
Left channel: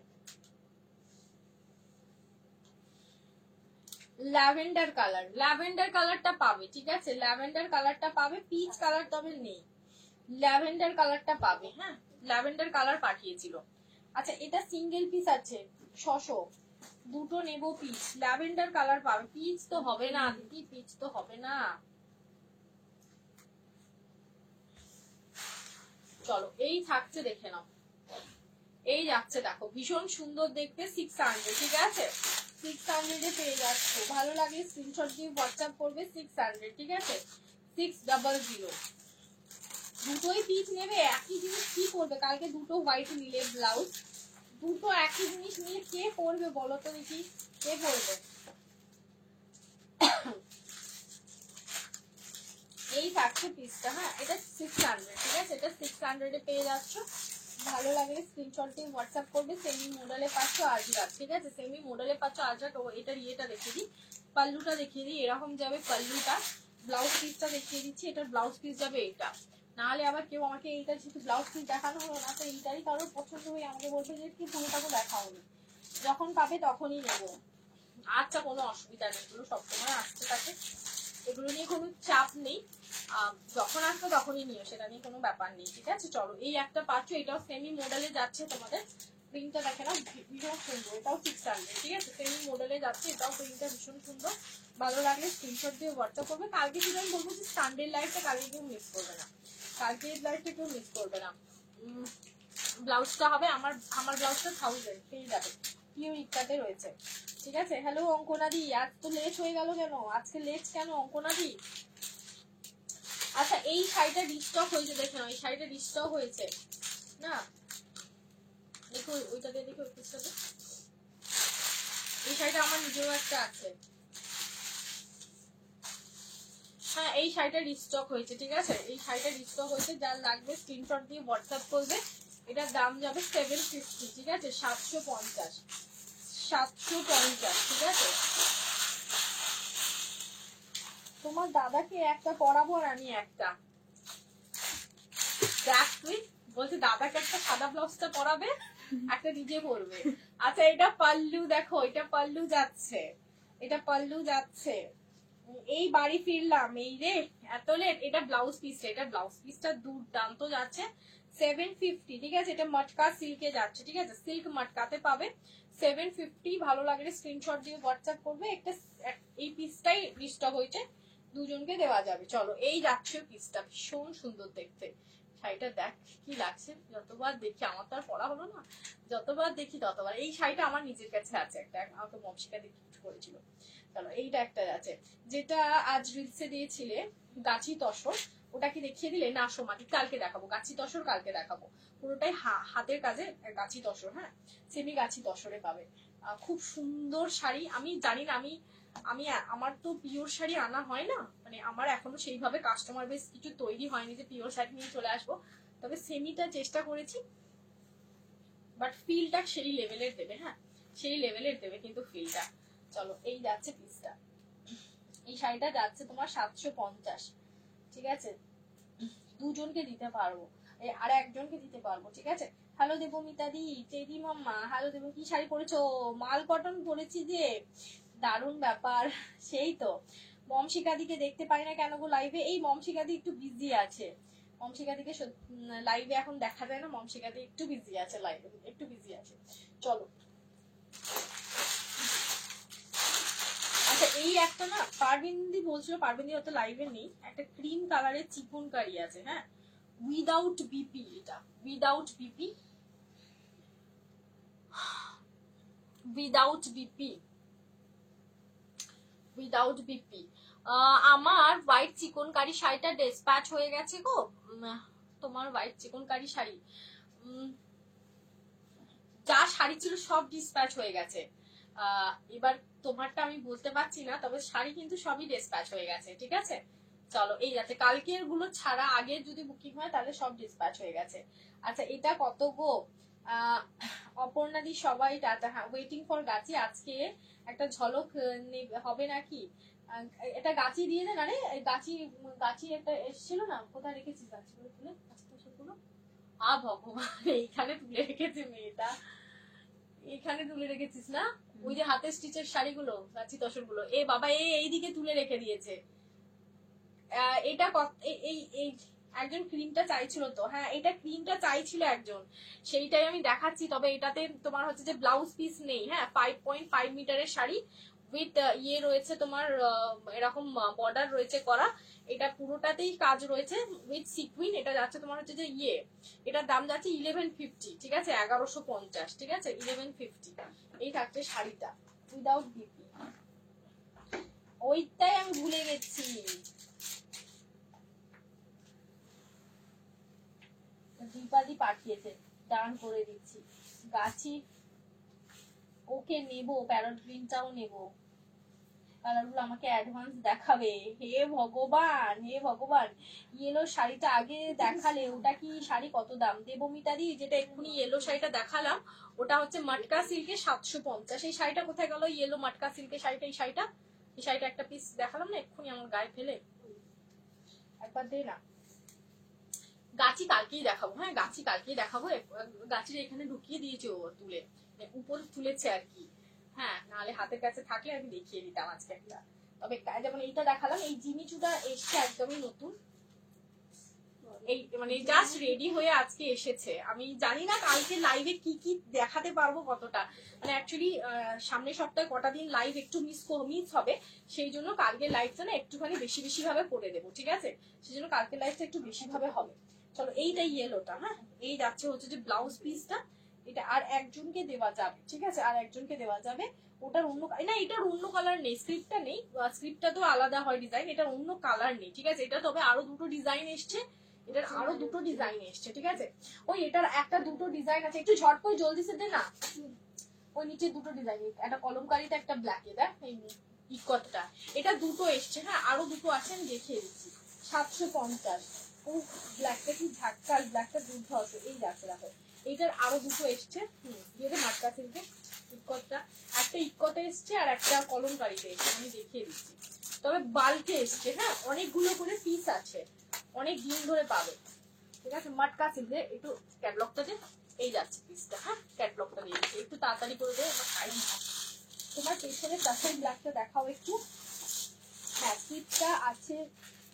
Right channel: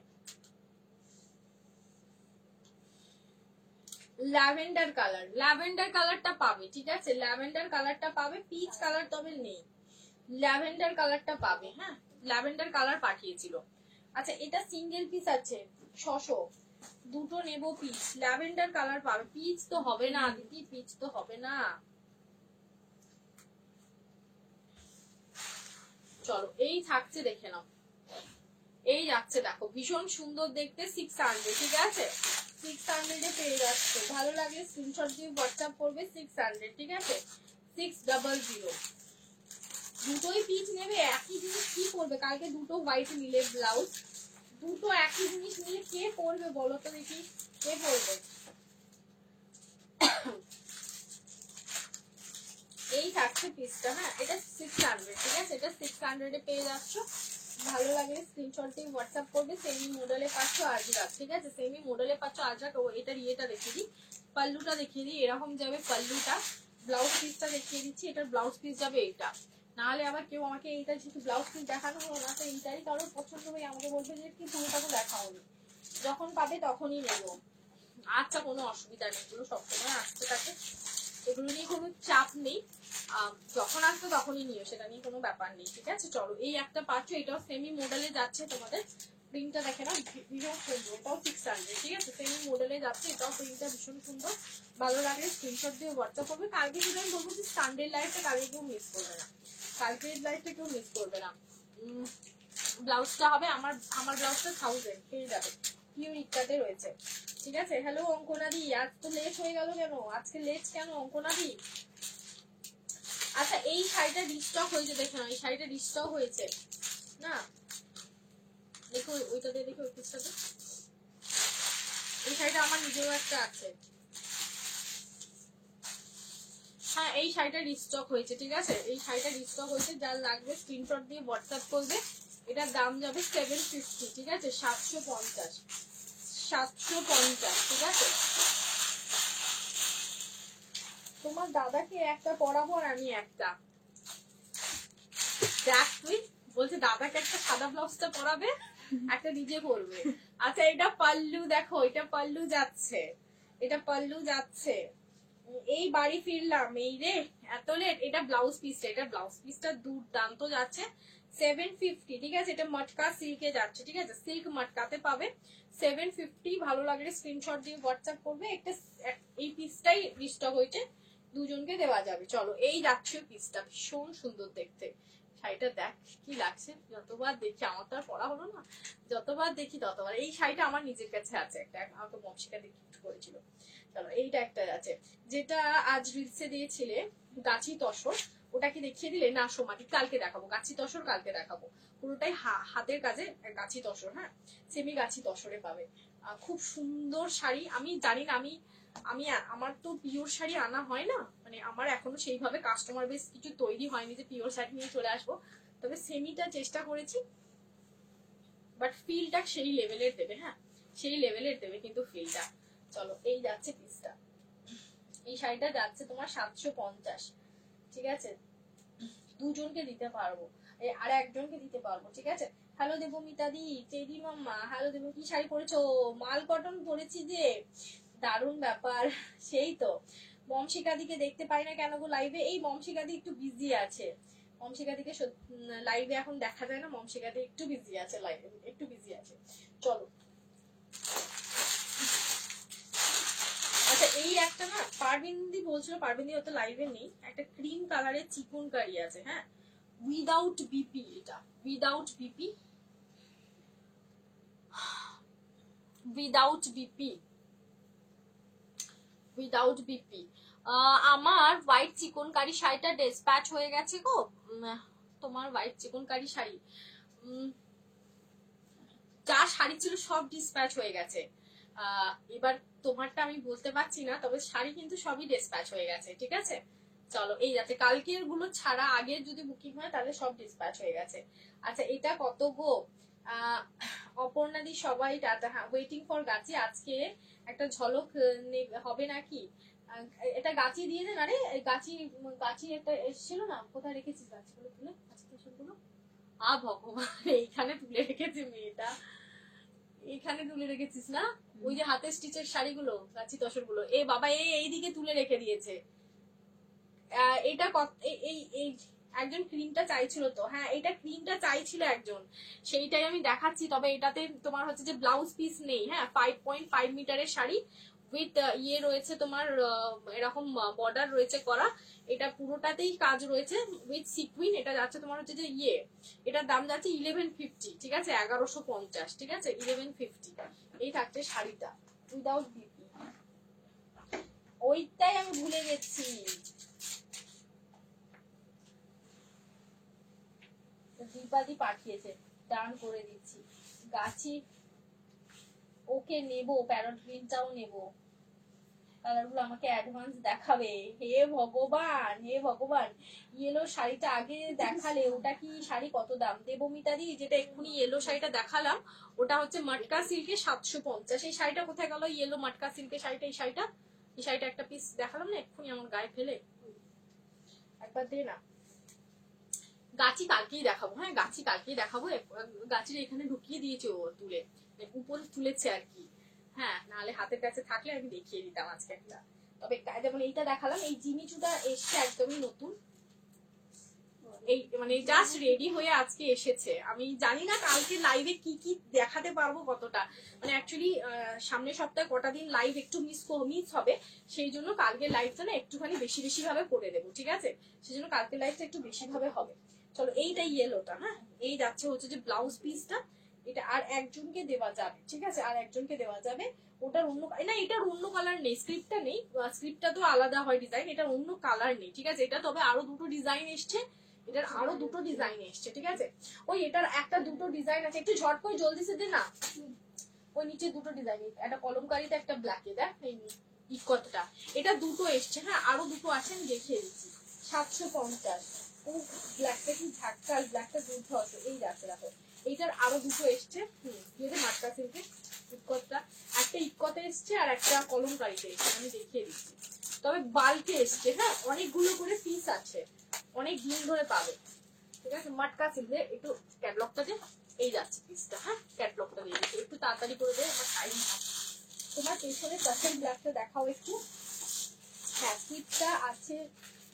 ল্যাভেন্ডার কালার, ল্যাভেন্ডার কালারটা পাবে, ঠিক আছে, ল্যাভেন্ডার কালারটা পাবে, পিচ কালার তবে নেই, ল্যাভেন্ডার কালারটা পাবে। হ্যাঁ, ল্যাভেন্ডার কালার পাঠিয়েছিল। আচ্ছা, এটা সিঙ্গেল পিস আছে, 600, দুটো নেবো পিস, ল্যাভেন্ডার কালার পাবে, পিচ তো হবে না দিদি, পিচ তো হবে না। চলো, এই থাকছে, দেখে নাও, এই যাচ্ছে দেখো, ভীষণ সুন্দর দেখতে, 600, ঠিক আছে, 600 পেয়ে যাচ্ছে। ভালো লাগলে স্ক্রিনশট দিয়ে হোয়াটসঅ্যাপ করবে, 600, ঠিক আছে, 600। দুটোই পিস নেবে, একই জিনিস কি করবে? কালকে দুটো হোয়াইট নিলে ব্লাউজ, দুটো একই জিনিস নিলে কে পরবে বলো তো দেখি, কে পরবে? এই থাকছে পিসটা। হ্যাঁ, এটা 600, ঠিক আছে, এটা 600 পেয়ে যাচ্ছ। ভালো লাগলে স্ক্রিনশট দিয়ে হোয়াটসঅ্যাপ করবে। সেমি মডেলে পাচ্ছ আজরাত, ঠিক আছে, সেমি মডেলে পাচ্ছ আজরাত। ও এটার ইয়েটা দেখিয়ে দিই, পাল্লুটা দেখিয়ে দিই, এরকম যাবে পাল্লুটা। ব্লাউজ পিসটা দেখিয়ে দিচ্ছি, এটার ব্লাউজ পিস যাবে এটা। নাহলে আবার কেউ আমাকে এইটা যেহেতু ব্লাউজ পিস দেখানো হলো না, তো এইটারই কারোর পছন্দ হয়ে আমাকে বলবে যে কি তুমি তাকে দেখাওনি, যখন পাবে তখনই নেবো। আচ্ছা, কোনো অসুবিধা নেই, এগুলো সবসময় আসতে থাকে, এগুলো নিয়ে কোনো চাপ নেই, যখন আসবে তখনই নিও, সেটা নিয়ে কোনো ব্যাপার নেই, ঠিক আছে। চলো, এই একটা পাচ্ছ, এটাও সেমি মডেলে যাচ্ছে, তোমাদের প্রিন্টটা দেখে নাও, ভীষণ সুন্দর, এটাও 600, ঠিক আছে, সেমি মডেলে যাচ্ছে, এটাও প্রিন্টটা ভীষণ সুন্দর। ভালো লাগলে স্ক্রিনশট দিয়ে হোয়াটসঅ্যাপ করবে। কালকে যদি আমি বলবো যে সানডে লাইফটা কালকে কেউ মিস করবে না, কালকে লাইফটা কেউ মিস করবে না। ব্লাউজটা হবে আমার ব্লাউজটা 1000 পেয়ে যাবে, পিওর ইকাতে রয়েছে, ঠিক আছে। হ্যালো অঙ্কনাদি, আজ তো লেট হয়ে গেল কেন? আজকে লেট কেন অঙ্কনাদি? আচ্ছা, এই শাড়িটা রিস্টক হয়েছে, দেখে নাও, এই শাড়িটা রিস্টক হয়েছে না, দেখো ওইটাতে, দেখো ওই পিসটাতে, এই শাড়িটা আমার নিজের একটা আছে। হ্যাঁ, এই শাড়িটা রিস্টক হয়েছে, ঠিক আছে, এই শাড়িটা রিস্টক হয়েছে, যার লাগবে স্ক্রিনশট দিয়ে হোয়াটসঅ্যাপ করবে। এটার দাম যাবে 750, ঠিক আছে, 750, 750, ঠিক আছে। তোমার দাদাকে একটা পরাবো আর আমি একটা, দেখ তুই বলছি দাদাকে একটা সাদা ব্লাউজটা পরাবে, একটা নিজে পরবে। আচ্ছা, এটা পাল্লু দেখো, এটা পাল্লু যাচ্ছে, এটা পাল্লু যাচ্ছে, এই বাড়ি ফিরলাম, এই রে এত লেট। এটা ব্লাউজ পিসটা, এটা ব্লাউজ পিসটা দুর্দান্ত যাচ্ছে 750, ঠিক আছে। এটা মটকা সিল্কে যাচ্ছে, ঠিক আছে, সিল্ক মটকাতে পাবে 750। ভালো লাগলে স্ক্রিনশট দিয়ে হোয়াটসঅ্যাপ করবে। একটা এই পিসটাই রিস্টক হয়েছে, দুজনকে দেওয়া যাবে। চলো এই যাচ্ছে পিসটা, ভীষণ সুন্দর দেখতে। শাড়িটা দেখ কি লাগছে, যতবার দেখি, আমার তো আর পড়া হলো না, যতবার দেখি ততবার। এই শাড়িটা আমার নিজের কাছে আছে একটা, আমাকে মমশিকা দিয়ে গিফট করেছিল। চলো এইটা একটা আছে, যেটা আজ রিলসে দিয়েছিলে গাছি তসর, ওটা কি দেখিয়ে দিলে? না সোমাকে কালকে দেখাবো, গাছি তসর কালকে দেখাবো। পুরোটাই হাতের কাজে গাছি তসর, হ্যাঁ সেমি গাছি তসরে পাবে। খুব সুন্দর শাড়ি। আমি জানি না, আমি আমার তো পিওর শাড়ি আনা হয় না, মানে আমার এখনো সেইভাবে কাস্টমার বেস কিছু তৈরি হয়নি যে পিওর শাড়ি নিয়ে চলে আসবো। তবে সেমিটা চেষ্টা করেছি, বাট ফিলটা সেই লেভেলের দেবে, হ্যাঁ সেই লেভেলের দেবে কিন্তু ফিলটা। চলো এই যাচ্ছে পিসটা, এই শাড়িটা যাচ্ছে তোমার 750, ঠিক আছে। দুজনকে দিতে পারবো, আর একজনকে দিতে পারবো, ঠিক আছে। হ্যালো দেবমিতা দি, চেদি মাম্মা, হ্যালো দেব, কি শাড়ি পরেছো? মাল কটন পরেছি যে, দারুণ ব্যাপার। সেই তো মমশিকাদিকে দেখতে পাই না কেন গো লাইভে? এই মমশিকাদি একটু বিজি আছে, মমশিকাদিকে লাইভে এখন দেখা যায় না, মমশিকাদি একটু বিজি আছে, লাইভে একটু বিজি আছে। চলো আচ্ছা, এই একটা না পারবিন্দি বলছিল, পারবিন্দি হয়তো লাইভে নেই, একটা ক্রিম কালারের চিকন কারি আছে, হ্যাঁ উইদাউট বিপি, এটা without BP, without BP, without BP. আমার হোয়াইট চিকন কারি শাড়িটা ডিসপ্যাচ হয়ে গেছে গো। তোমার হোয়াইট চিকন কারি শাড়ি যা শাড়ি ছিল সব ডিসপ্যাচ হয়ে গেছে। এবার তোমারটা আমি বলতে পারছি না, তবে শাড়ি কিন্তু সবই ডিসপ্যাচ হয়ে গেছে, ঠিক আছে। চলো এই যাচ্ছে, কালকের গুলো ছাড়া আগের যদি বুকিং হয় তাহলে সব ডিসপ্যাচ হয়ে গেছে। আচ্ছা এটা কত গো? অপর্ণাদি সবাই টাটা, হ্যাঁ ওয়েটিং ফর গাছি। আজকে একটা ঝলক হবে নাকি? এটা গাছি দিয়ে দেন। আরে গাছি, গাছি একটা এসেছিল না, কোথায় রেখেছিস গাছগুলো তুলে? গাছগুলো ভগবান, এইখানে তুলে রেখেছে মেয়েটা, এখানে তুলে রেখেছিস না? ওই যে হাতে স্টিচের শাড়িগুলো, গাছি তসর গুলো, এ বাবা এইদিকে তুলে রেখে দিয়েছে। এটা এই একজন ক্রিমটা চাইছিল তো, হ্যাঁ এটা ক্রিমটা চাইছিল একজন, সেইটাই আমি দেখাচ্ছি। তবে এটাতে তোমার হচ্ছে যে ব্লাউজ পিস নেই, হ্যাঁ 5.5 মিটারের শাড়ি উইথ ইয়ে রয়েছে তোমার, এরকম বর্ডার রয়েছে করা, এটা পুরোটাতেই কাজ রয়েছে উইথ সিকুইন। এটা যাচ্ছে তোমার হচ্ছে যে ইয়ে, এটার দাম যাচ্ছে 1150, ঠিক আছে 1150, ঠিক আছে 1150। এই থাকছে শাড়িটা উইদাউট বিপি, ওইটাই আমি ভুলে গেছি। দীপাদি পাঠিয়েছে, দান করে দিচ্ছি। গাছি ওকে নেবো, প্যারট গ্রিনটাও নেবো, কালারগুলো আমাকে অ্যাডভান্স দেখাবে। হে ভগবান, হে ভগবান, ইয়েলো শাড়িটা আগে দেখালে, ওটা কি শাড়ি কত দাম? দেবমিতাদি যেটা এক্ষুনি ইয়েলো শাড়িটা দেখালাম, ওটা হচ্ছে মটকা সিল্কে 750। এই শাড়িটা কোথায় গেল? ইয়েলো মটকা সিল্কের শাড়িটা, এই শাড়িটা একটা পিস দেখালাম না এক্ষুনি আমার গায়ে ফেলে, একবার দে না। গাছি কালকেই দেখাবো, হ্যাঁ গাছি কালকেই দেখাবো। গাছির এখানে ঢুকিয়ে দিয়েছে ও তুলে, উপরে তুলেছে আর কি, হ্যাঁ নাহলে হাতের কাছে থাকলে আমি দেখিয়ে দিতাম আজকে একটা। তবে যেমন এইটা দেখালাম, এই জিমিচুটা এসছে একদমই নতুন, এই মানে জাস্ট রেডি হয়ে আজকে এসেছে। আমি জানি না কালকে লাইভে কি কি দেখাতে পারবো কতটা, মানে অ্যাকচুয়ালি সামনের সপ্তাহে কটা দিন লাইভ একটু মিস হবে, সেই জন্য কালকে লাইভটা না একটুখানি বেশি বেশি ভাবে করে দেবো, ঠিক আছে, সেই জন্য কালকে লাইভটা একটু বেশি ভাবে হবে। চলো এইটা ইয়েলোটা, হ্যাঁ এই যাচ্ছে হচ্ছে যে ব্লাউজ পিসটা, এটা আর একজনকে দেওয়া যাবে, ঠিক আছে আর একজনকে দেওয়া যাবে। ওটার অন্য না, এটার অন্য কালার নেই, স্ক্রিপ্টটা নেই, স্ক্রিপ্টটা তো আলাদা হয় ডিজাইন, এটার অন্য কালার নেই, ঠিক আছে। এটা তবে আরো দুটো ডিজাইন এসছে, এটার আরো দুটো ডিজাইন এসছে, ঠিক আছে। ওই এটার একটা দুটো ডিজাইন আছে, একটু ঝটপট জলদি সে দে না। ওই নিচে দুটো ডিজাইন, একটা কলমকারিতে একটা ব্ল্যাকে, দেখ এই ইকতটা, এটা দুটো এসছে, হ্যাঁ আরো দুটো আছে আমি দেখিয়ে দিচ্ছি। 750, ও ব্ল্যাকটা কি ঝাক্কাল, ব্ল্যাকটা দুধ হবে, এই দেখো দেখো এইটার আরো দুটো এসছে। দিয়ে মাত্রা সিল্কে ইকতটা, একটা ইকতে এসছে আর একটা কলমকারিতে এসছে, আমি দেখিয়ে দিচ্ছি। তবে বাল্কে এসছে, হ্যাঁ অনেকগুলো করে পিস আছে, অনেক দিন ধরে পাবে, ঠিক আছে। মটকা সিল্কে একটু ক্যাটলগটা যে এই যাচ্ছে পিসটা, হ্যাঁ ক্যাটলগটা দিয়ে দিচ্ছি, একটু তাড়াতাড়ি করে দেবো আমার টাইম। তোমার পেছনে কাসেল ব্ল্যাকটা দেখাও একটু, হ্যাঁ স্লিপটা আছে,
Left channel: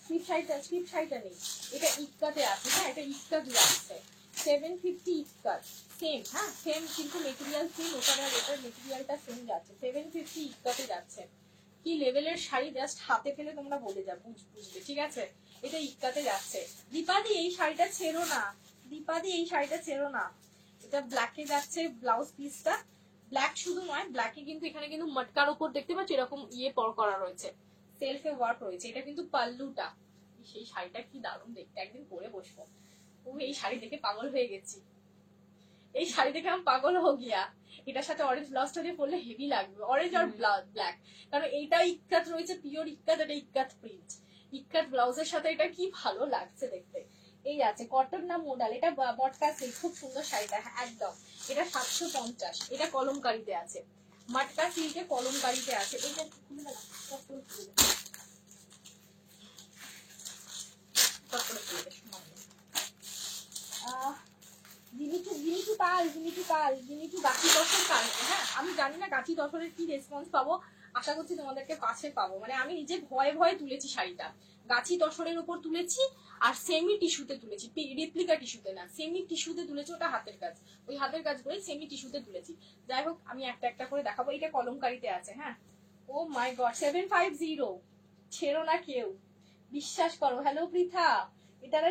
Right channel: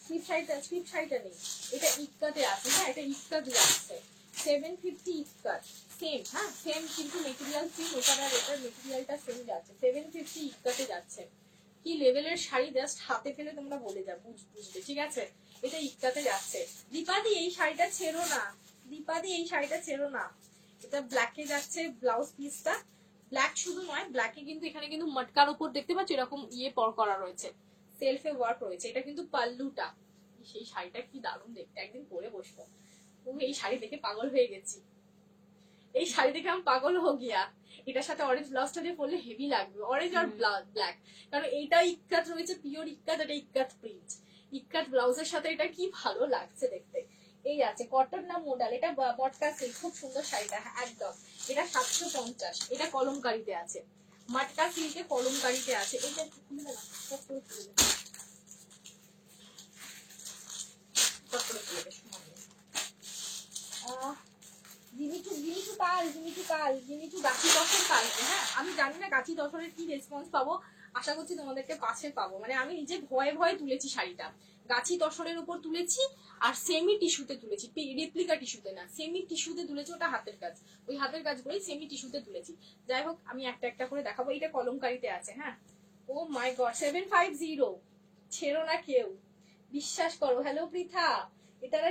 স্লিপ শাড়িটা নেই, এটা ইক্কাতে আছে। হ্যাঁ এটা ইক্কাত যাচ্ছে 750 ইক্কাত সেম। হ্যাঁ সেম কিন্তু মেটেরিয়াল সেম, এটার মেটেরিয়ালটা সেম যাচ্ছে 750 ইক্কাতে যাচ্ছে। কি লেভেলের শাড়ি জাস্ট হাতে পেলে তোমরা বলে যাবে, বুঝবে। ঠিক আছে এটা ইক্কাতে যাচ্ছে। দীপাদি এই শাড়িটা ছেড়ো না, দীপাদি এই শাড়িটা ছেড়ো না। এটা ব্ল্যাকে যাচ্ছে ব্লাউজ পিসটা। ব্ল্যাক শুধু নয়, ব্ল্যাকে কিন্তু এখানে কিন্তু মটকার উপর দেখতে পাচ্ছ এরকম ইয়ে পর করা রয়েছে, সেলফে ওয়ার্ক রয়েছে। এটা কিন্তু পাল্লুটা। সেই শাড়িটা কি দারুণ দেখতে, একদিন পরে বসবো। তুমি এই শাড়ি দেখে পাগল হয়ে গেছি, এই শাড়ি দেখে আমি পাগল হো গিয়া। এটার সাথে অরেঞ্জ ব্লাউজটা দিয়ে পরলে হেভি লাগবে, অরেঞ্জ আর ব্ল্যাক। কারণ এইটা ইক্কাত রয়েছে, পিওর ইক্কাত, এটা ইক্কাত প্রিন্ট। ইক্কাত ব্লাউজের সাথে এটা কি ভালো লাগছে দেখতে। এই আছে কটন না মোডাল, এটা মটকা সিল্ক, খুব সুন্দর শাড়িটা একদম। এটা 750, এটা কলমকারিতে আছে, মটকা সিল্কে কলমকারিতে আছে। এটা হ্যাঁ আমি জানি না গাছি দশরের কি রেসপন্স পাবো, আশা করছি তোমাদেরকে পাশে পাবো। মানে আমি নিজে ভয়ে ভয়ে তুলেছি শাড়িটা, গাছি দশরের উপর তুলেছি আর সেমি টিস্যুতে তুলেছি, রেপ্লিকা টিস্যুতে না, সেমি টিস্যুতে তুলেছি। ওটা হাতের কাজ, ওই হাতের কাজ করে সেমি টিস্যুতে তুলেছি। যাই হোক আমি একটা একটা করে দেখাবো। এটা কলমকারিতে আছে। হ্যাঁ ও মাই গড 750, ছেড়ো না কেউ, বিশ্বাস করো। হ্যালো পৃথা, এটার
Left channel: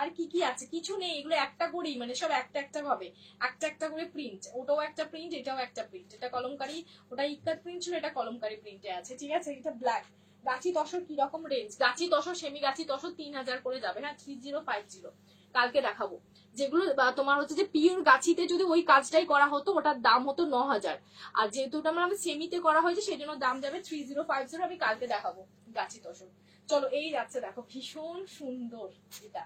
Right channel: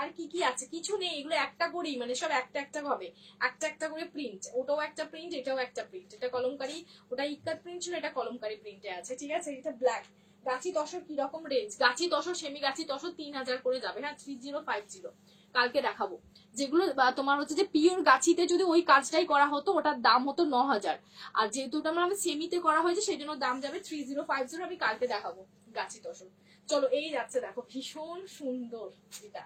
আর কি কি আছে, কিছু নেই, এগুলো একটা করেই, মানে সব একটা একটা ভাবে একটা একটা করে প্রিন্ট। ওটাও একটা প্রিন্ট, এটাও একটা প্রিন্ট। এটা কলমকারি, ওটা ইক্কাত প্রিন্ট ছিল, এটা কলমকারি প্রিন্টে আছে। ঠিক আছে এটা ব্ল্যাক। গাছি তসর কিরকম রেঞ্জ, গাছি তসর সেমি গাছি তসর 3000 করে যাবে। হ্যাঁ 3050 কালকে দেখাবো। যেগুলো তোমার হচ্ছে যে পিওর গাছিতে যদি ওই কাজটাই করা হতো ওটার দাম হতো 9000, আর যেহেতু ওটা আমার সেমিতে করা হয়েছে সেই জন্য দাম যাবে 3050। আমি কালকে দেখাবো গাছি তসর। চলো এই যাচ্ছে দেখো, ভীষণ সুন্দর এটা।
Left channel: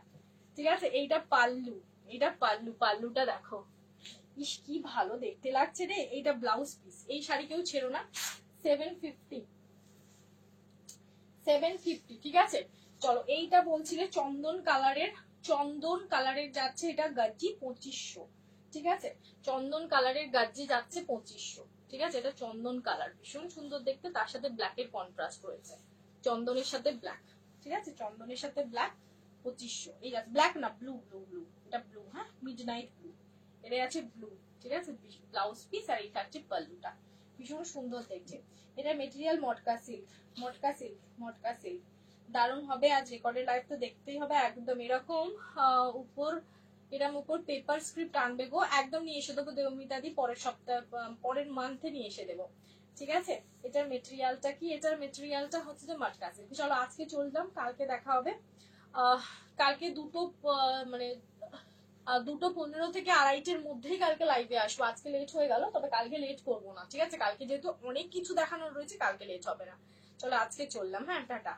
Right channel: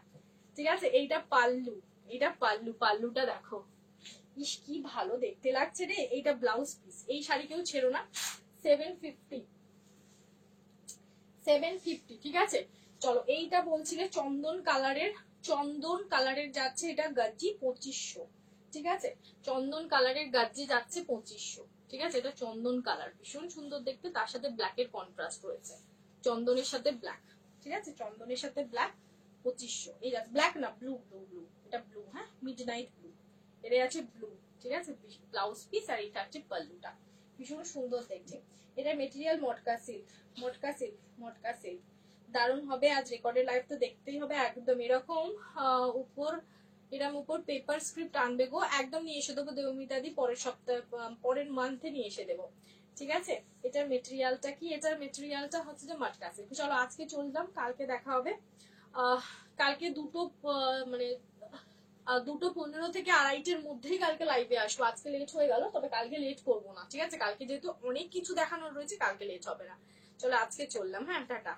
ঠিক আছে এইটা পাল্লু, এটা পাল্লুটা দেখো, ইস কি ভালো দেখতে লাগছে রে। এইটা ব্লাউজ পিস, এই শাড়ি কেউ ছেড়ো না। 750 ঠিক আছে। চলো এইটা বলছিলে চন্দন কালারের যাচ্ছে, এটা গাজ্জি 2500। ঠিক আছে চন্দন কালারের গাজ্জি যাচ্ছে 2500। ঠিক আছে এটা চন্দন কালার, ভীষণ সুন্দর দেখতে, তার সাথে ব্ল্যাকের কন্ট্রাস্ট রয়েছে, চন্দনের সাথে ব্ল্যাক। ঠিক আছে চন্দনের সাথে ব্ল্যাক 2500। এই আছে ব্ল্যাক না ব্লু, এটা ব্লু। হ্যাঁ মিডনাইট ব্লু, এটা আছে ব্লু। ঠিক আছে ব্লাউজ পিস, আর এটা হচ্ছে পাল্লুটা, ভীষণ সুন্দর দেখছে। এটা মেটেরিয়াল মটকা সিল্ক দারুণ হবে। আজ রেকর্ডের লাইভ তো দেখতেই হবে একদম। এরকম উপর পেপার স্ক্রিপ্ট আনবে গো, একদম নিয়ে এসে দেবো দেবমিতাদি, পরের মান্থে নিয়ে এসে দেবো। ঠিক আছে এটার মেটেরিয়ালটা কি, এটার মেটেরিয়ালটা হচ্ছে যে মটকা সিল্ক। চলো আজকে চললাম, কালকে দেখা হবে। কালকে মানে 2:15 থেকে 2:30-এর মধ্যেই কালকে লাইভে আসবো। আজকে লেট হয়ে গেল, তবে কালকে লেট করবো না। ঠিক আছে কালকে যেহেতু অনেক কিছু দেখানোর রয়েছে, কালকে লেট হবে না। চলো আজকে চললাম। হ্যাঁ টাটা।